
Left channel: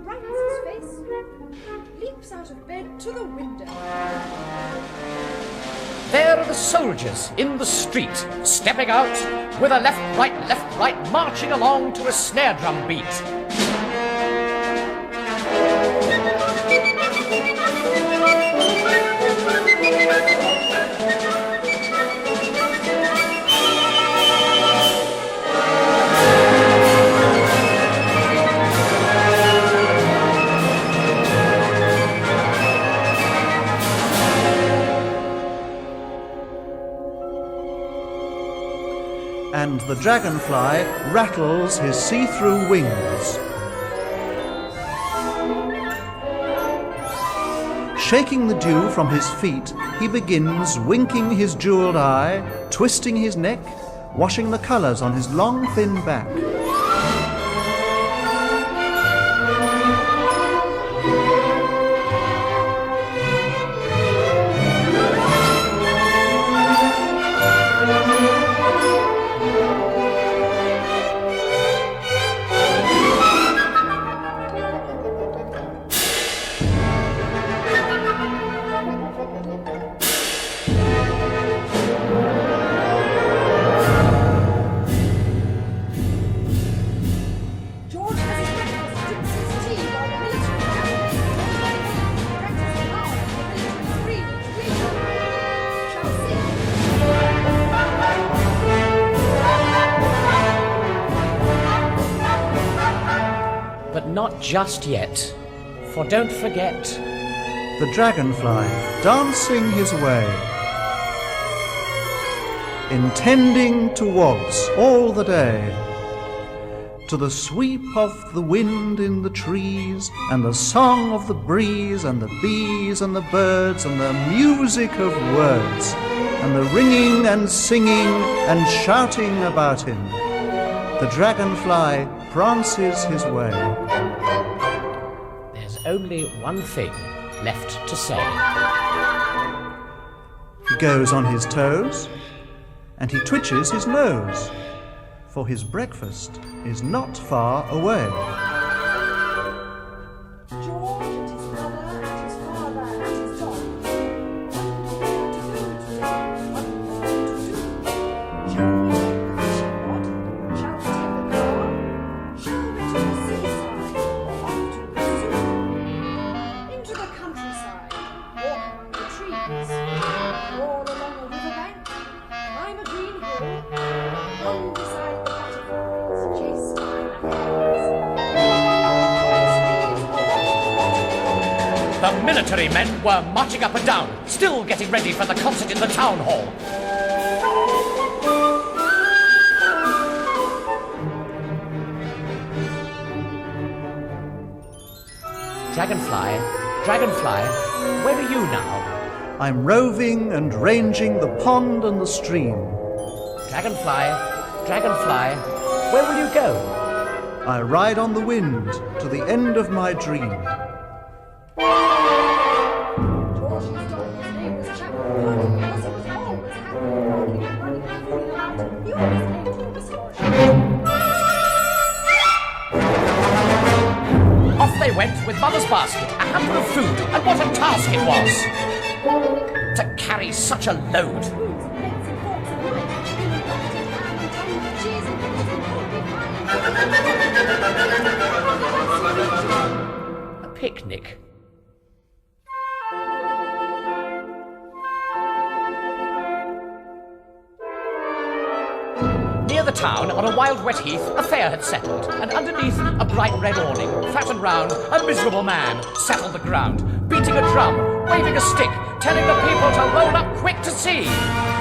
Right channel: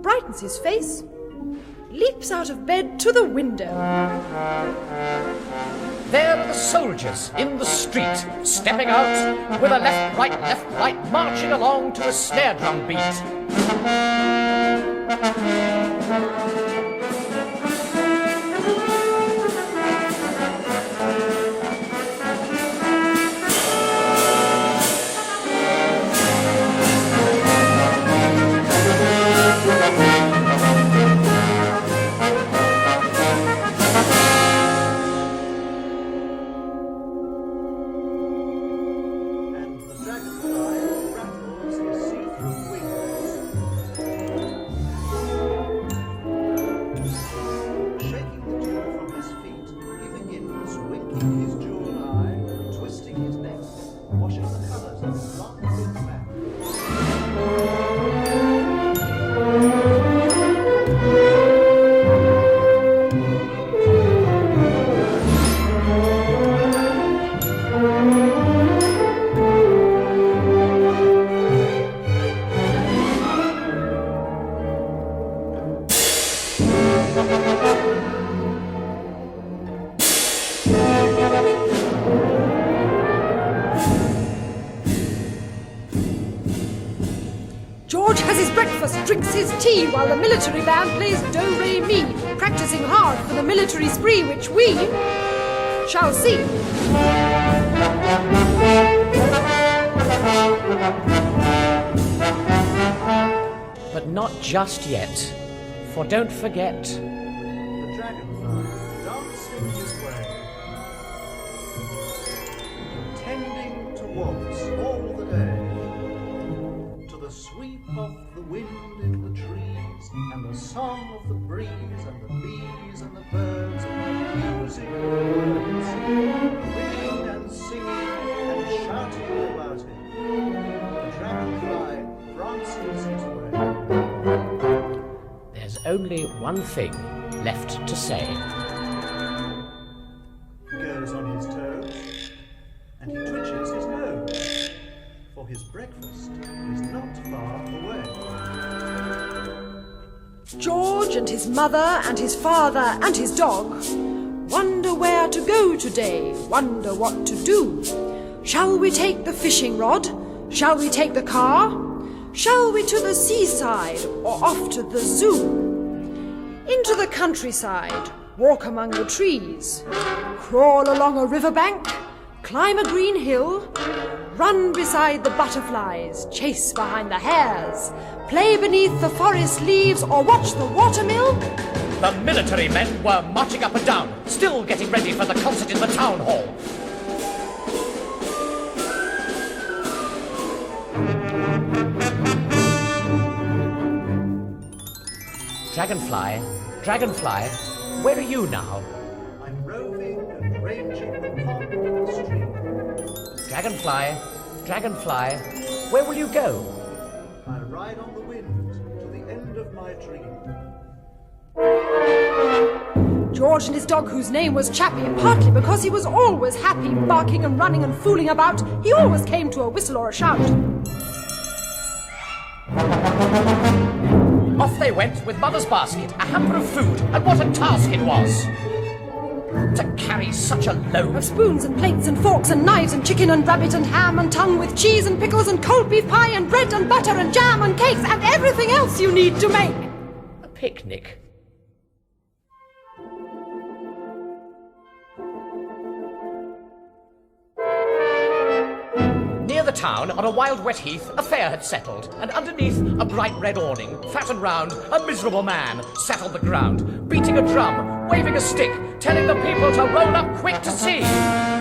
brightens his face, leaps out of bed to the window. There are the soldiers in the street, stepping out with a left, right, marching along to a snare drum beat. And the dragonfly rattles his see-through wings. Shaking the dew from his feet, he begins winking his jeweled eye, twisting his neck, washing the colours on his long, thin back. George has his breakfast, drinks his tea, while the military band plays do-re-mi, practicing hard for the military spree which we shall see. But not just yet, for don't forget, The dragonfly dancing his way, intending to waltz all the day, to the sweep of the wind in the trees, and the song of the breeze, and the bees and the birds, and the music of words, and the ringing and singing and shouting about him, the dragonfly prances his way. There's only one thing left to say. He goes on his toes, and he twitches his nose, for his breakfast is not far away. George and his mother and his father and his dog wonder where to go today, wonder what to do. Shall we take the fishing rod? Shall we take the car? Shall we to the seaside or off to the zoo? Into the countryside, walk among the trees, crawl along a riverbank, climb a green hill, run beside the butterflies, chase behind the hares, play beneath the forest leaves or watch the watermill. The military men were marching up and down, still getting ready for the concert in the town hall. Dragonfly, Dragonfly, where are you now? I'm roving and ranging the pond and the stream. Dragonfly, Dragonfly, where will you go? I ride on the wind to the end of my dream. George and his dog, whose name was Chappie, partly because he was always happy, barking and running and fooling about, he always came to a whistle or a shout. Off they went with Mother's basket, a hamper of food, and what a task it was! To carry such a load. Of spoons and plates and forks and knives and chicken and rabbit and ham and tongue with cheese and pickles and cold beef pie and bread and butter and jam and cakes and everything else you need to make A picnic. Near the town, on a wild wet heath, a fair had settled, and underneath a bright red awning, fat and round, a miserable man sat on the ground, beating a drum, waving a stick, telling the people to roll up quick to see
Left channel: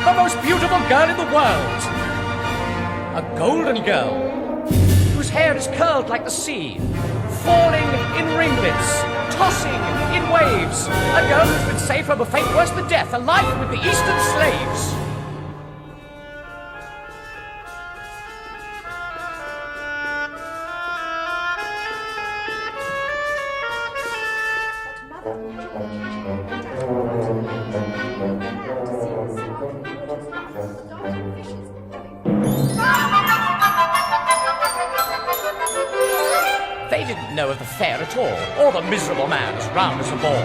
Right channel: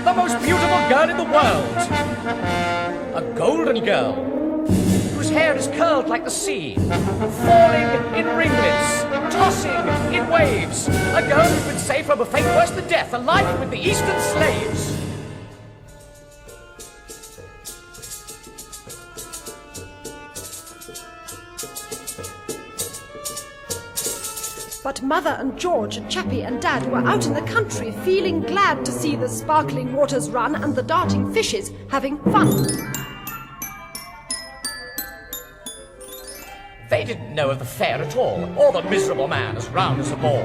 the most beautiful girl in the world. A golden girl, whose hair is curled like the sea, falling in ringlets, tossing in waves. A girl who's been saved from a fate worse than death, alive with the Eastern slaves. But Mother and George and Chappie and Dad were out in the country, feeling glad to see the sparkling waters run and the darting fishes having fun. They didn't know of the fair at all, or the miserable man as round as a ball.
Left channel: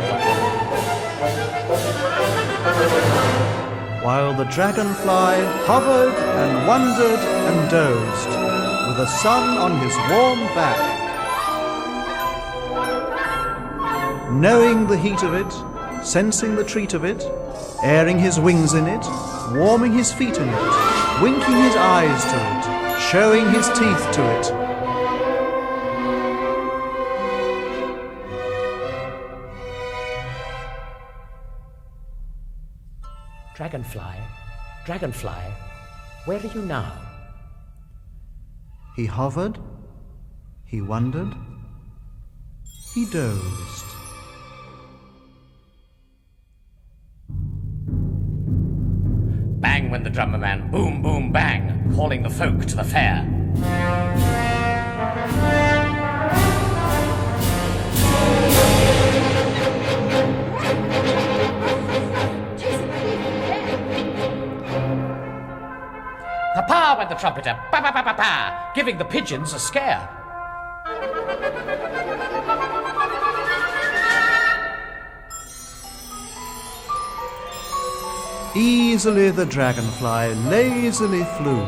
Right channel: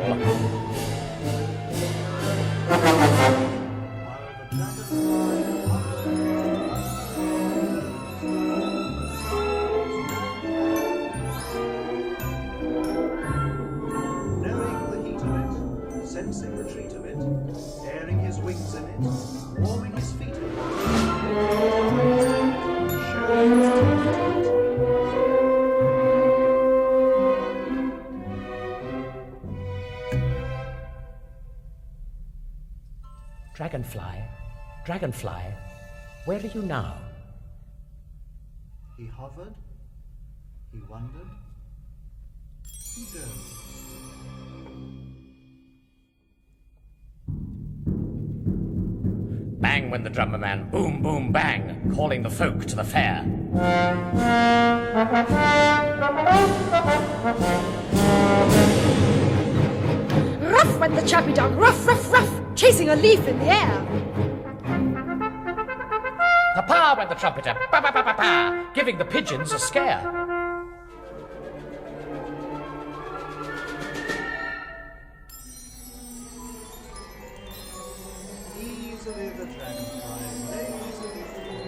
While the dragonfly hovered and wondered and dozed, with the sun on his warm back, knowing the heat of it, sensing the treat of it, airing his wings in it, warming his feet in it, winking his eyes to it, showing his teeth to it. Dragonfly, Dragonfly, where are you now? He hovered, he wondered, he dozed. Bang went the drummer man, boom, boom, bang, calling the folk to the fair. Ruff went the Chappie down, ruff, ruff, ruff, chasing a leaf in the air. Pa-pa went the trumpeter, pa-pa-pa-pa-pa, giving the pigeons a scare. Easily the dragonfly lazily flew,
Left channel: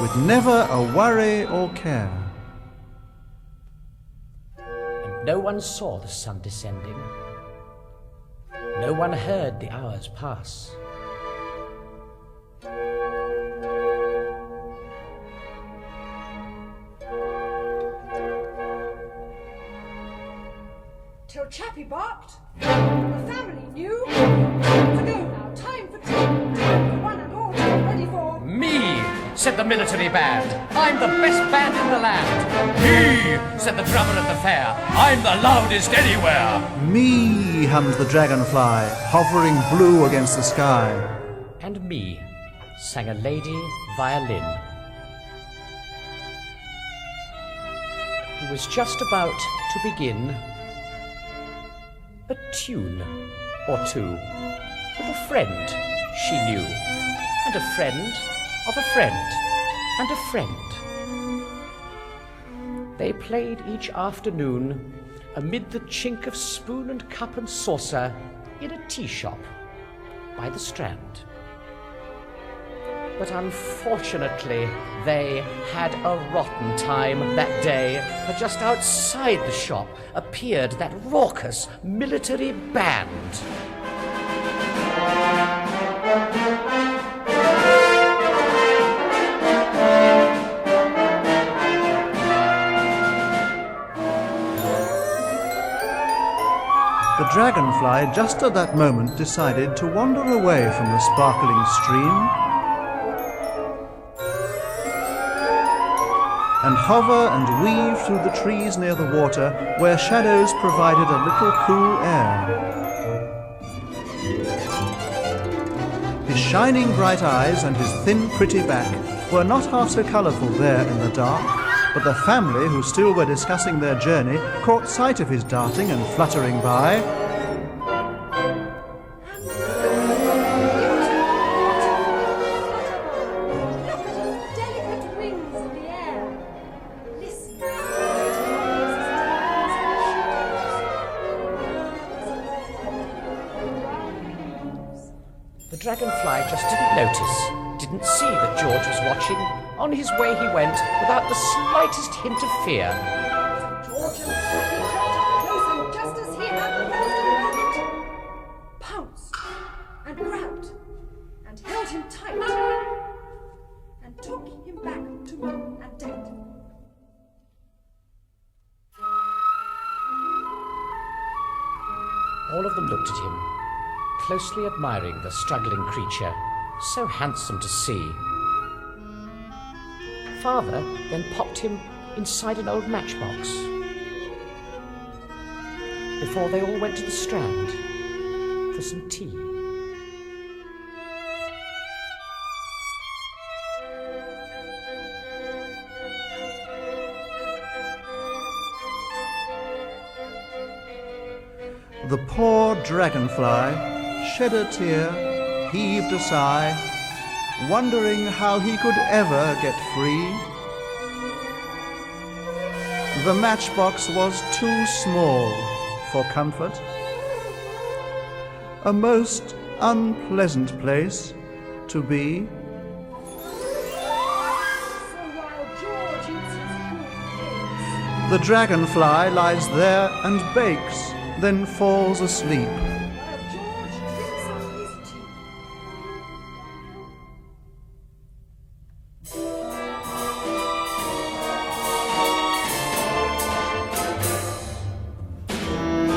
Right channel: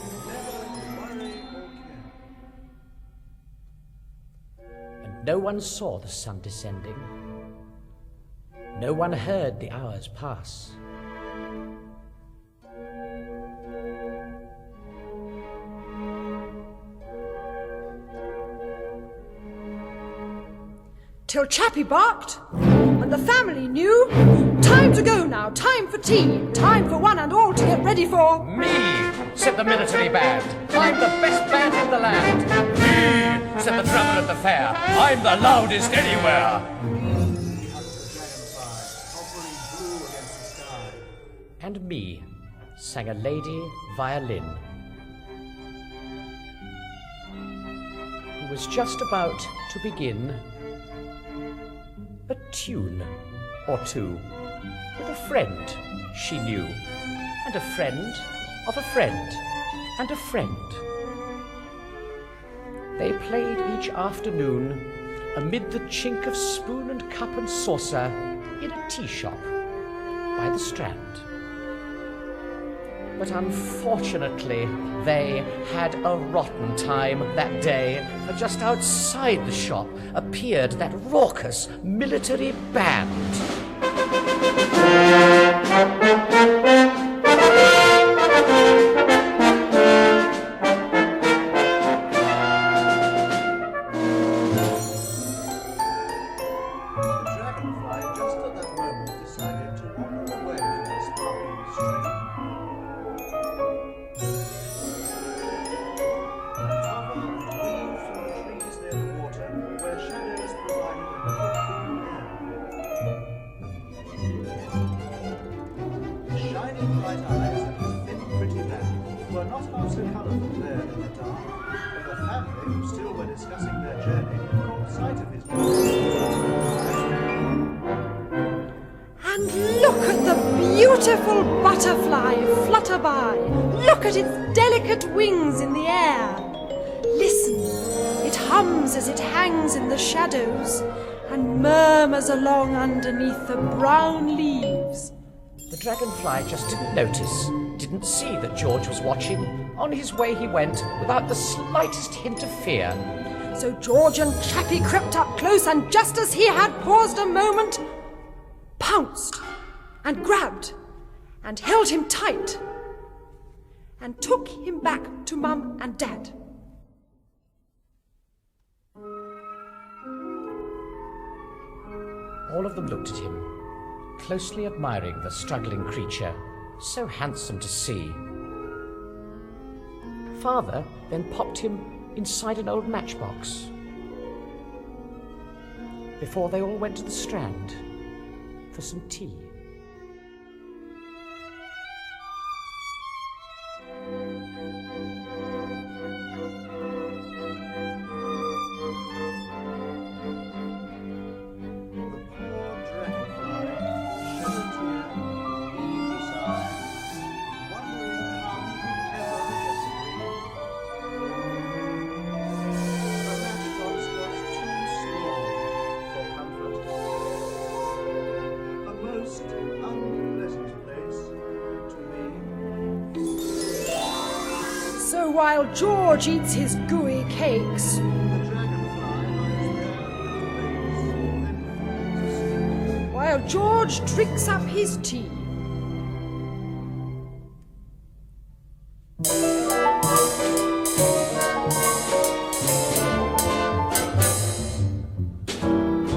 with never a worry or care. And no one saw the sun descending. No one heard the hours pass. Till Chappie barked, and the family knew. Time to go now, time for tea, time for one and all to get ready for Me! said the military band. I'm the best band in the land. Me, said the drummer at the fair. I'm the loudest anywhere. Me, hummed the dragonfly, hovering blue against the sky. And me, sang a lady violin, who was just about to begin a tune or two with a friend she knew, and a friend of a friend, and a friend. They played each afternoon amid the chink of spoon and cup and saucer in a tea shop by the Strand. But unfortunately, they had a rotten time that day, for just outside the shop appeared that raucous military band. The dragonfly just at that moment decided to wander away from the sparkling stream and hover and weave through the trees near the water, where shadows provided a little cool air. His shining bright eyes and his thin pretty back were not half so colourful there in the dark, but the family, who still were discussing their journey, caught sight of his darting and fluttering by. And look at the beautiful butterfly flutter by. Look at its delicate wings in the air. Listen, it hums as it hangs in the shadows and murmurs along underneath the brown leaves. The dragonfly just didn't notice, didn't see that George was watching. On his way he went without the slightest hint of fear. So George and Chappie crept up close, and just as he had paused a moment, pounced and grabbed and held him tight and took him back to Mum and Dad. All of them looked at him, closely admiring the struggling creature, so handsome to see. Father then popped him inside an old matchbox before they all went to the Strand for some tea. The poor dragonfly shed a tear, heaved a sigh, wondering how he could ever get free. The matchbox was too small for comfort, a most unpleasant place to be. So while George eats his gooey cakes, The dragonfly lies there and bakes, then falls asleep. while George drinks up his tea.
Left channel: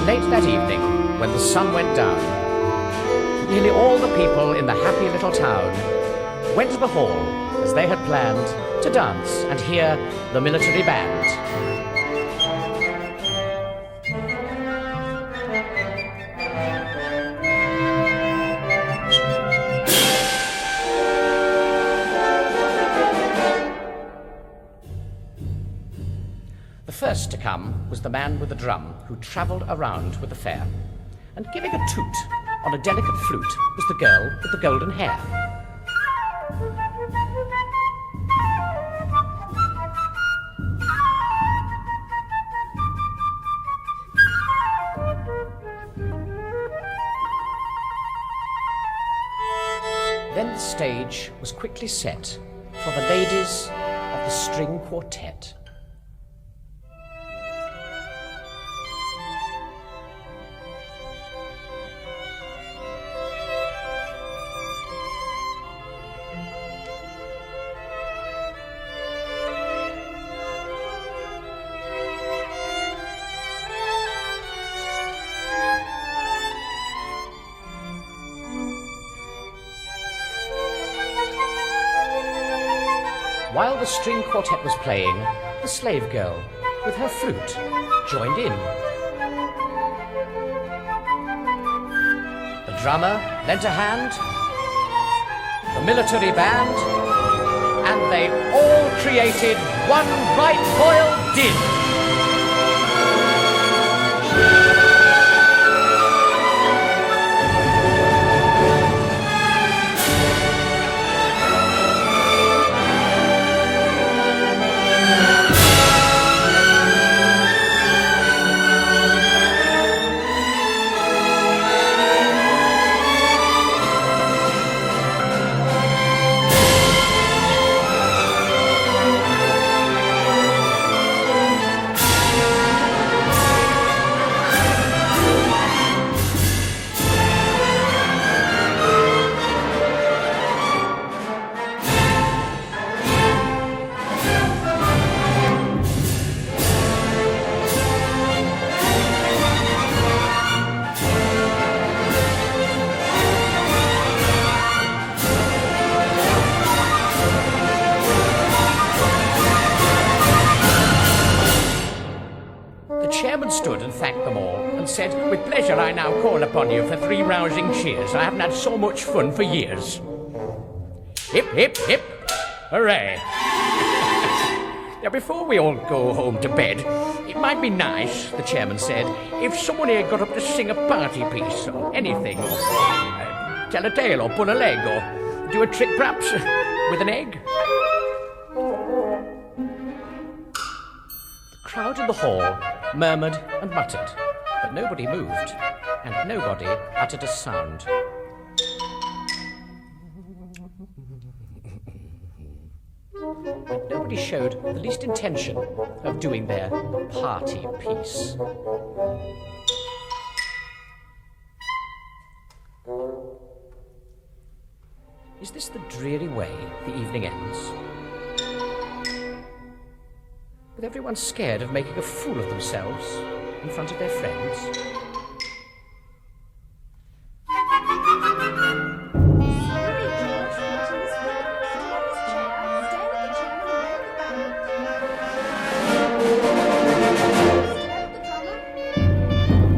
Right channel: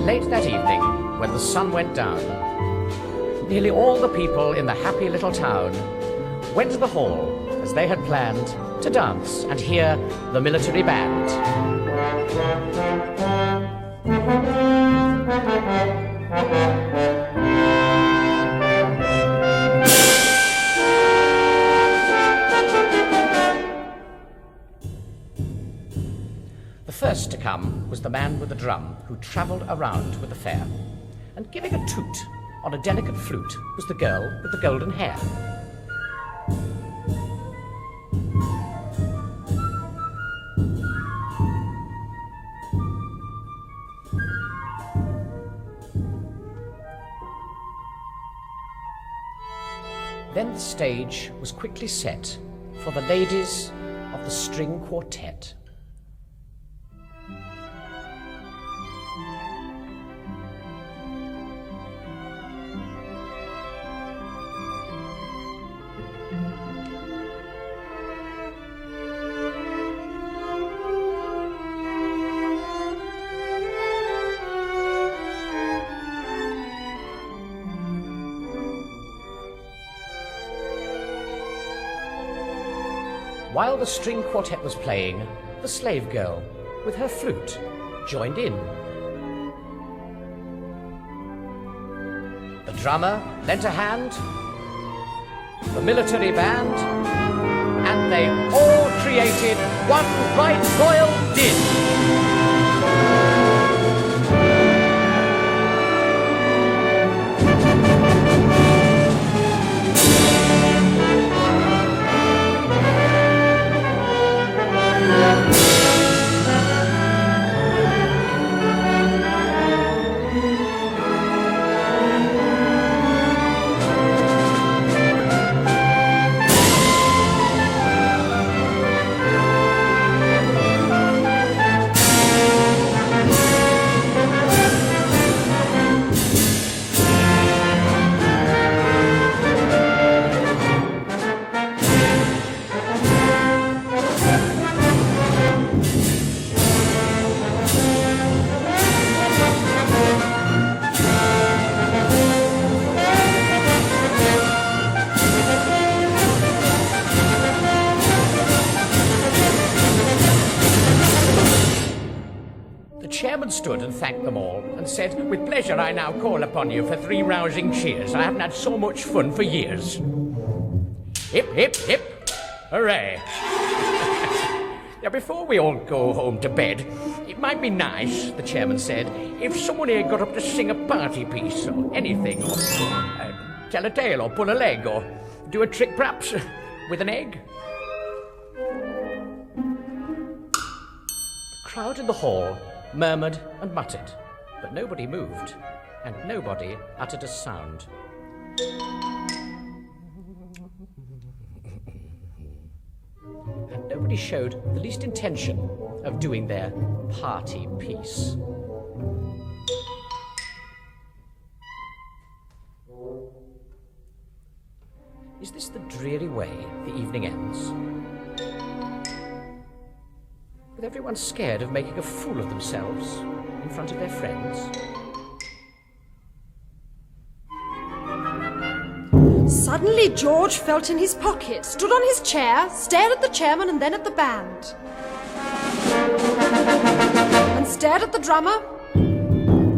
Late that evening, when the sun went down, nearly all the people in the happy little town went to the hall, as they had planned, to dance and hear the military band. The first to come was the man with the drum who travelled around with the fair, and giving a toot on a delicate flute was the girl with the golden hair. Then the stage was quickly set for the ladies of the string quartet. While the string quartet was playing, the slave girl, with her flute, joined in. The drummer lent a hand, the military band, and they all created one right royal din. The chairman stood and thanked them all and said, "With pleasure I now call upon you for 3 rousing cheers. I haven't had so much fun for years. Hip, hip, hip, hooray." Now, before we all go home to bed, it might be nice, the chairman said, if someone here got up to sing a party piece or anything, or tell a tale or pull a leg or do a trick perhaps with an egg. The crowd in the hall murmured and muttered, but nobody moved, and nobody uttered a sound. And nobody showed the least intention of doing their party piece. Is this the dreary way the evening ends? With everyone scared of making a fool of themselves in front of their friends? Suddenly George felt in his pocket, stood on his chair, stared at the chairman and then at the band. And stared at the drummer,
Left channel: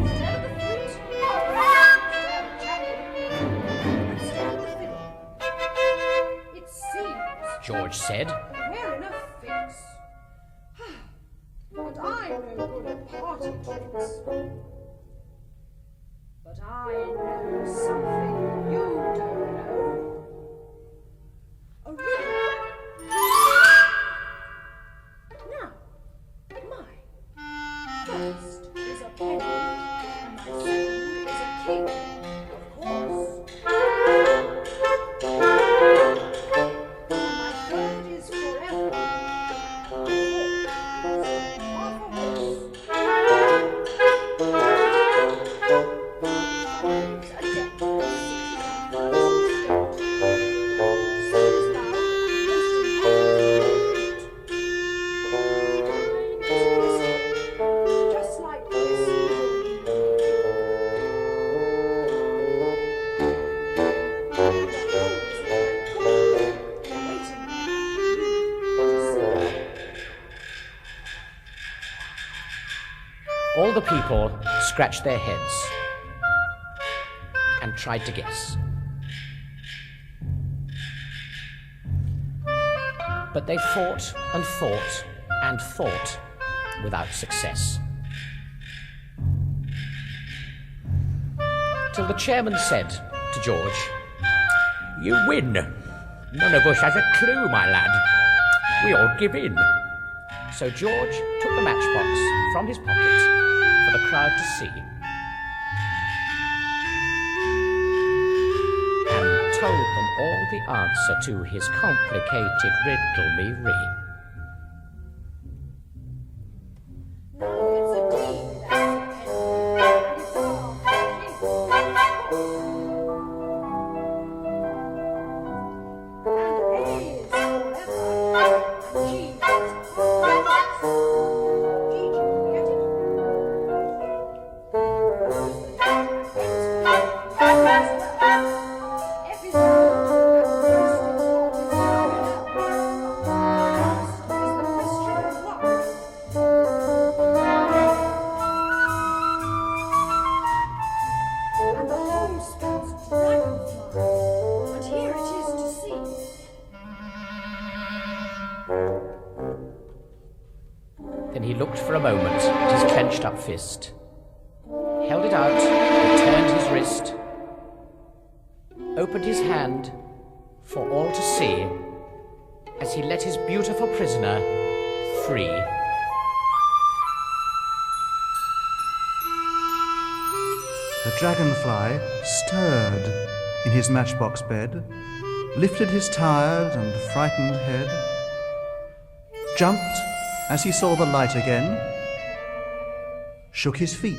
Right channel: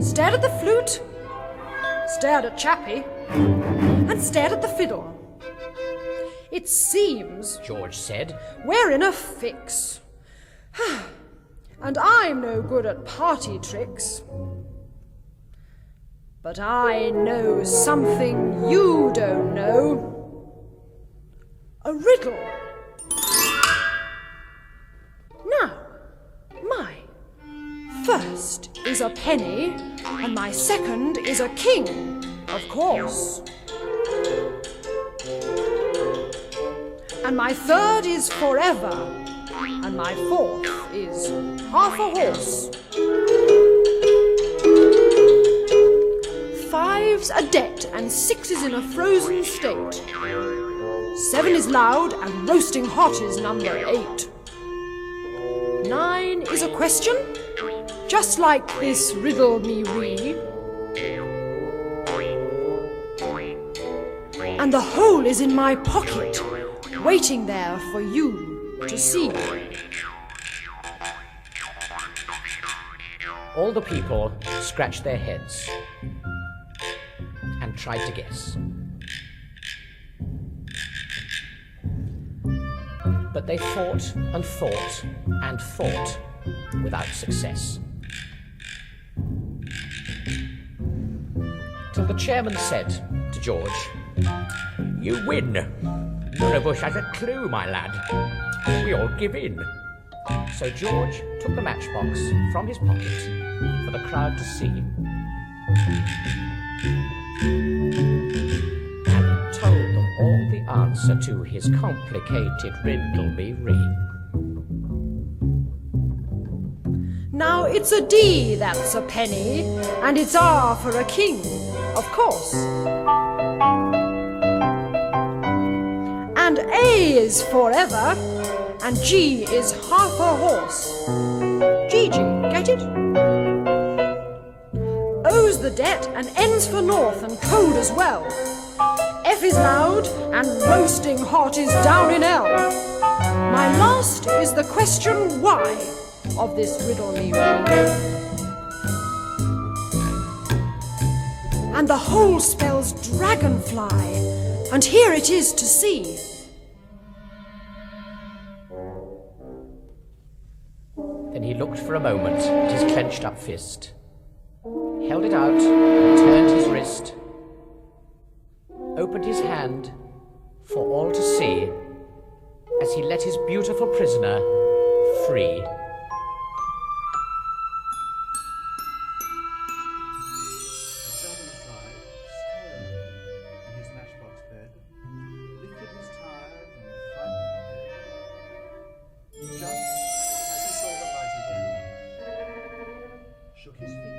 stared at the flute, stared at Chappie, and stared at the fiddle. "It seems," George said, "we're in a fix. And I'm no good at party tricks. But I know something you don't know. A riddle. Now, my first is a penny, and my second is a king, of course. And my third is forever, and my fourth is half a horse. 5's a debt, and 6 is in a frozen state. 7 is loud, and roasting hot is number 8. 9 is a question, just like this riddle me wee. And the whole is in my pocket, waiting there for you to see." All the people scratched their heads and tried to guess. But they thought and thought and thought without success. Till the chairman said to George, "You win. None of us has a clue, my lad. We all give in." So George took the matchbox from his pocket for the crowd to see and told them all the answer to his complicated riddle-me-ree. Now it's a D that's a penny, and it's R for a king, of course. And A is forever, and G is half a horse. Gigi, get it? O's the debt, and N's for north, and cold as well. F is loud, and roasting hot is down in L. My last is the question why of this riddle me why. And the whole spells dragonfly, and here it is to see. Then he looked for a moment at his clenched up fist, held it out, and turned his wrist, opened his hand for all to see as he let his beautiful prisoner free. The dragonfly stirred in his matchbox bed, lifted his tired and frightened head, jumped as he saw the light again, shook his feet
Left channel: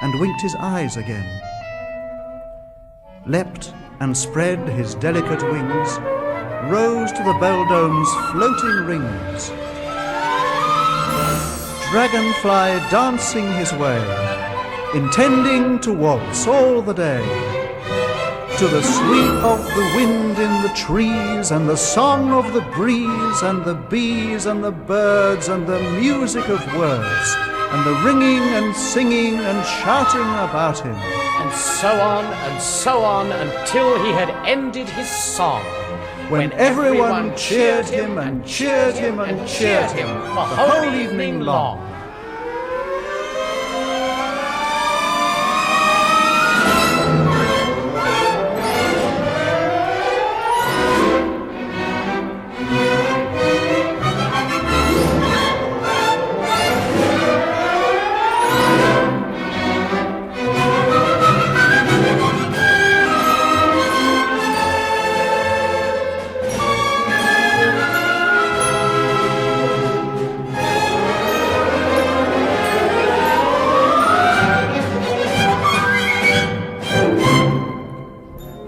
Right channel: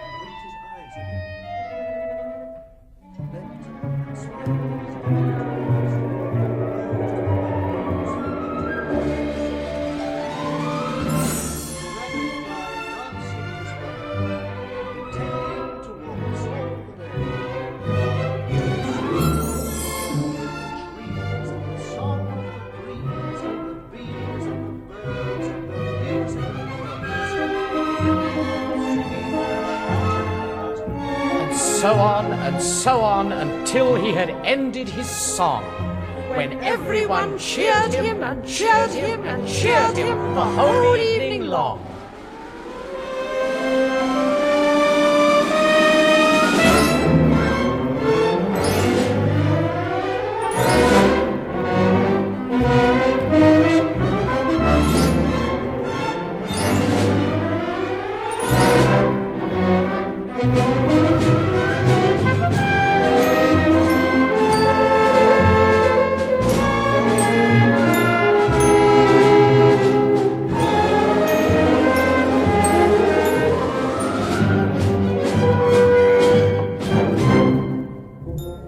and winked his eyes again, leapt and spread his delicate wings, rose to the beldome's floating rings. Dragonfly dancing his way, intending to waltz all the day, to the sweep of the wind in the trees, and the song of the breeze, and the bees, and the birds, and the music of words, and the ringing and singing and shouting about him. And so on until he had ended his song, when everyone cheered him and cheered him and cheered him the whole evening long.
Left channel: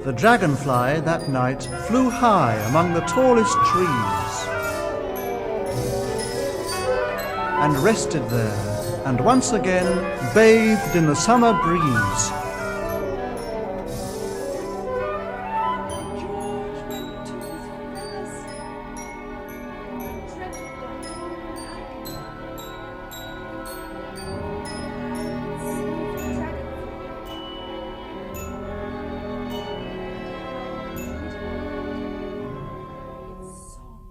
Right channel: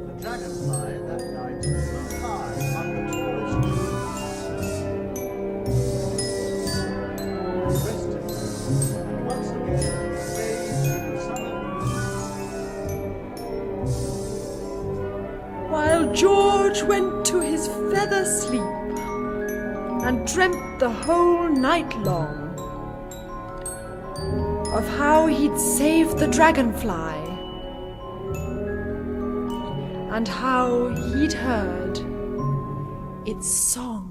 The dragonfly that night flew high among the tallest trees, and rested there, and once again bathed in the summer breeze. While George went to his feather sleep, and dreamt the whole night long of how he'd saved the dragonfly, and how he'd heard its song.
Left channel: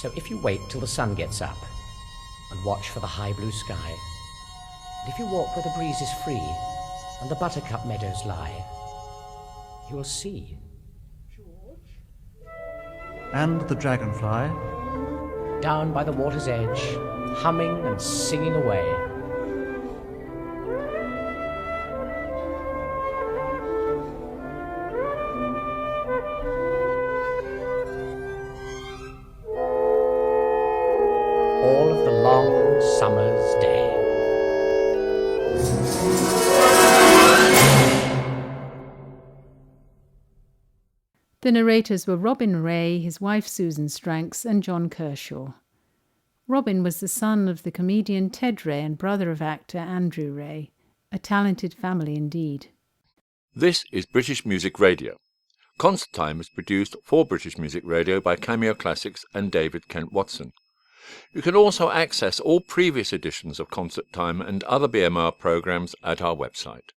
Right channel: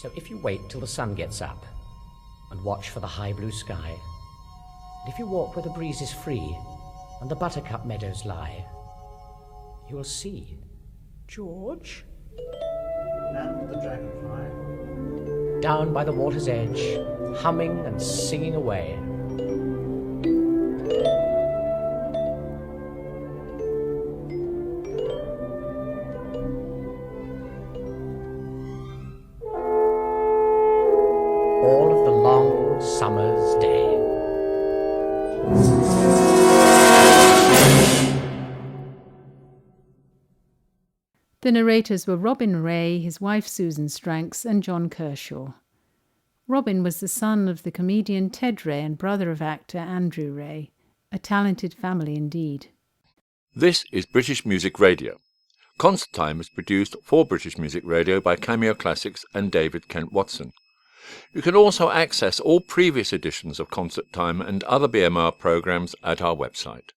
So if you wait till the sun gets up and watch for the high blue sky, and if you walk where the breeze is free and the buttercup meadows lie, you will see George? And the dragonfly, down by the water's edge, humming and singing away. All of the long summer's day. The narrators were Robin Ray, his wife Susan Stranks, and John Kershaw. Robin was the son of the comedian Ted Ray and brother of actor Andrew Ray, a talented family indeed. This is British Music Radio. Concert Time is produced for British Music Radio by Cameo Classics and David Kent Watson. You can also access all previous editions of Concert Time and other BMR programmes at our website.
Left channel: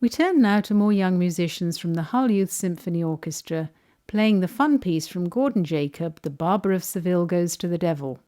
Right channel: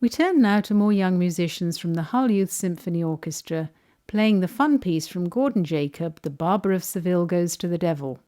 We turn now to more young musicians from the Hull Youth Symphony Orchestra, playing the fun piece from Gordon Jacob, The Barber of Seville Goes to the Devil.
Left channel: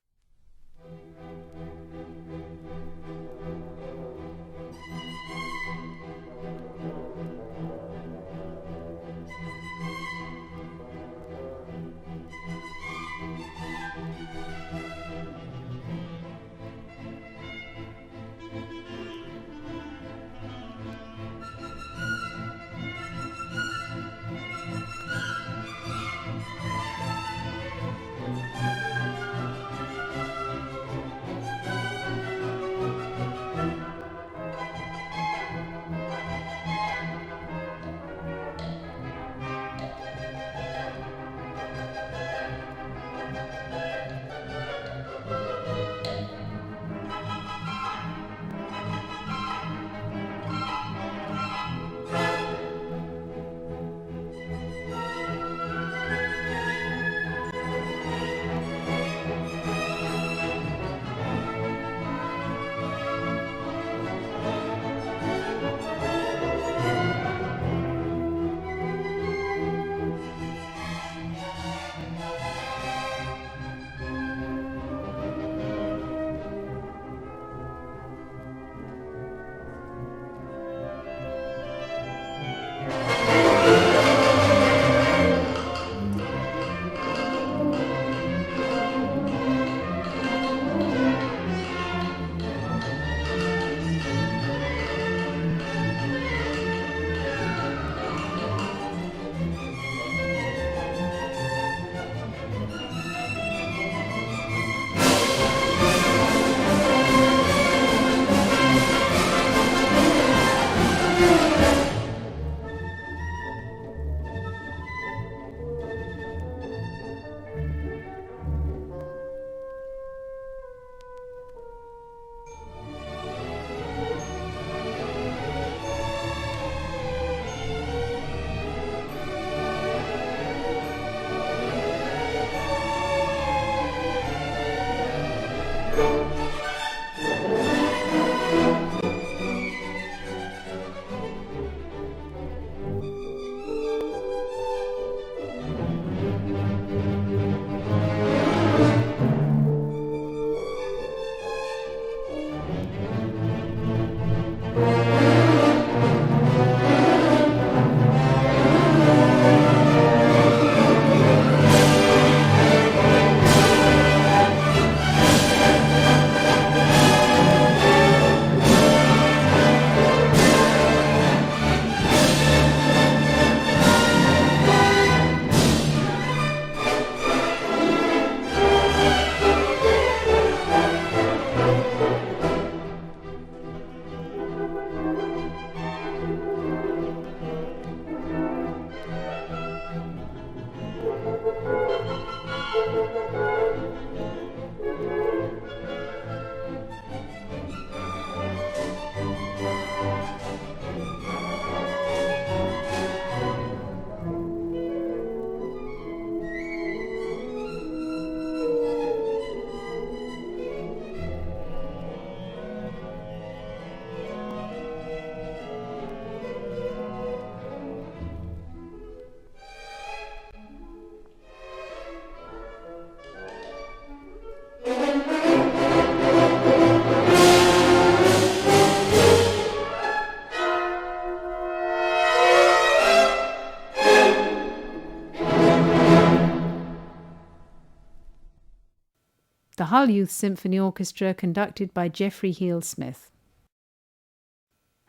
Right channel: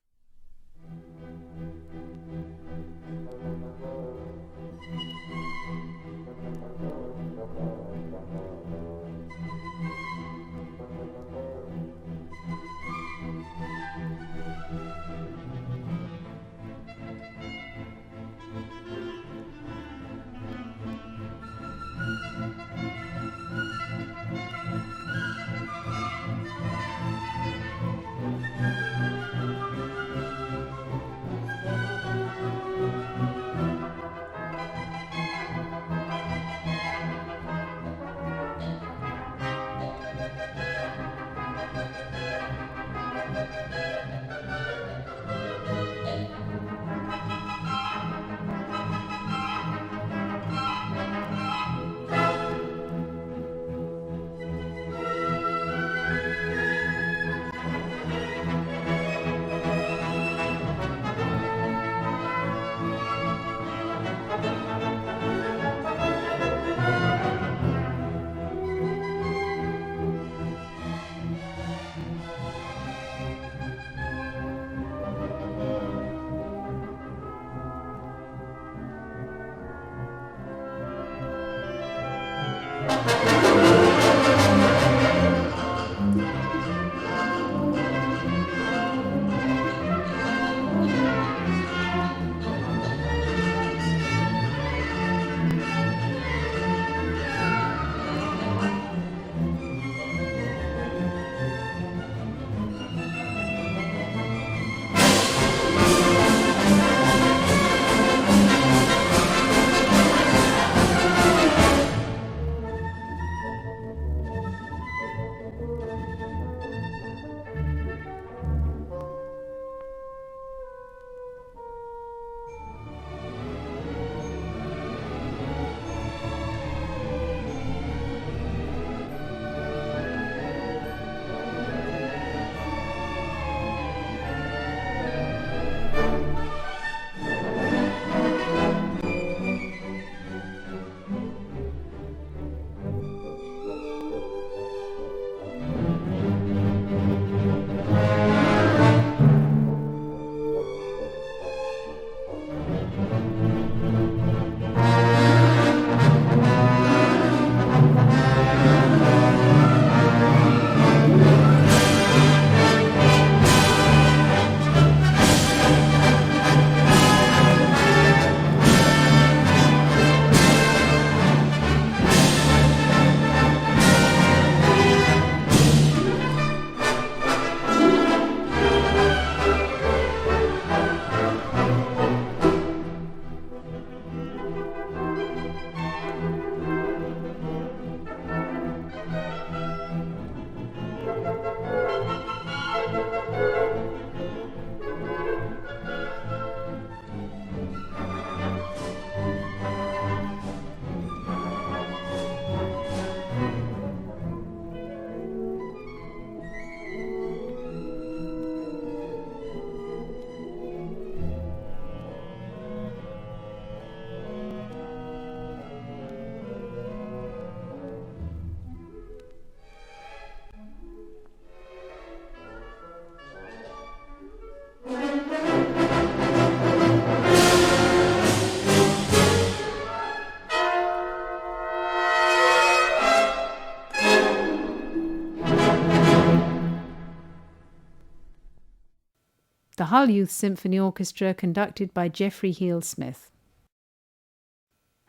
the Hull Youth Symphony Orchestra conducted by Geoffrey Heel Smith.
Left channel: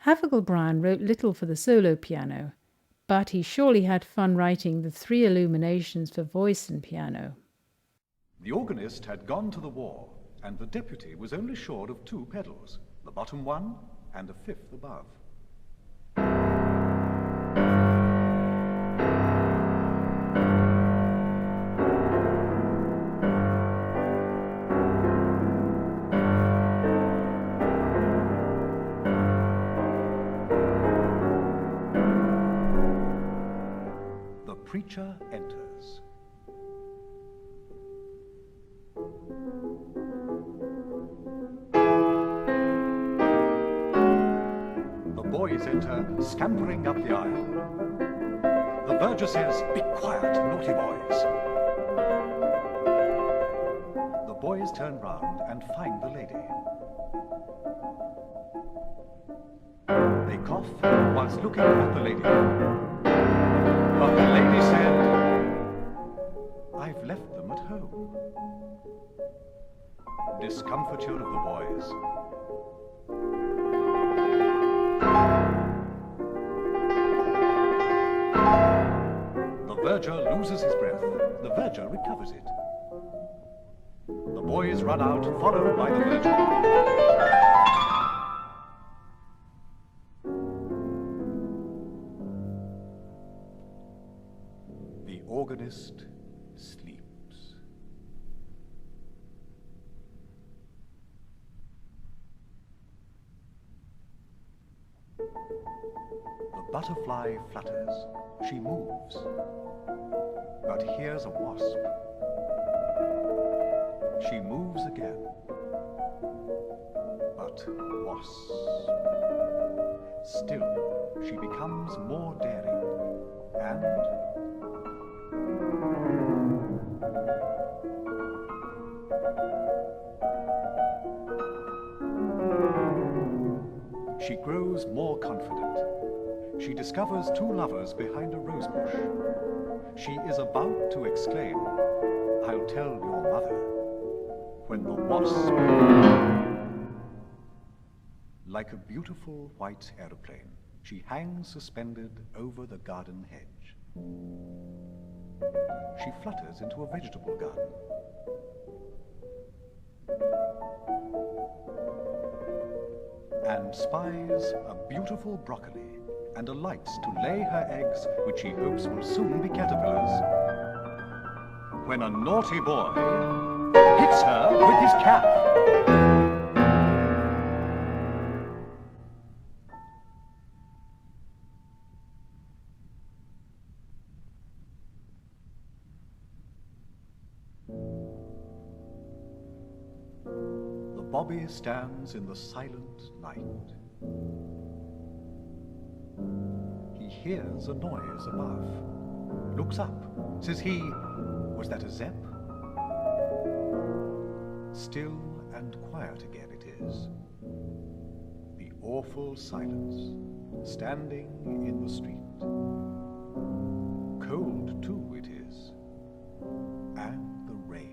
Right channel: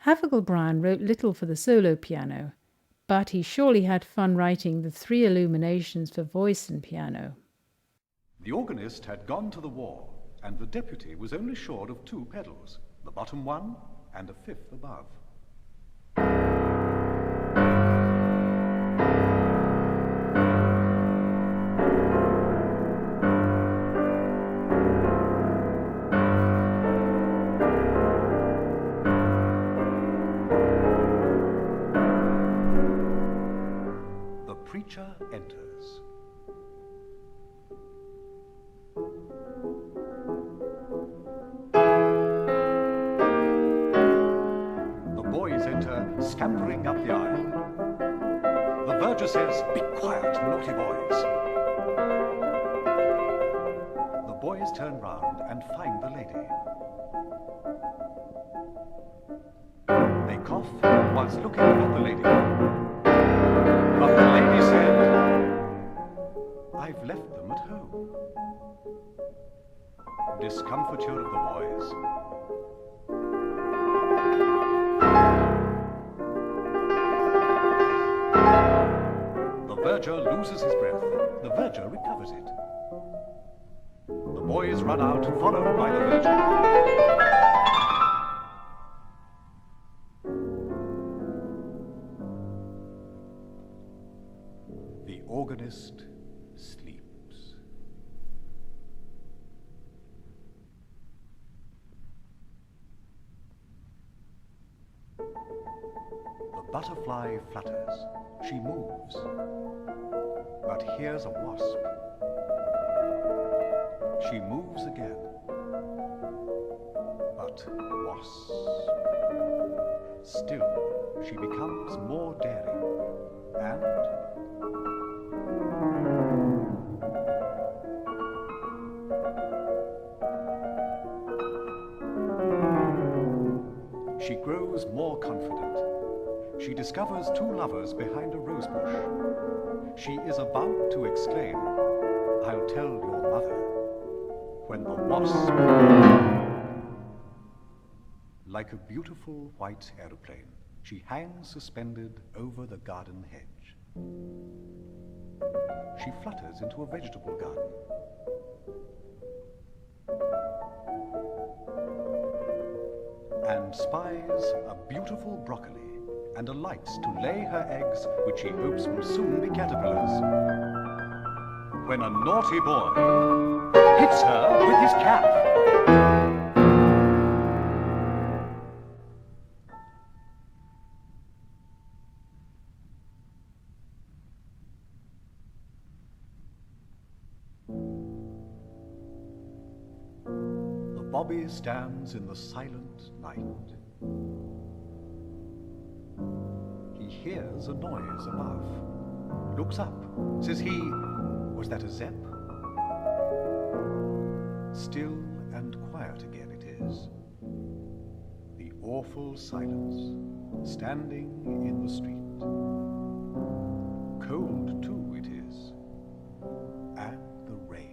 Havergal Brian wrote little for the solo piano, but he surely had fun writing the 3 illuminations for voice and piano. The organist had gone to the war, and the deputy was only sure of 2 pedals, the bottom one and a 5th above. Suspended over the garden hedge. She flutters into a vegetable garden. And spies a beautiful broccoli and alights to lay her eggs, which she hopes will soon be caterpillars. When a naughty boy hits her with his hand. Stands in the silence wild. He hears a noise above. Looks up. Says he, was that a Zen? Still and quiet again it is. The awful silence, standing in the street. Cold too it is. And the rain.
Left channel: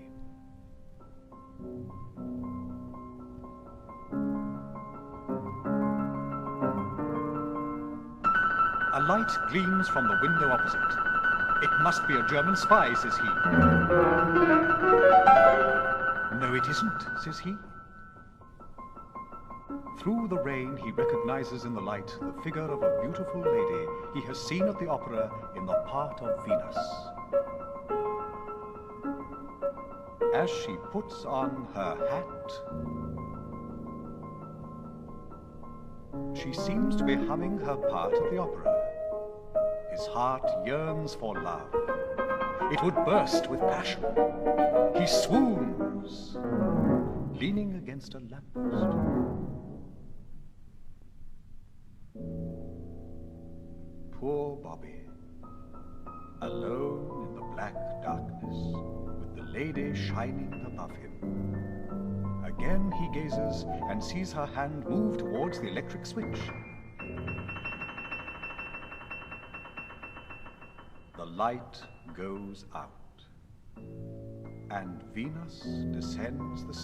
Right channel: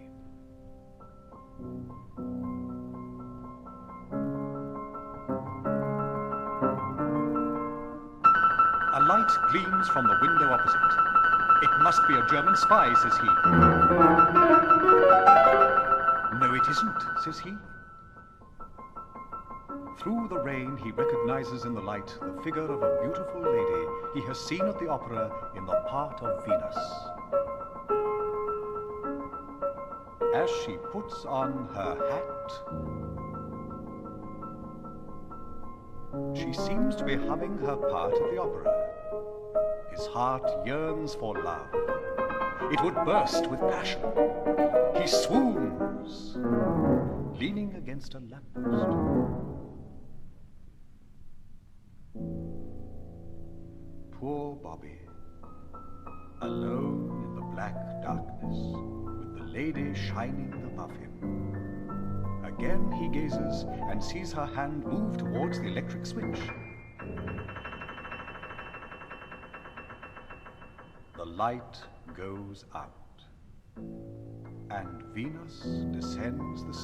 Gleams from the window opposite. It must be a German sky, says he. No, it isn't, says he. Through the rain, he recognizes in the light the figure of a beautiful lady he has seen at the opera in the heart of Venus. As she puts on her hat, she seems to be humming her part of the opera. His heart yearns for love. It would burst with passion. He swoons, leaning against a lamp. Poor Bobby, alone in the black darkness, the lady shining above him. Again he gazes and sees her hand move towards the electric switch. The light goes out, and Venus descends the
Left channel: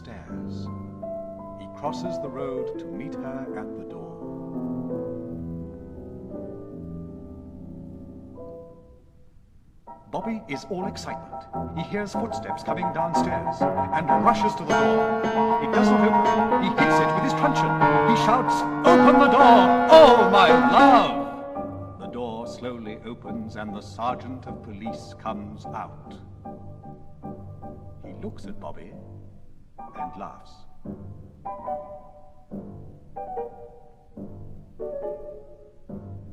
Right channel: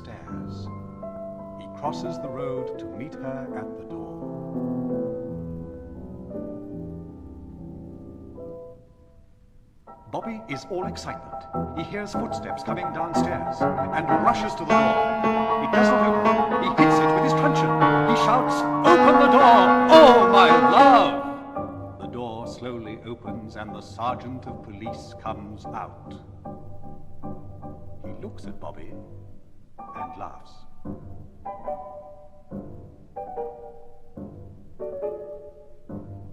Bobby is all excitement. He hears footsteps coming downstairs and rushes to the door. He gets there. He hits it with his truncheon. He shouts, "Open the door! Oh, my God!" The door slowly opens and the sergeant of police comes out. He looks at Bobby and laughs.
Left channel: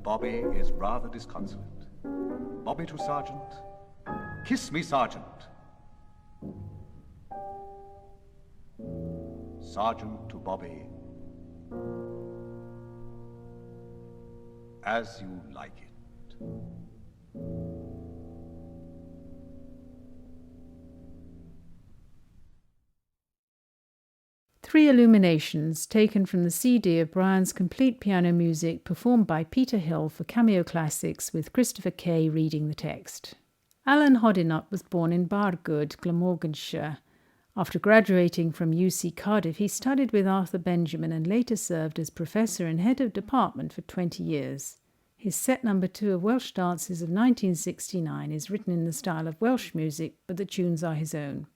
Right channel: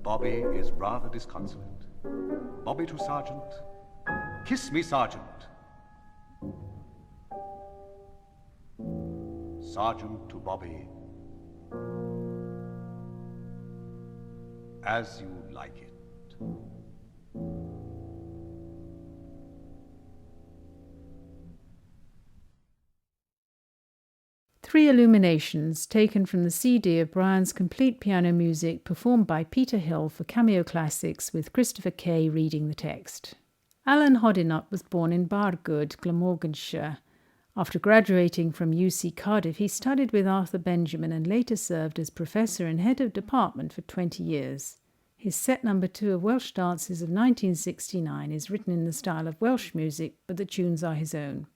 Bobby is rather disconsolate. Bobby to Sergeant. "Kiss me, Sergeant." Sergeant to Bobby. "As you like it." 3 illuminations taken from the CD of Brian's complete piano music performed by Peter Hill for Cameo Classics with Christopher Kay reading the text. Alan Hodinott was born in Bargoed, Glamorganshire. After graduating from UC Cardiff, he studied with Arthur Benjamin and later served as professor and head of department for 20 years. His set number 2 of Welsh Dances of 1969 is written in the style of Welsh music, but the tunes are his own.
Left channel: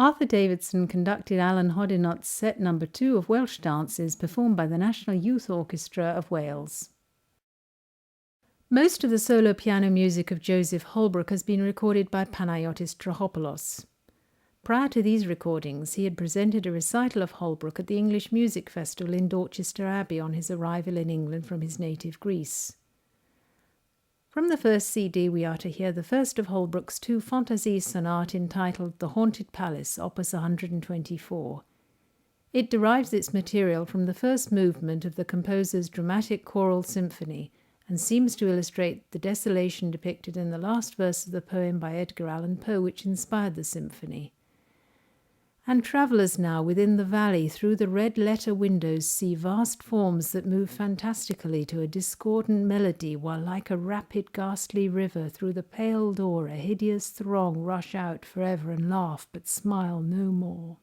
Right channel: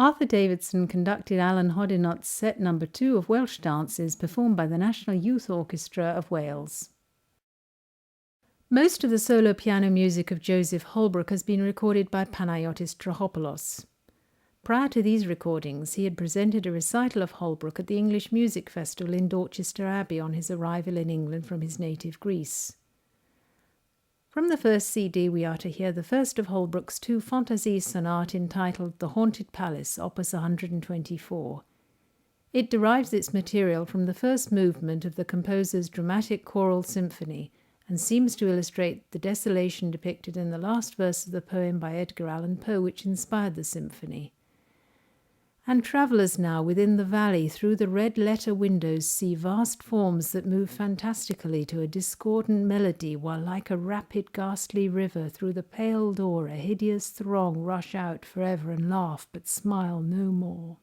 Arthur Davidson conducted Alan Hodinot's set number 2 of Welsh dances performed by the National Youth Orchestra of Wales. Most of the solo piano music of Joseph Holbrook has been recorded by Panayotis Trachopoulos. Prior to these recordings, he had presented a recital of Holbrook at the English Music Festival in Dorchester Abbey on his arrival in England from his native Greece. From the first CD, we are to hear the first of Holbrook's 2 Fantasies sonate entitled The Haunted Palace, Opus 124. It derives its material from the first movement of the composer's dramatic choral symphony and seems to illustrate the desolation depicted in the last verse of the poem by Edgar Allan Poe, which inspired the symphony. And travellers now within the valley through the red letter windows see vast forms that move fantastically to a discordant melody, while like a rapid ghastly river through the pale door a hideous throng rush out forever and laugh but smile no more.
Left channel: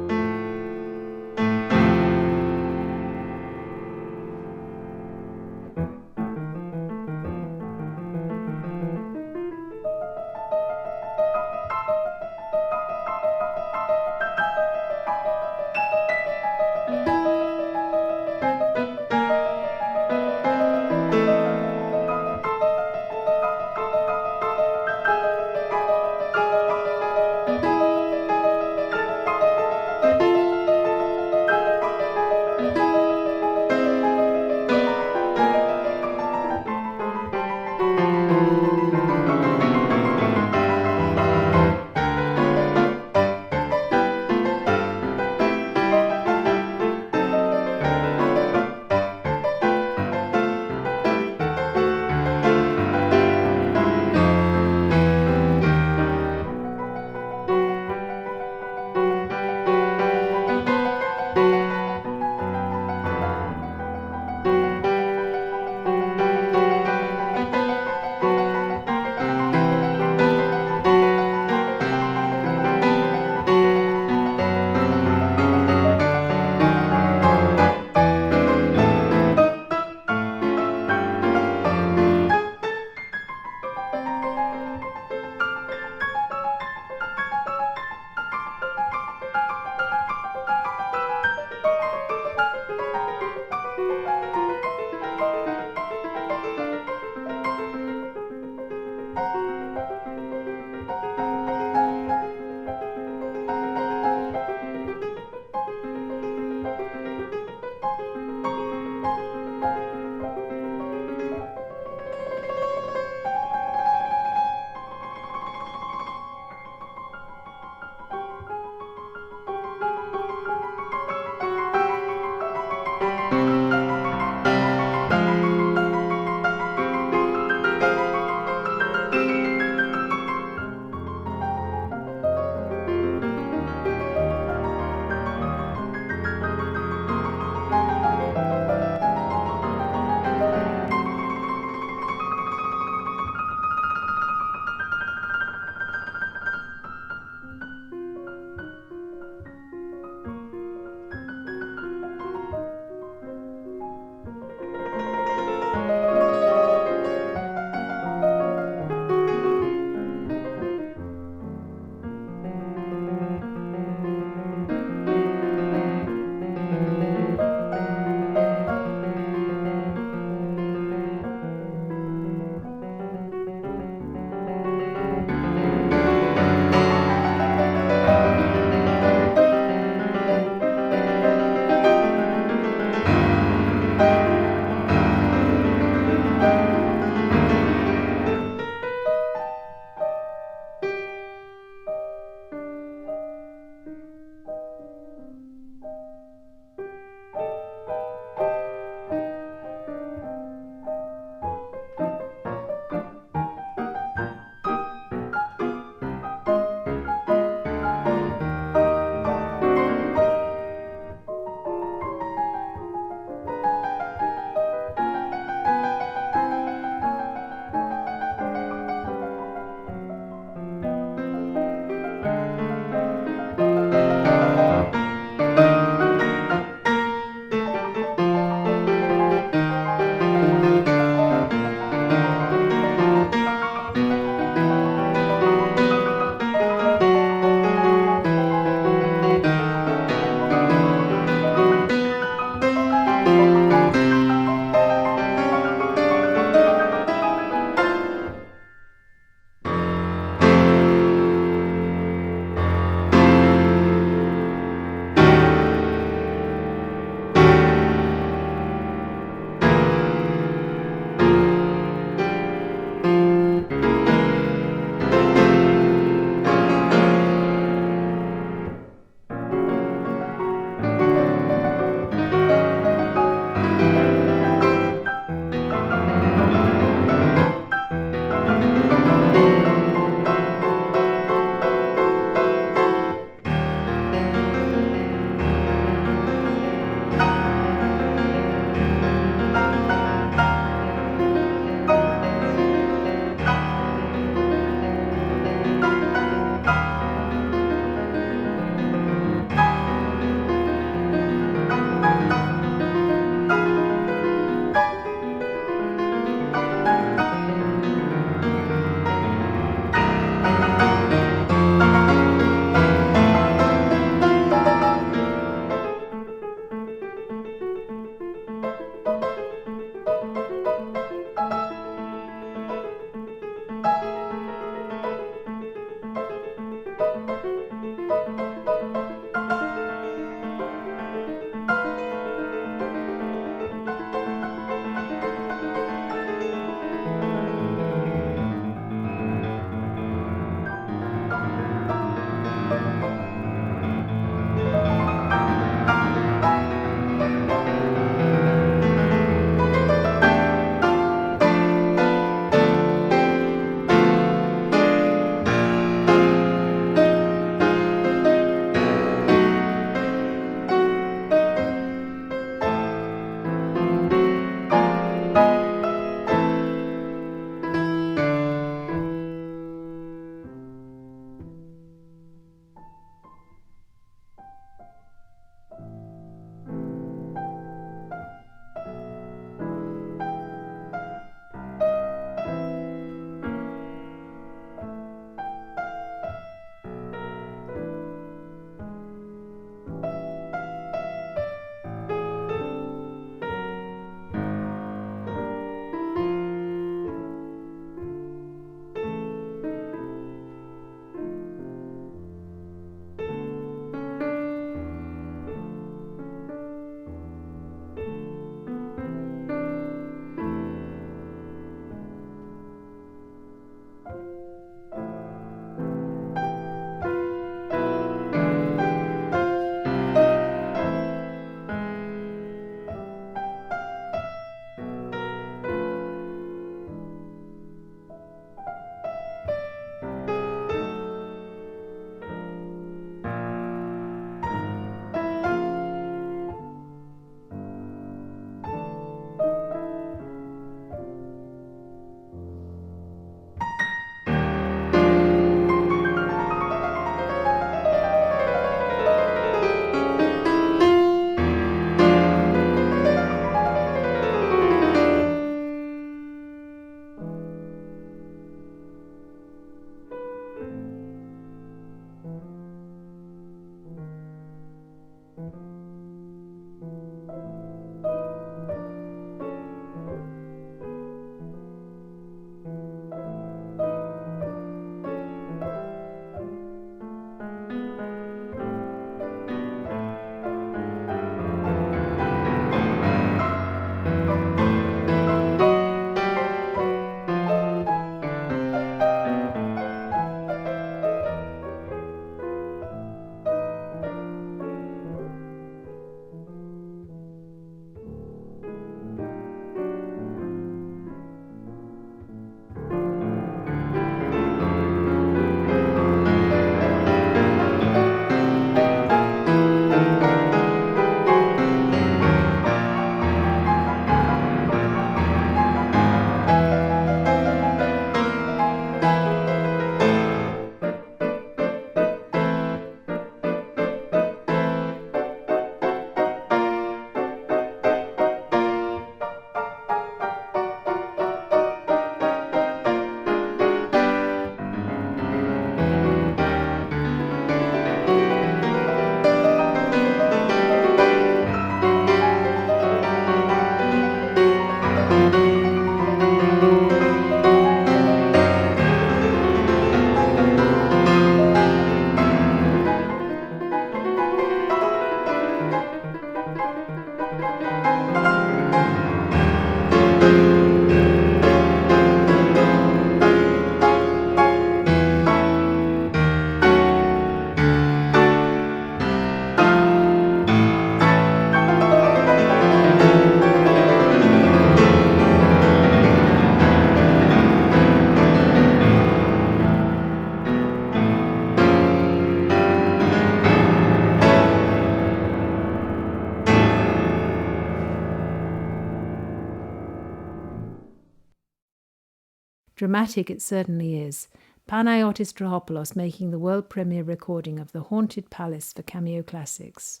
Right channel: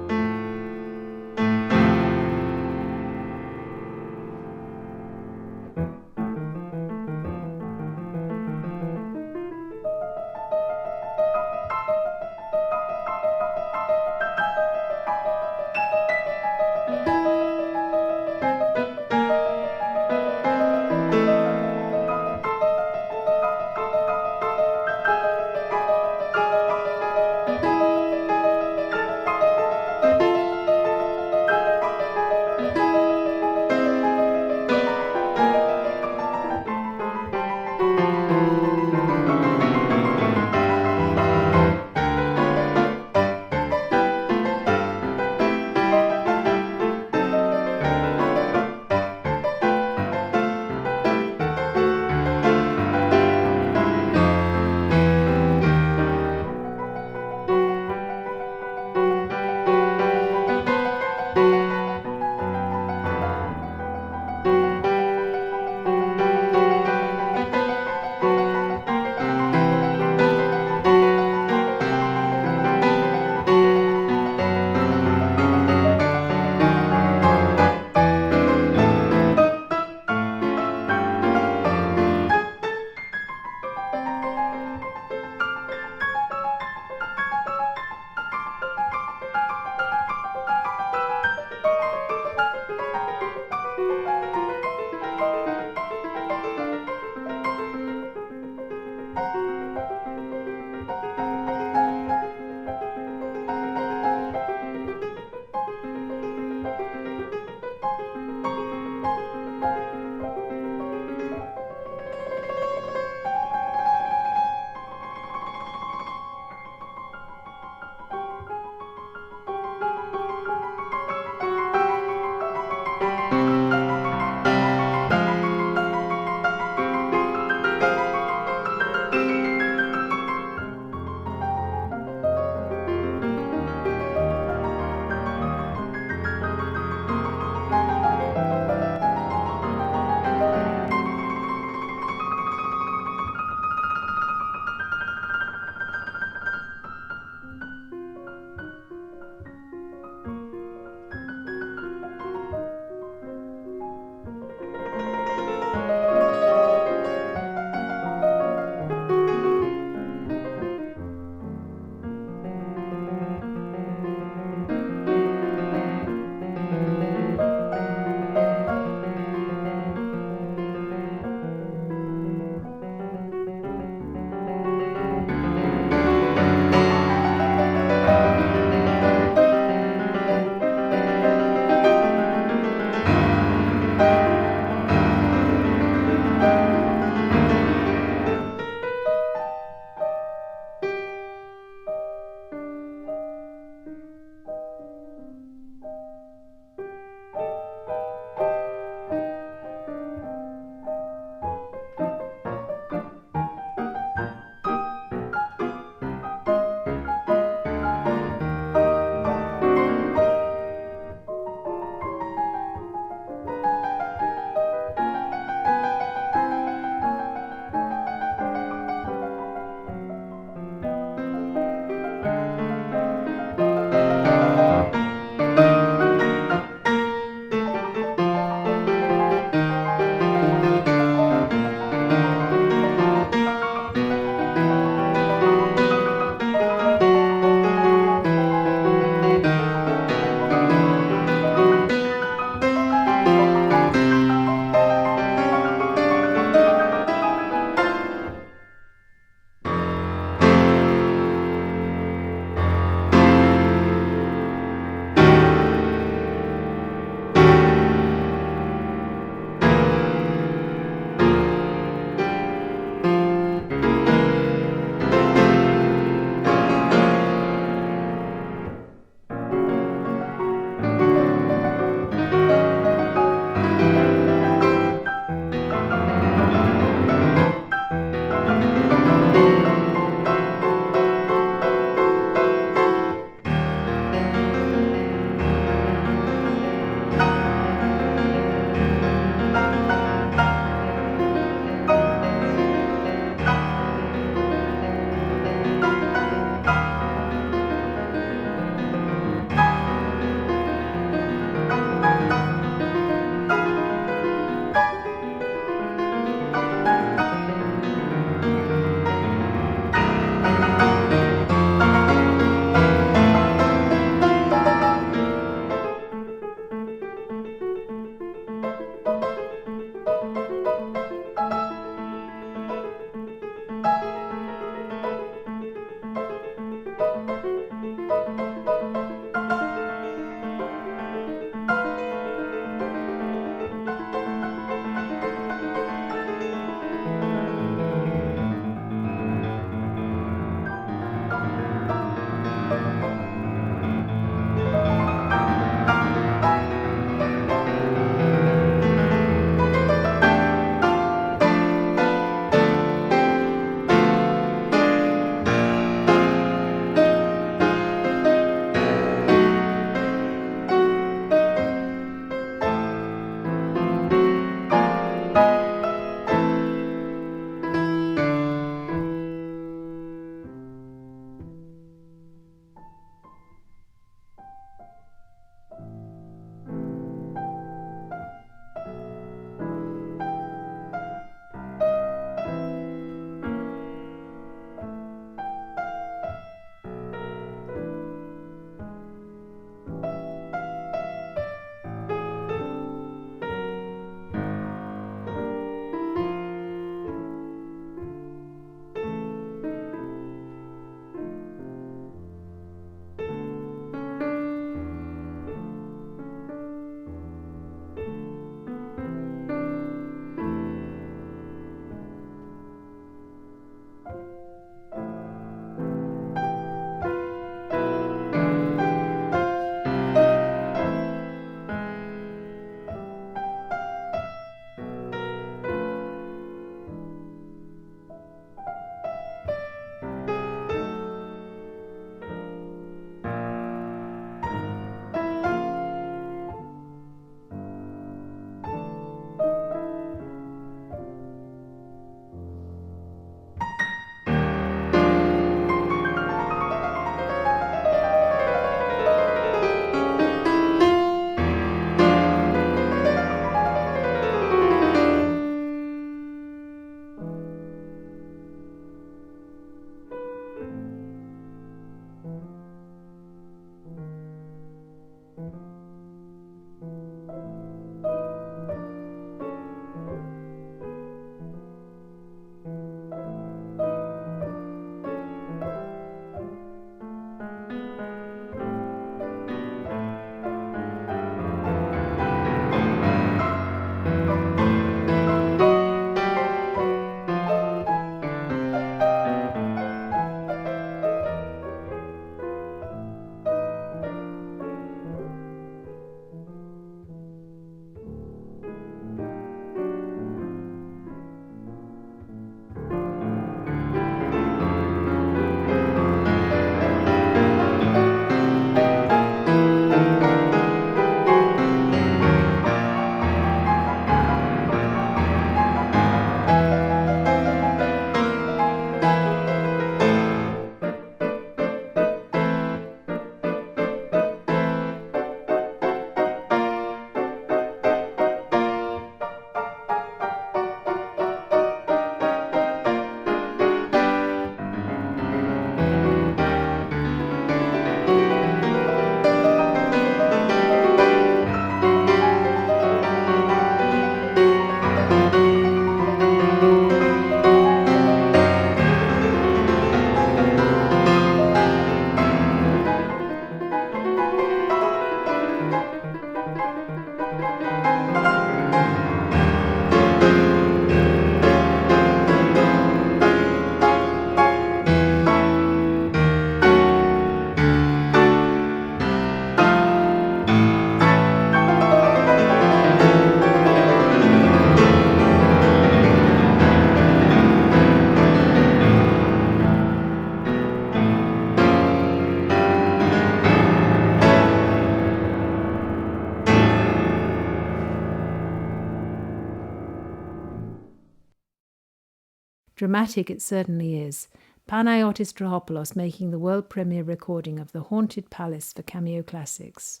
Dramatic it certainly is. Panagiotis Trahopoulos making the world premiere recording of The Haunted Palace for Cameo Classics.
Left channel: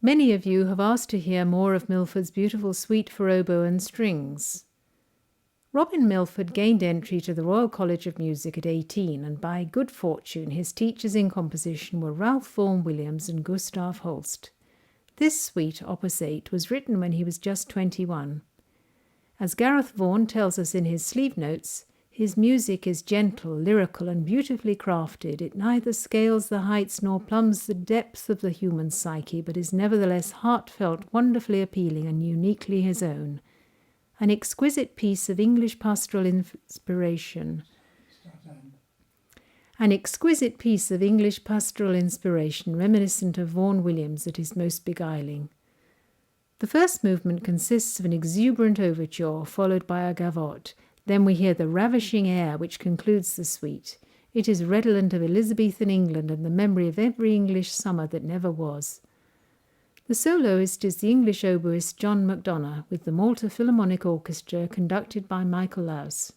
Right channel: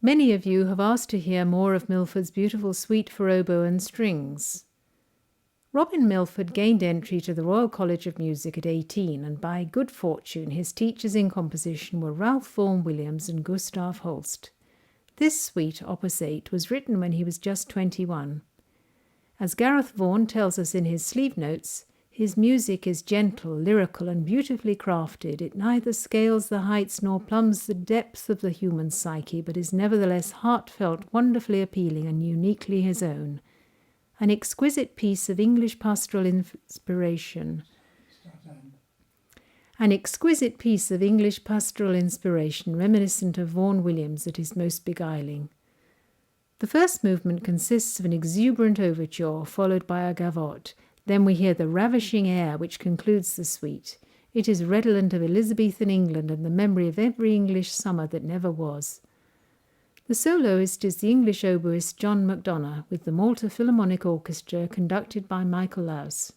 Many of you have asked to hear more of Milford's beautiful suite for oboe and strings. Robin Milford gained entry to the Royal College of Music at 18, and by good fortune his teachers in composition were Ralph Vaughan Williams and Gustav Holst. This suite, Opus 8, was written when he was just 21. As Gareth Vaughan tells us in his sleeve notes, his music is gentle, lyrical, and beautifully crafted. It neither scales the heights nor plumbs the depths of the human psyche, but is nevertheless heartfelt, wonderfully appealing, and uniquely his own. An exquisite piece of English pastoral inspiration. Reminiscent of Vaughan Williams at his most beguiling. The first movement consists of an exuberant overture, followed by a gavotte. Then we hear the ravishing air which concludes the suite. It is redolent of Elizabethan England and the memory of every English summer that never was. The soloist is the English oboist John MacDonough, with the Malta Philharmonic Orchestra conducted by Michael Laus.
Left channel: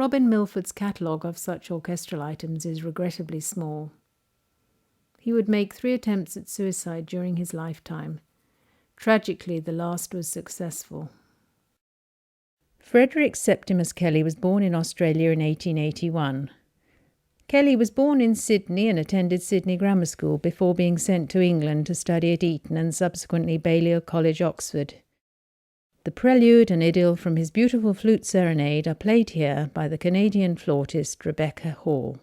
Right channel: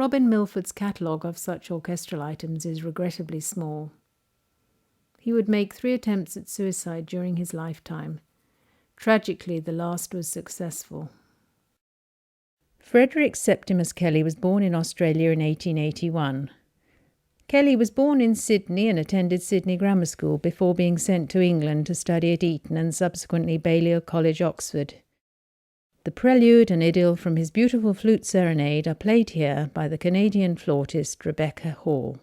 Robin Milford's catalogue of such orchestral items is regrettably small. He would make 3 attempts at suicide during his lifetime. Tragically, the last was successful. Frederick Septimus Kelly was born in Australia in 1881. Kelly was born in Sydney and attended Sydney Grammar School before being sent to England to study at Eton and subsequently Balliol College, Oxford. The prelude and idyll from his beautiful flute serenade are played here by the Canadian flautist Rebecca Hall.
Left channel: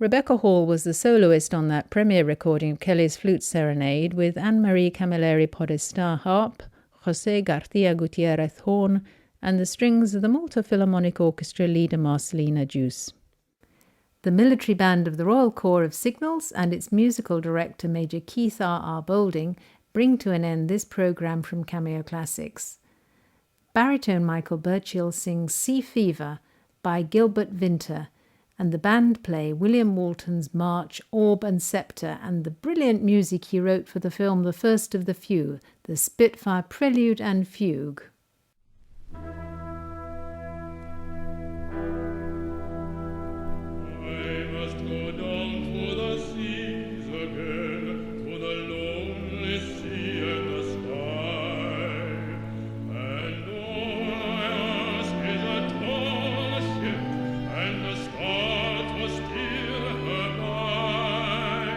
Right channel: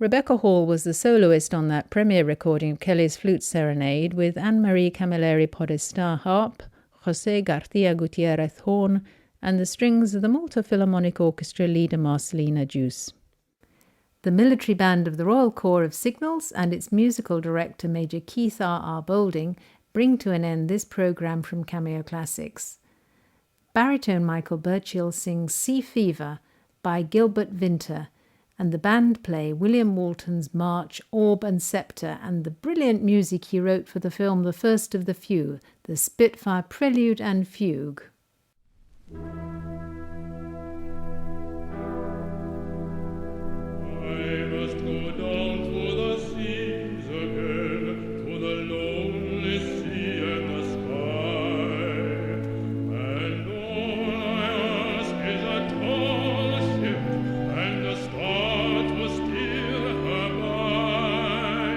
Rebecca Hall was the soloist on that premiere recording of Kelly's Flute Serenade, with Anne-Marie Camilleri Podesta harp, José García Gutiérrez horn, and the strings of the Malta Philharmonic Orchestra leader Marcelina Juice. The military band of the Royal Corps of Signals and its musical director Major Keith R. Boulding bring to an end this programme from Cameo Classics. Baritone Michael Burchill sings Sea Fever by Gilbert Vinter, and the band play William Walton's March, Orb and Sceptre, and the brilliant music he wrote for the film The First of the Few, the Spitfire Prelude and Fugue. I must go down to the seas again, to the lonely sea and the sky, and all I ask is a tall ship and a star to steer her by,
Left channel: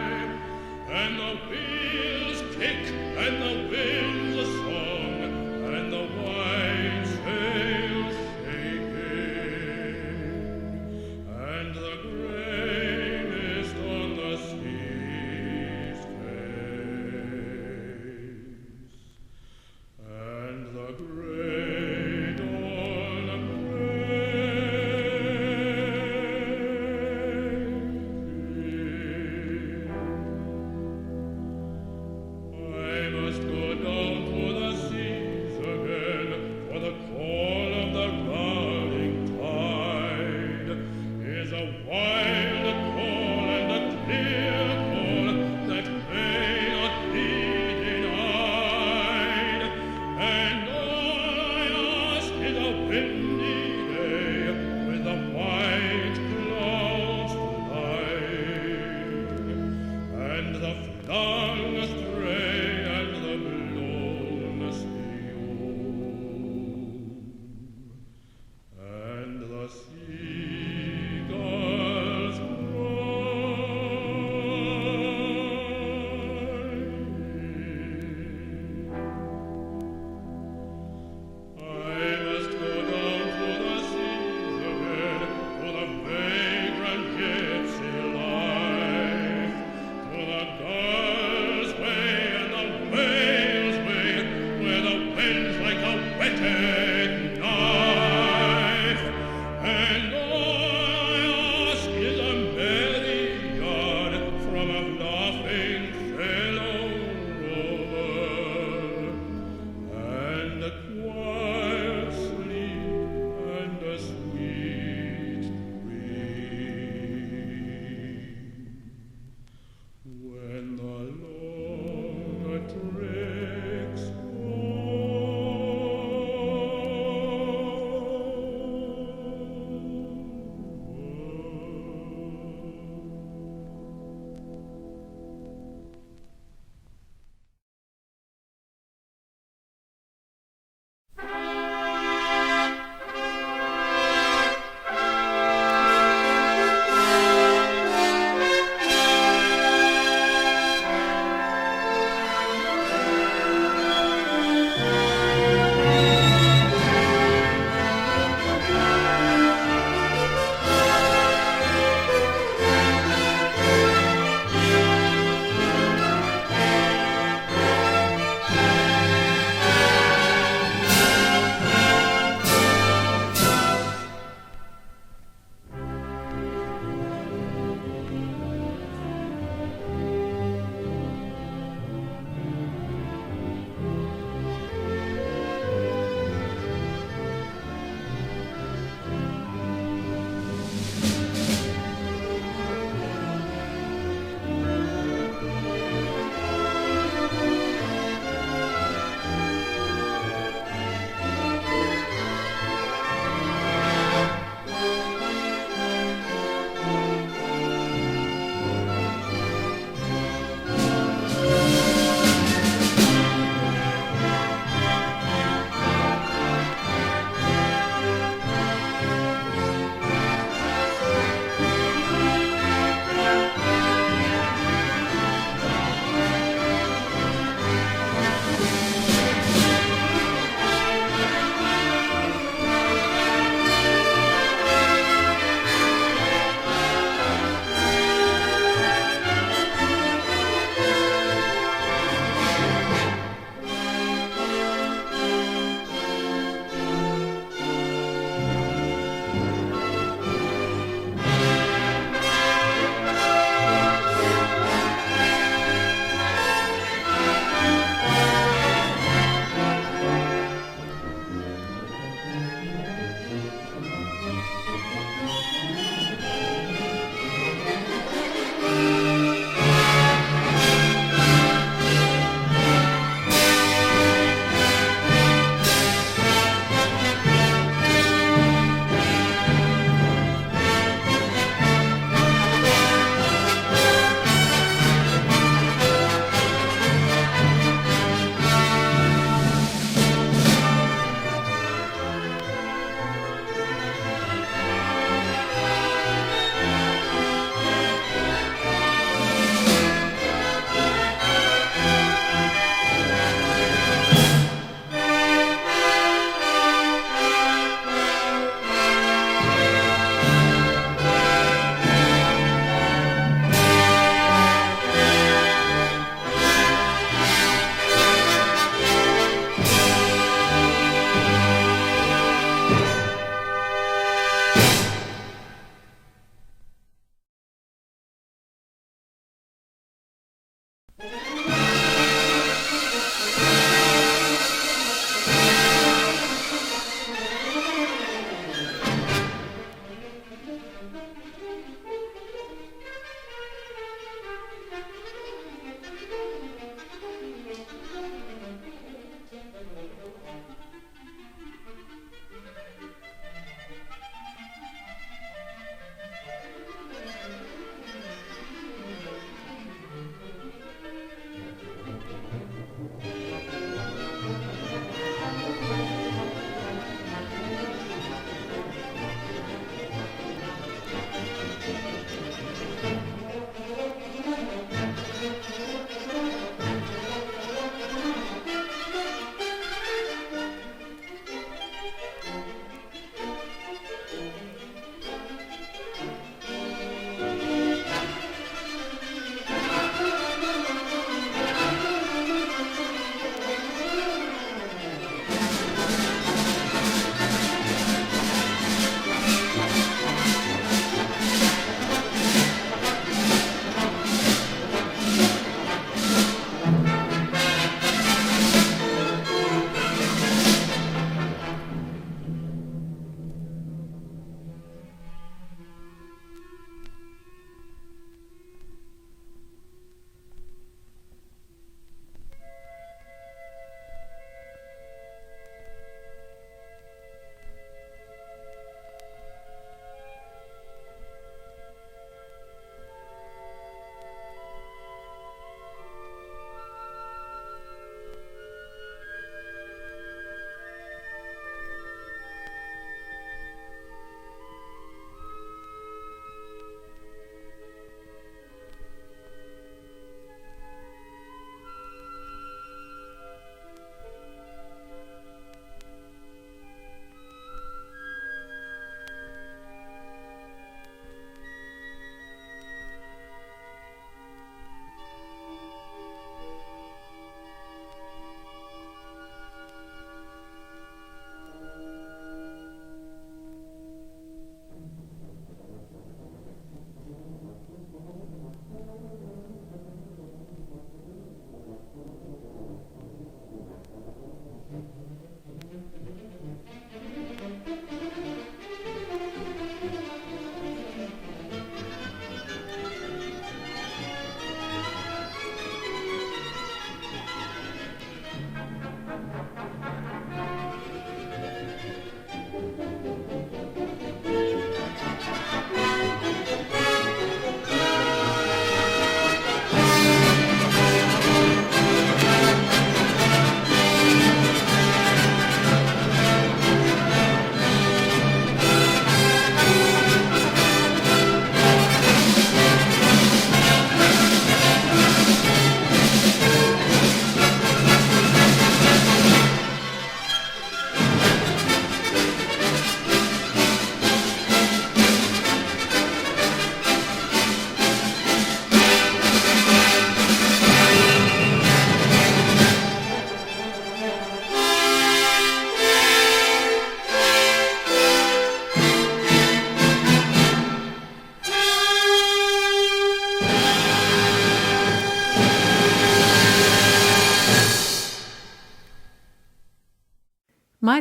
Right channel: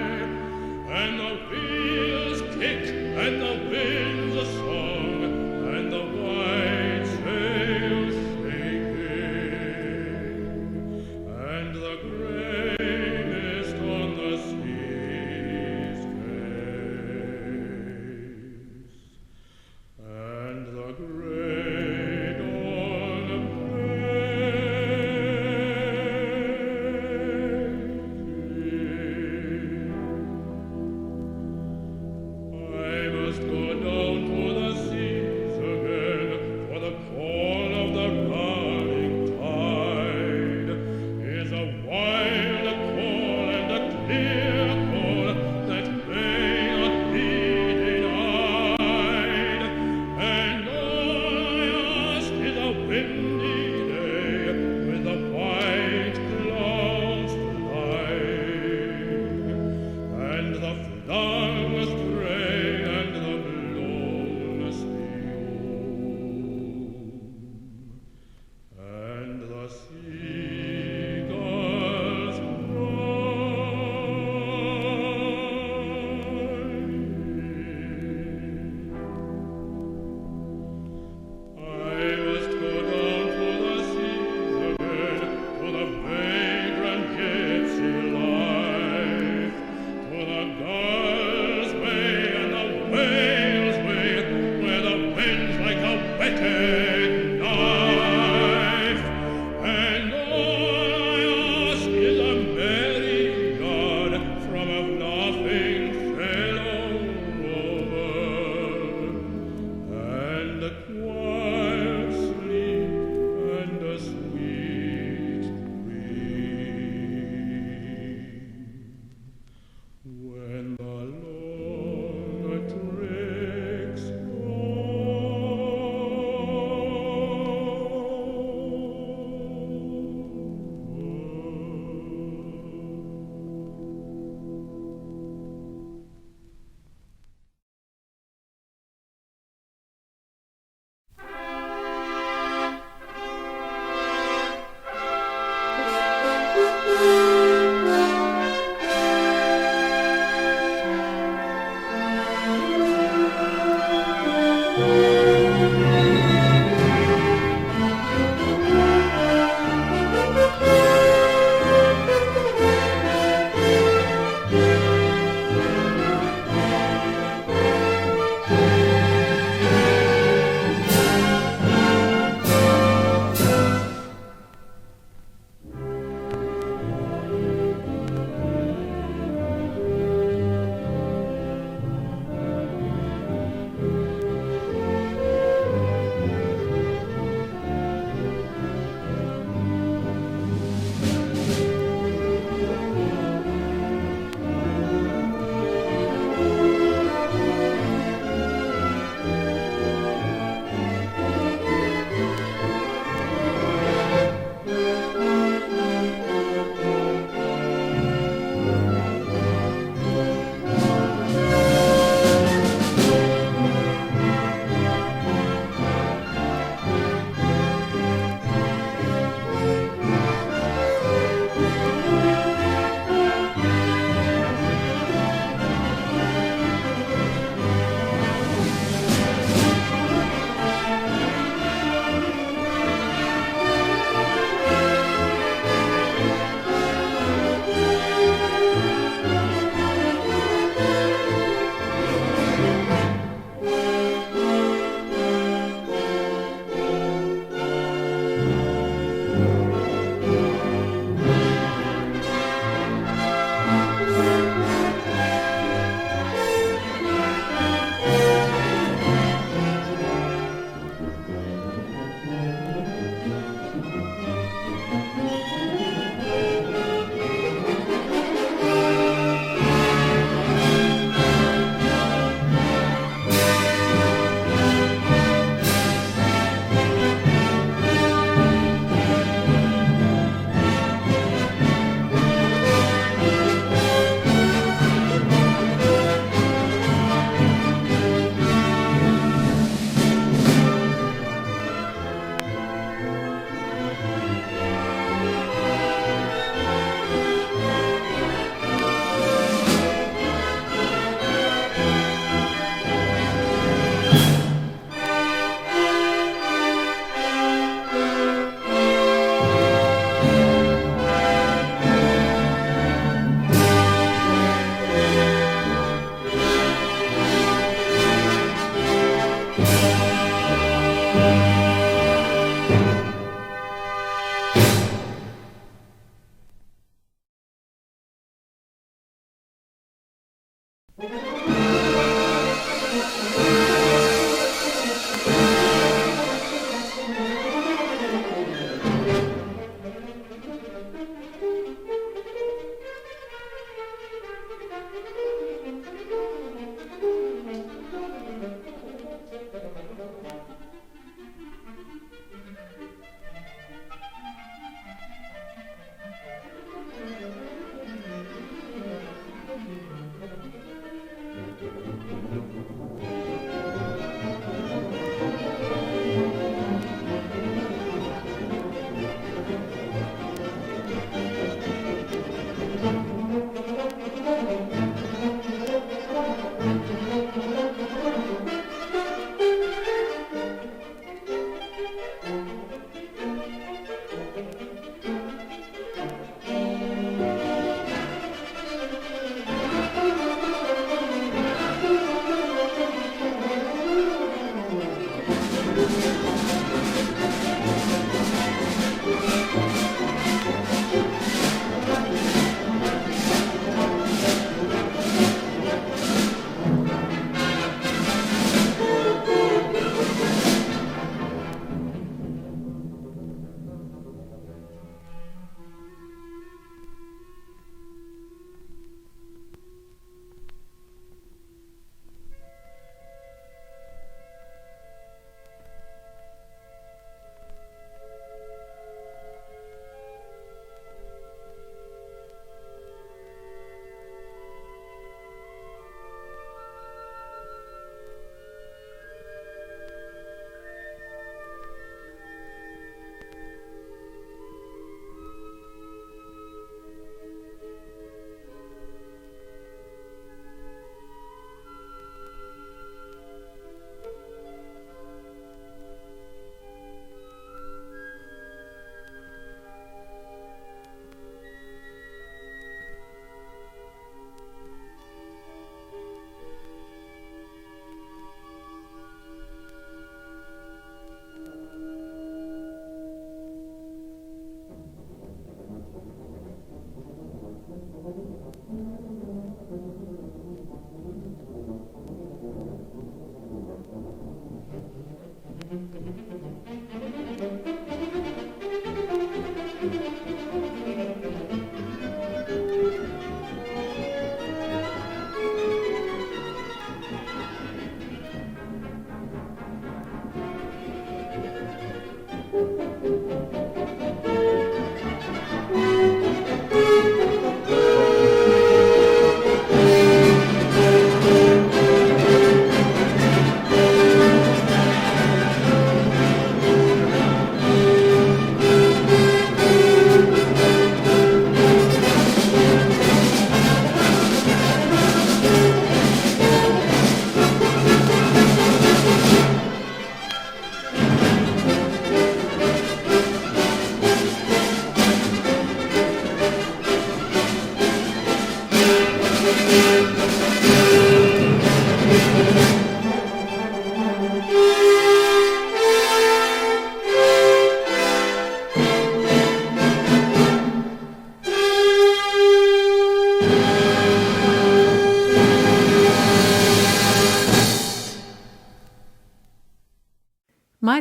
and the wheels kick and the winds a song, and the white sails shaking, and the grey mist on the sea's face, and the grey dawn breaking. I must go down to the seas again, for the call of the running tide is a wild call and a clear call that may not be denied. And all I ask is a windy day with the white clouds flying, and the flung spray and the blown spume, and the seagulls crying. I must go down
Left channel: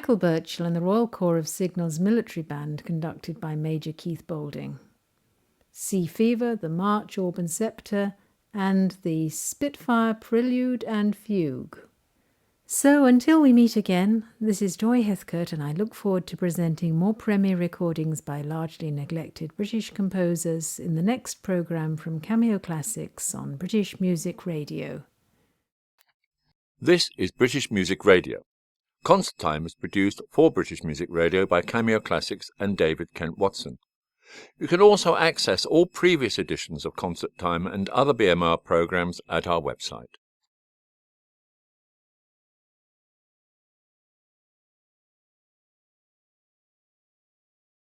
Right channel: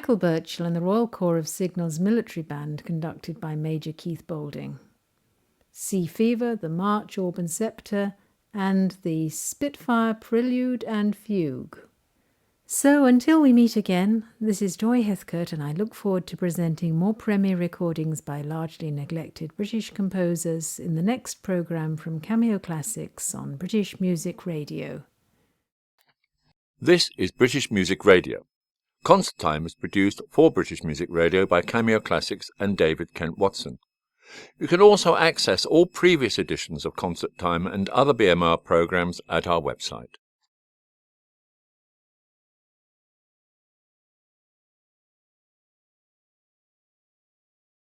Michael Birchall and the Royal Corps of Signals Military Band conducted by Major Keith Boulding. Sea Fever, the March, Orb and Sceptre, and the Spitfire Prelude and Fugue. So until we meet again, this is Joy Heathcote, and I look forward to presenting more premiere recordings by largely neglected British composers in the next programme from Cameo Classics on British Music Radio. This is British Music Radio. Concert Time is produced for British Music Radio by Cameo Classics and David Kent Watson. You can also access all previous editions of Concert Time and other BMR programmes at our website.